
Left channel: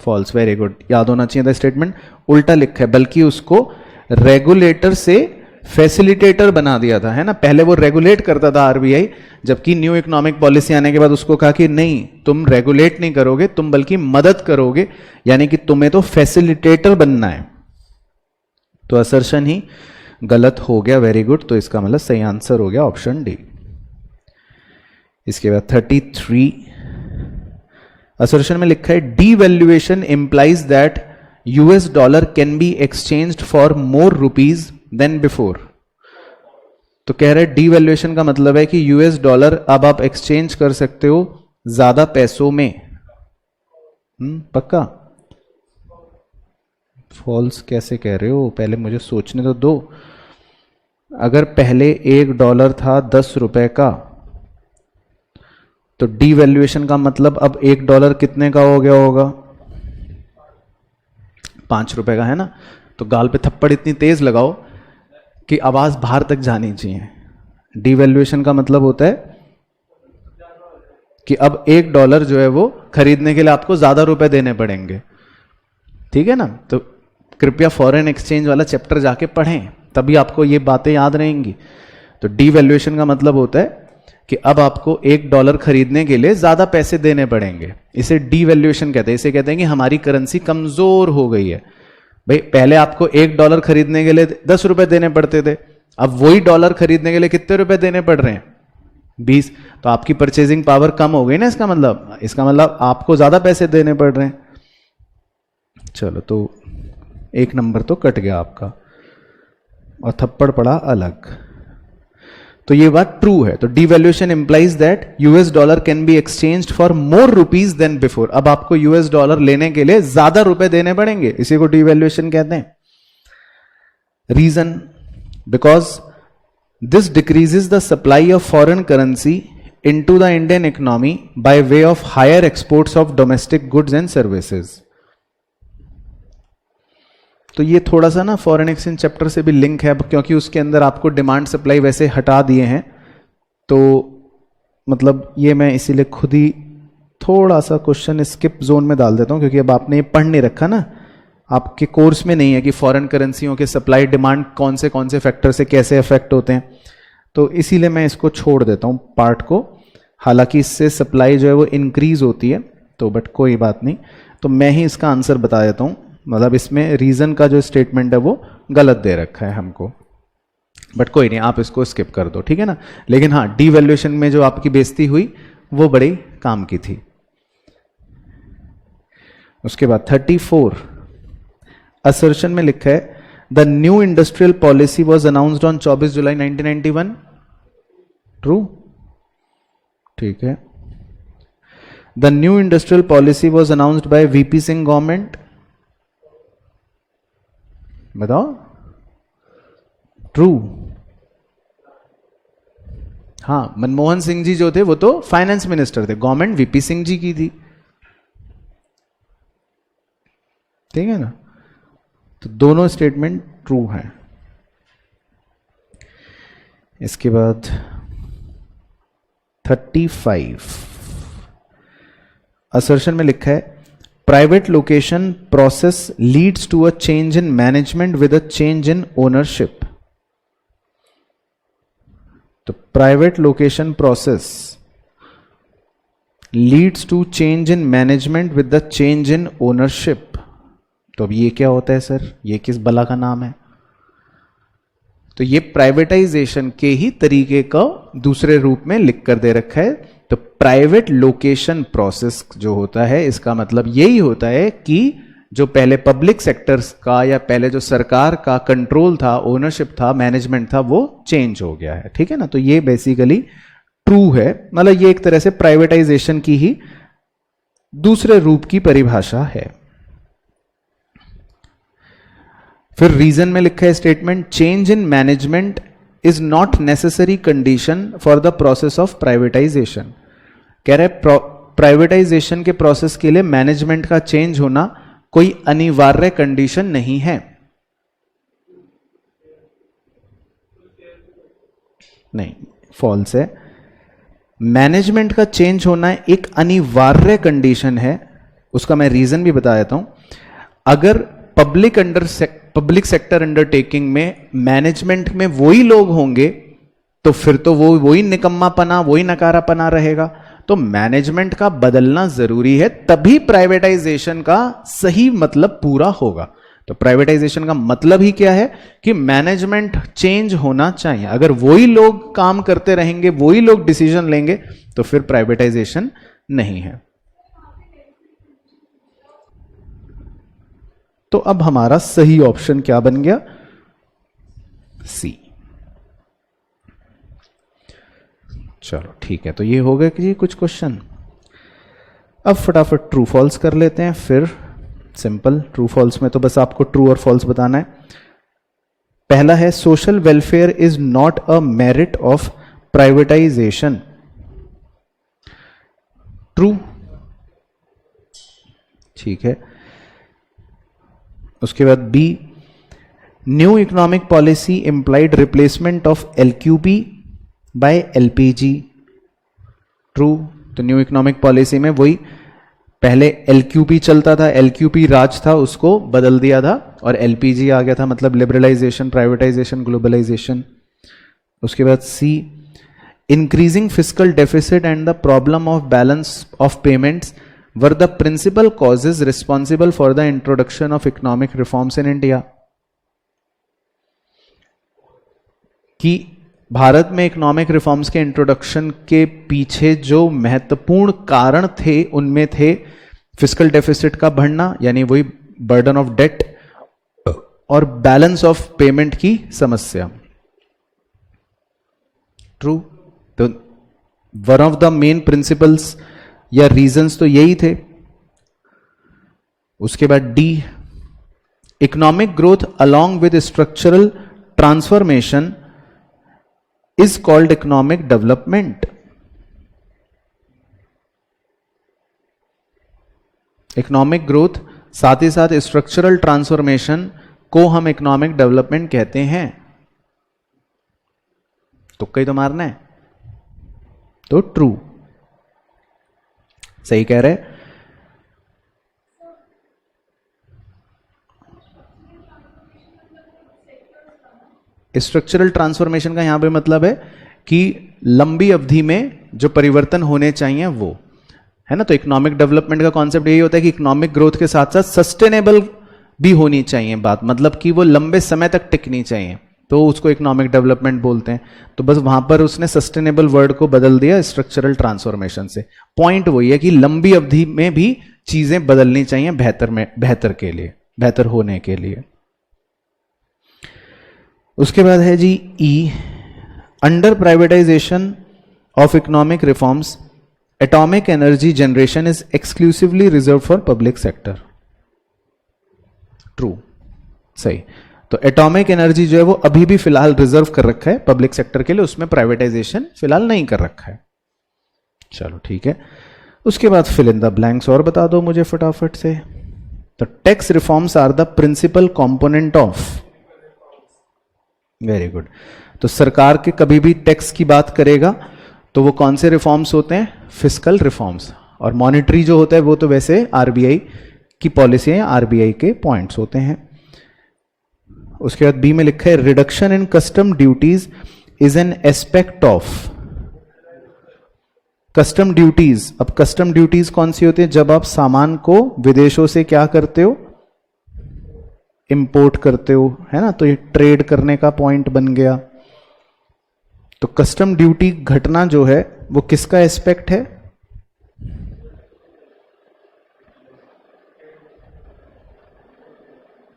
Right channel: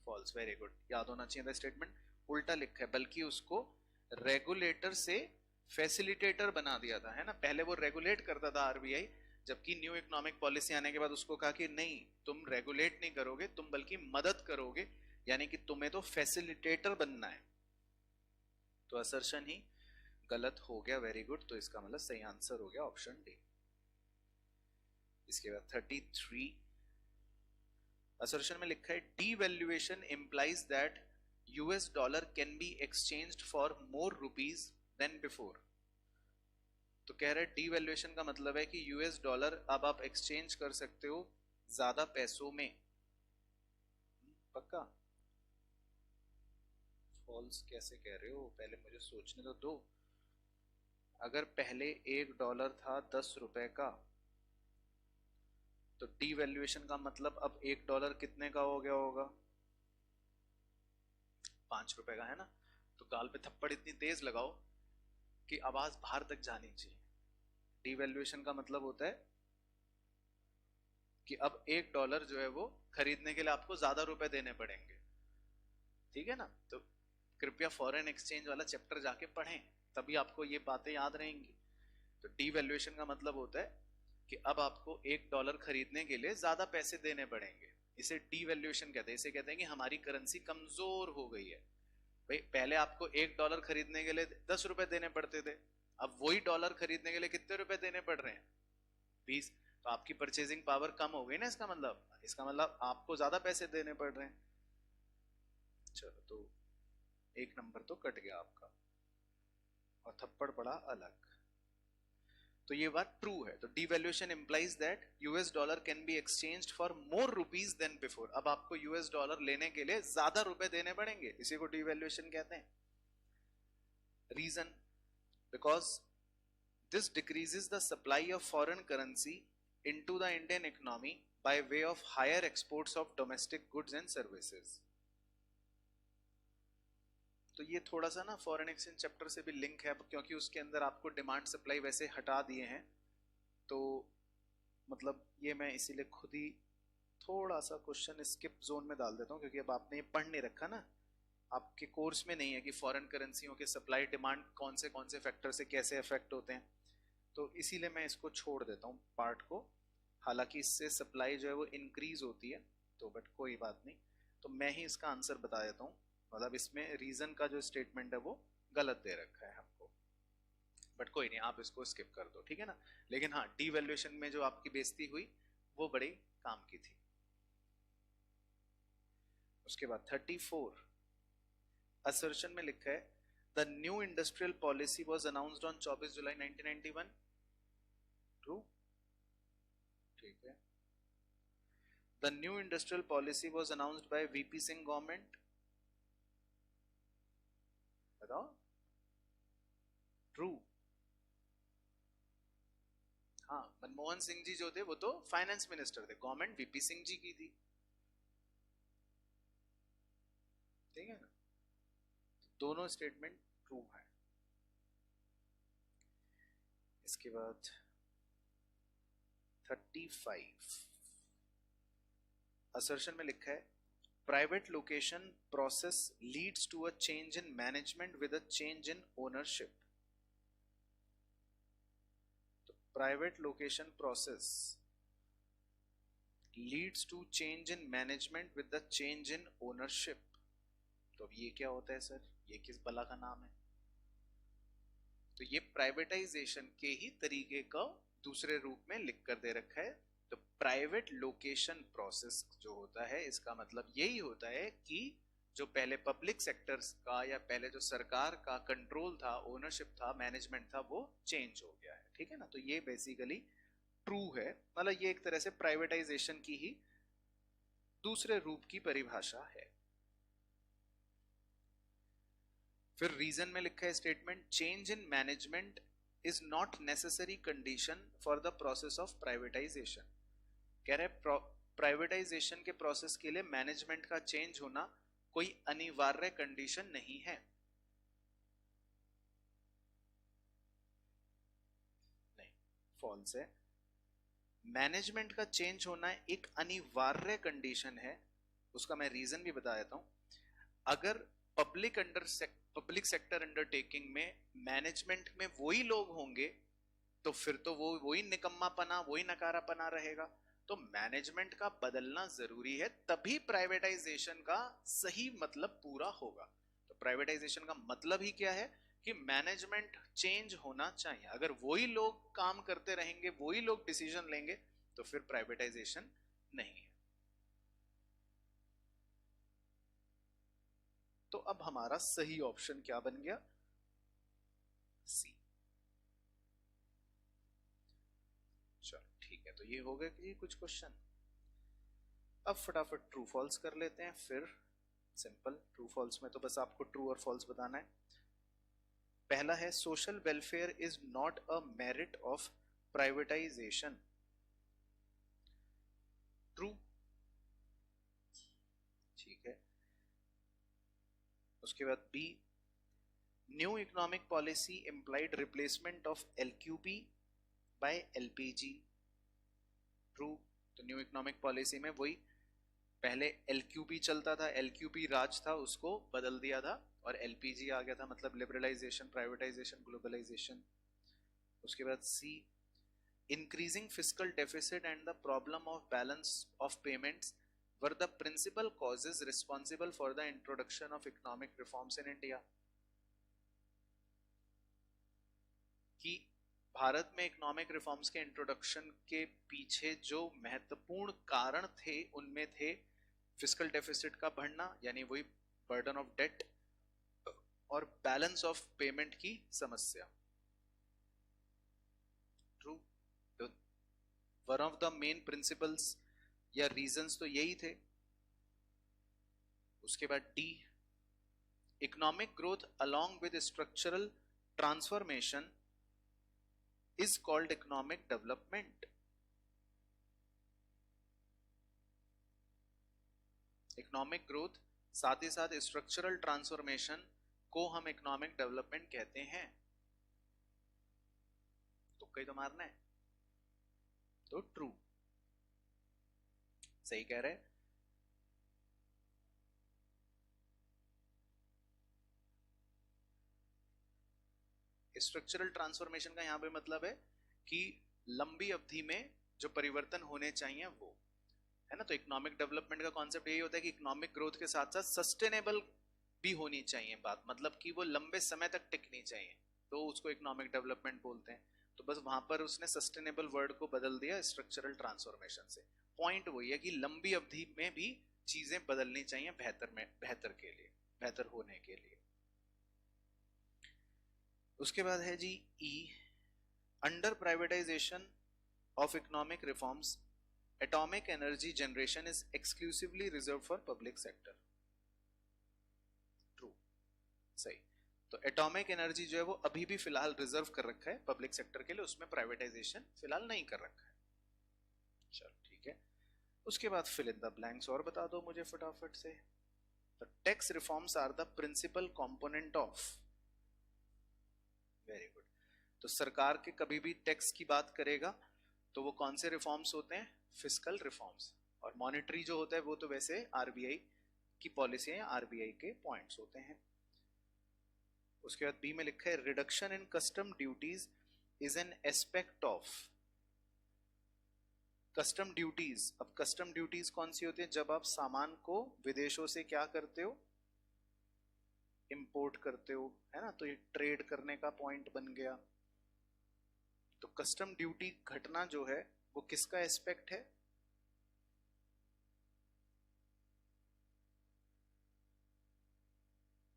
फॉल्स, वेरी गुड, याद होना चाहिए था स्टेटमेंट, उल्टा लिखा है, बल्कि उसको रेगुलेटर से फैसिलिटेटर बना दिया था, है ना। पहले वो रेगुलेट करता था आरबीआई, जबकि न्यू इकोनॉमिक पॉलिसी आने के बाद उसको कहा कि नहीं, तुम रेगुलेट नहीं करोगे, तुम बल्कि मदद करोगे, यानी कि तुम्हें तो फैसिलिटेटर बनना है। तो असर्शन ही गलत हो गया, वेरी गुड। तो इसका मतलब सही आंसर हो गया ऑप्शन डी। इसके बाद 33 असर्शन में लिखा है, devaluation implies that US dollar can be exchanged for more rupees than before. तो कह रहे डीवैल्यूएशन का मतलब है कि यूएस डॉलर अब आप एक्सचेंज कर सकते हो ज्यादा पैसों में। पक्का? फॉल्स कैसे कह रहे हो, पहले मुझे सोचने तो दो। अगर पहले $1 था 10 रुपए का, तो डीवैल्यूएशन का मतलब अब $1 कितने का हो गया होगा? 5 रुपए का, है ना। तो गाल पे थप्पड़ इतनी तेज लगाओ कि आवाज बाहर तक जानी चाहिए। डीवैल्यूएशन का मतलब होता है कि अब $1 जो है वो खरीदने के लिए आपको ज्यादा रुपए देने पड़ेंगे, ठीक है ना। तो कृपया फॉरेन एक्सचेंज वाला चैप्टर जाके पढ़ें, तभी आपको ये बातें याद रहेंगी। तो डीवैल्यूएशन का मतलब होता है कि अब आपको $1 खरीदने के लिए ज्यादा पैसे देने पड़ेंगे, इसे डीवैल्यूएशन कहते हैं। इसे कहते हैं कि हमारी करेंसी कमजोर हो गई है। भाई पहले आपको $1 खरीदने के लिए 10 रुपए देने पड़ते थे, अब वही डॉलर खरीदने के लिए कितने रुपए देने पड़ रहे हैं? 20। तो आपकी परचेजिंग पावर कम हो गई ना, इसका मतलब आपको ज्यादा पैसे देने पड़ रहे हैं। चलो, तो 1 नंबर तो कट गया आपका और थप्पड़ पड़ा अलग। तो ये बात ट्रू है। तो devaluation implies that US dollar can be exchanged for more rupees than before. अब आपको यूएस डॉलर लेने के लिए ज्यादा रुपए देने पड़ेंगे, इसी को डीवैल्यूएशन कहते हैं। Reason, because this decreases the supply of foreign currency into the Indian economy by way of higher exports of domestic goods and services. तो ये थोड़ा सा ना फॉरेन एक्सचेंज चैप्टर से भी लिंक है, क्योंकि उसके अंदर आपको डिमांड सप्लाई वैसे हटा दिए हैं। तो मतलब ये मैं इसीलिए खुद ही थोड़ा सा क्वेश्चन स्किप जोन में डाल देता हूँ, क्योंकि अब आपने ये पढ़ नहीं रखा ना, आपके कोर्स में नहीं है कि फॉरेन करेंसियों के सप्लाई डिमांड कौन से फैक्टर से कैसे अफेक्ट होते हैं। तो इसीलिए मैं इसको छोड़ देता हूँ पार्ट को। हालांकि इससे सप्लाई जो है वो इंक्रीज होती है, तो बट कोई बात नहीं। तो मैं ही इसका आंसर बता देता हूँ, मतलब इसमें रीजन का जो स्टेटमेंट है वो गलत दे रखा है हमको, बट कोई नहीं, आप इसको स्किप कर दो, ठीक है ना। लेकिन हाँ, डीवैल्यूएशन में जो आपकी बेइज्जती हुई वो बड़ी काम की थी। उसके बाद 34 असर्शन में लिखा है, the new industrial policy was announced on 24 July 1991। True, ठीक है। The new industrial policy was announced by VP Singh government. बताओ, ट्रू। हाँ, मनमोहन सिंह जी जो थे वो तो फाइनेंस मिनिस्टर थे, गवर्नमेंट वीपी सिंह जी की थी, ठीक है ना। तो दोनों स्टेटमेंट ट्रू हैं। इसके बाद 35 असर्शन में लिखा है, private location process leads to a change in management with a change in ownership. तो private location process leads to change in management with the change in ownership. तो अब ये क्या होता है सर, ये किस बला का नाम है? तो ये प्राइवेटाइजेशन के ही तरीके का दूसरे रूप में लिख कर दे रखा है। तो प्राइवेट लोकेशन प्रोसेस जो होता है, इसका मतलब यही होता है कि जो पहले पब्लिक सेक्टर्स का या पहले जो सरकार का कंट्रोल था, ओनरशिप था, मैनेजमेंट था, वो चेंज हो गया है, ठीक है ना। तो ये बेसिकली ट्रू है, मतलब ये एक तरह से प्राइवेटाइजेशन की ही दूसरे रूप की परिभाषा है। फिर रीजन में लिखा है statement, change in management is not necessary condition for the process of privatisation. कह रहे प्राइवेटाइजेशन के प्रोसेस के लिए मैनेजमेंट का चेंज होना कोई अनिवार्य कंडीशन नहीं है। नहीं, फॉल्स है। मैनेजमेंट का चेंज होना एक अनिवार्य कंडीशन है। उसका मैं रीजन भी बता देता हूं। अगर पब्लिक सेक्टर अंडरटेकिंग में मैनेजमेंट में वही लोग होंगे तो फिर तो वो वही निकम्मापना, वही नकारापना रहेगा। तो मैनेजमेंट का बदलना जरूरी है, तभी प्राइवेटाइजेशन का सही मतलब पूरा होगा। तो प्राइवेटाइजेशन का मतलब ही क्या है कि मैनेजमेंट चेंज होना चाहिए। अगर वही लोग काम करते रहेंगे, वही लोग डिसीजन लेंगे, तो फिर प्राइवेटाइजेशन नहीं है। तो अब हमारा सही ऑप्शन क्या बन गया? सी। चलो ठीक है, तो ये हो गया कि जी कुछ क्वेश्चन। अब फटाफट ट्रू फॉल्स कर लेते हैं, फिर सिंपल। ट्रू फॉल्स में तो बस आपको ट्रू और फॉल्स बताना है। पहला है social welfare is not a merit of privatisation. True, ठीक है। उसके बाद B, new economic policy implied replacement of LQP by LPG. True. तो न्यू इकोनॉमिक पॉलिसी में वही पहले एलक्यूपी चलता था, एलक्यूपी राज था, उसको बदल दिया था और एलपीजी आ गया था, मतलब लिबरलाइजेशन, प्राइवेटाइजेशन, ग्लोबलाइजेशन। उसके बाद C, increasing fiscal deficit and the problem of balance of payments were the principal causes responsible for the introduction of economic reforms in India। कि भारत में इकोनॉमिक रिफॉर्म्स के इंट्रोडक्शन के पीछे जो महत्वपूर्ण कारण थे उनमें थे फिस्कल डेफिसिट का बढ़ना, यानी वही बर्डन ऑफ डेट, और बैलेंस ऑफ पेमेंट की समस्या। ट्रू। तो one of the main principles या रीजंस तो यही थे। उसके बाद D, economic growth along with structural transformation is called economic development. Economic growth साथ ही साथ स्ट्रक्चरल ट्रांसफॉर्मेशन को हम इकोनॉमिक डेवलपमेंट कहते हैं। तुक्का ही तो मारना है। तो ट्रू, सही कह रहे। स्ट्रक्चरल ट्रांसफॉर्मेशन का यहां पे मतलब है कि लंबी अवधि में जो परिवर्तन होने चाहिए वो है ना। तो इकोनॉमिक डेवलपमेंट का कॉन्सेप्ट यही होता है कि इकोनॉमिक ग्रोथ के साथ साथ सस्टेनेबल भी होनी चाहिए बात, मतलब कि वो लंबे समय तक टिकनी चाहिए, तो उसको इकोनॉमिक डेवलपमेंट बोलते हैं। तो बस वहां पर उसने सस्टेनेबल वर्ड को बदल दिया स्ट्रक्चरल ट्रांसफॉर्मेशन से। पॉइंट वही है कि लंबी अवधि में भी चीजें बदलनी चाहिए बेहतर के लिए, बेहतर होने के लिए। उसके बाद है जी E, under privatisation of economic reforms atomic energy generation is exclusively reserve for public sector. True, सही। तो एटॉमिक एनर्जी जो है वो अभी भी फिलहाल रिजर्व कर रखा है पब्लिक सेक्टर के लिए, उसमें प्राइवेटाइजेशन फिलहाल नहीं कर रखा है। चलो ठीक है। उसके बाद फिल इन द ब्लैंक्स और बता दो मुझे फटाफट से। तो tax reforms are the principal component of, very good. तो सरकार के कभी भी टैक्स की बात करेगा तो वो कौन से रिफॉर्म्स होते हैं? Fiscal reforms. और मॉनेटरी जो होता है वो तो वैसे आरबीआई की पॉलिसी है, आरबीआई के पॉइंट्स होते हैं। उसके बाद बी में लिखा है reduction in custom duties is an aspect of custom duties. अब कस्टम ड्यूटीज कौन सी होती है? जब आप सामान को विदेशों से क्या करते हो? इंपोर्ट करते हो, है ना। तो ये ट्रेड करने का पॉइंट बन गया। तो कस्टम ड्यूटी घटना जो है वो किसका एस्पेक्ट है?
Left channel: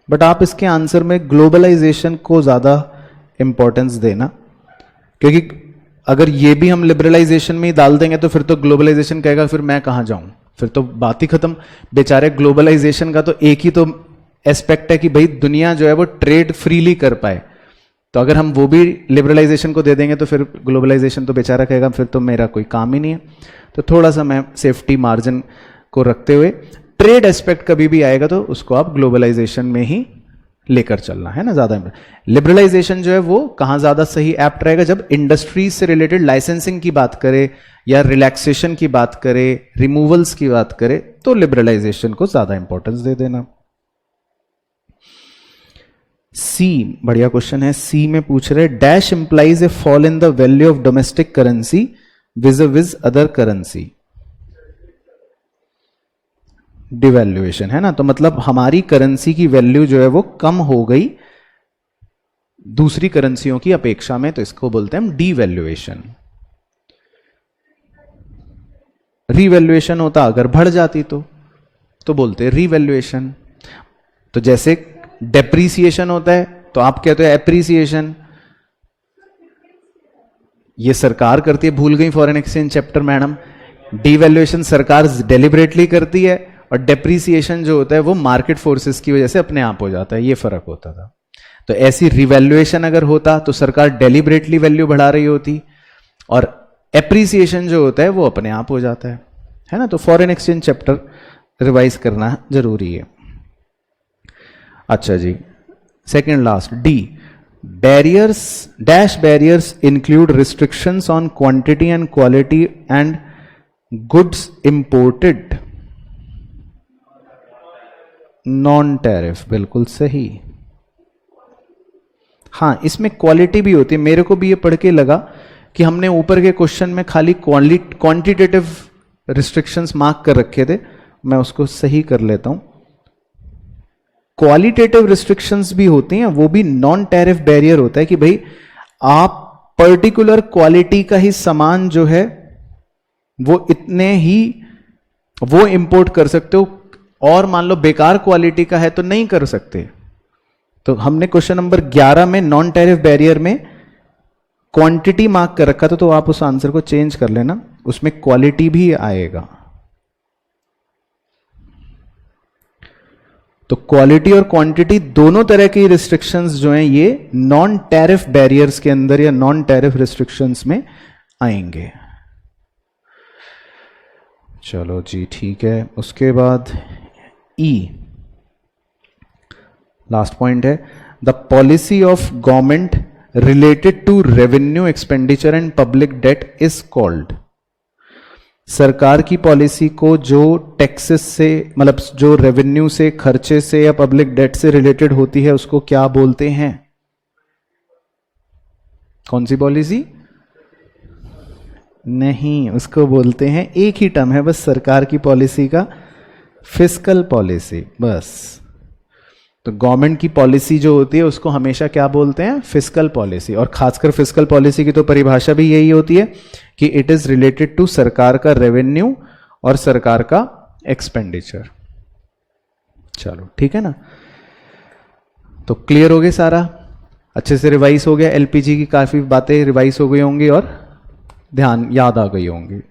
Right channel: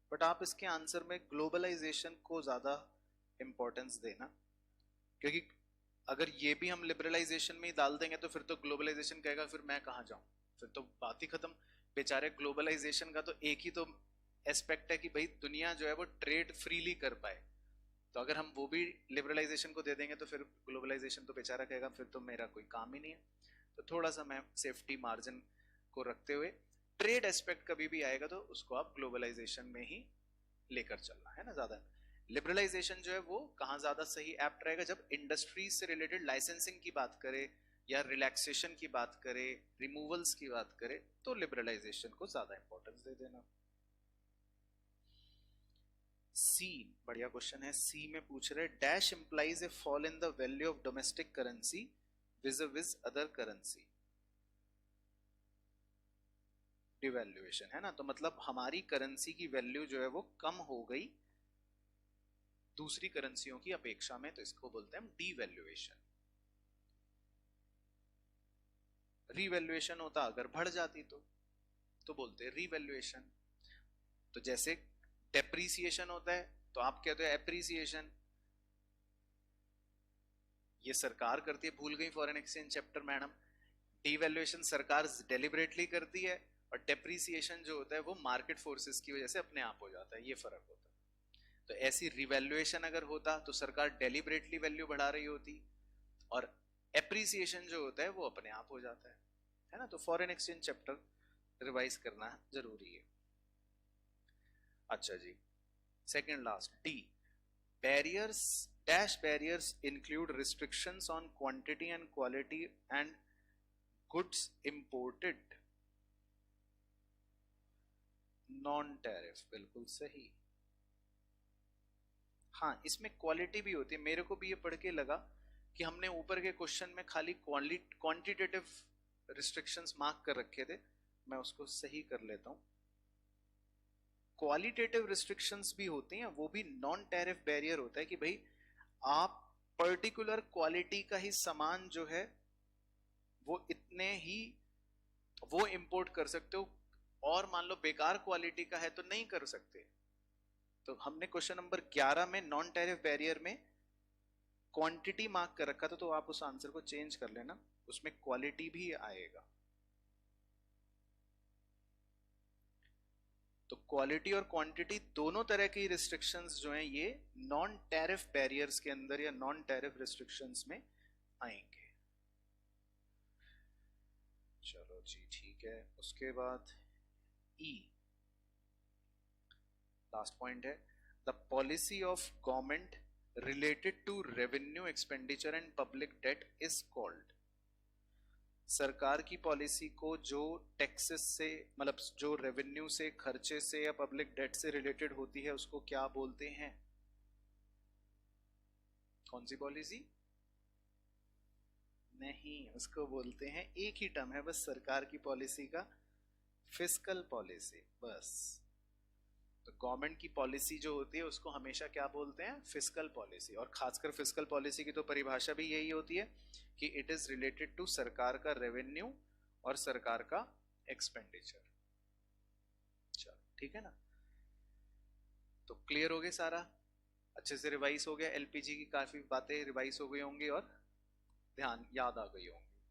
बट आप इसके आंसर में ग्लोबलाइजेशन को ज्यादा इंपॉर्टेंस देना, क्योंकि अगर ये भी हम लिबरलाइजेशन में ही डाल देंगे तो फिर तो ग्लोबलाइजेशन कहेगा फिर मैं कहां जाऊं, फिर तो बात ही खत्म। बेचारे ग्लोबलाइजेशन का तो एक ही तो एस्पेक्ट है कि भाई दुनिया जो है वो ट्रेड फ्रीली कर पाए। तो अगर हम वो भी लिबरलाइजेशन को दे देंगे तो फिर ग्लोबलाइजेशन तो बेचारा कहेगा फिर तो मेरा कोई काम ही नहीं है। तो थोड़ा सा मैं सेफ्टी मार्जिन को रखते हुए, ट्रेड एस्पेक्ट कभी भी आएगा तो उसको आप ग्लोबलाइजेशन में ही लेकर चलना है ना ज्यादा। लिबरलाइजेशन जो है वो कहां ज्यादा सही एप्ट रहेगा, जब इंडस्ट्रीज से रिलेटेड लाइसेंसिंग की बात करें या रिलैक्सेशन की बात करें, रिमूवल्स की बात करें, तो लिबरलाइजेशन को ज्यादा इंपॉर्टेंस दे देना। सी बढ़िया क्वेश्चन है। सी में पूछ रहे dash implies a fall in the value of domestic currency vis-a-vis other currency. Devaluation है ना, तो मतलब हमारी करेंसी की वैल्यू जो है वो कम हो गई दूसरी करेंसियों की अपेक्षा में, तो इसको बोलते हैं हम डीवैल्यूएशन। रीवैल्यूएशन होता अगर बढ़ जाती तो बोलते हैं रीवैल्यूएशन। तो जैसे डेप्रीसिएशन होता है तो आप कहते हो एप्रीसिएशन, ये सरकार करती है, भूल गई foreign exchange chapter madam. Devaluation सरकार डेलिबरेटली करती है और डेप्रीसिएशन जो होता है वो मार्केट फोर्सेस की वजह से अपने आप हो जाता है, ये फर्क होता था। तो ऐसी रिवैल्यूएशन अगर होता तो सरकार डेलिबरेटली वैल्यू बढ़ा रही होती, और एप्रीसिएशन जो होता है वो अपने आप हो जाता है ना। तो फॉरेन एक्सचेंज चैप्टर रिवाइज करना जरूरी है। अच्छा जी, second last D, barriers dash barriers include restrictions on quantity and quality and goods imported. Non tariff, बिल्कुल सही। हाँ, इसमें क्वालिटी भी होती है। मेरे को भी ये पढ़ के लगा कि हमने ऊपर के क्वेश्चन में खाली क्वांटिटेटिव रिस्ट्रिक्शंस मार्क कर रखे थे, मैं उसको सही कर लेता हूं। क्वालिटेटिव रिस्ट्रिक्शंस भी होती हैं, वो भी नॉन टैरिफ बैरियर होता है कि भाई आप पर्टिकुलर क्वालिटी का ही सामान जो है वो इतने ही वो इंपोर्ट कर सकते हो, और मान लो बेकार क्वालिटी का है तो नहीं कर सकते। तो हमने क्वेश्चन नंबर 11 में नॉन टैरिफ बैरियर में क्वांटिटी मार्क कर रखा था, तो आप उस आंसर को चेंज कर लेना, उसमें क्वालिटी भी आएगा। तो क्वालिटी और क्वांटिटी दोनों तरह की रिस्ट्रिक्शंस जो हैं ये नॉन टैरिफ बैरियर्स के अंदर या नॉन टैरिफ रिस्ट्रिक्शंस में आएंगे। चलो जी ठीक है। उसके बाद ई लास्ट पॉइंट है, the policy of government related to revenue expenditure and public debt is called. सरकार की पॉलिसी को जो टैक्सेस से, मतलब जो रेवेन्यू से, खर्चे से या पब्लिक डेट से रिलेटेड होती है, उसको क्या बोलते हैं? कौन सी पॉलिसी? नहीं, उसको बोलते हैं, एक ही टर्म है बस सरकार की पॉलिसी का, फिस्कल पॉलिसी, बस। तो गवर्नमेंट की पॉलिसी जो होती है उसको हमेशा क्या बोलते हैं? Fiscal policy. और खासकर फिस्कल पॉलिसी की तो परिभाषा भी यही होती है कि इट इज रिलेटेड टू सरकार का रेवेन्यू और सरकार का एक्सपेंडिचर। चलो ठीक है ना, तो क्लियर हो गया सारा, अच्छे से रिवाइज हो गया। एलपीजी की काफी बातें रिवाइज हो गई होंगी और ध्यान याद आ गई होंगी।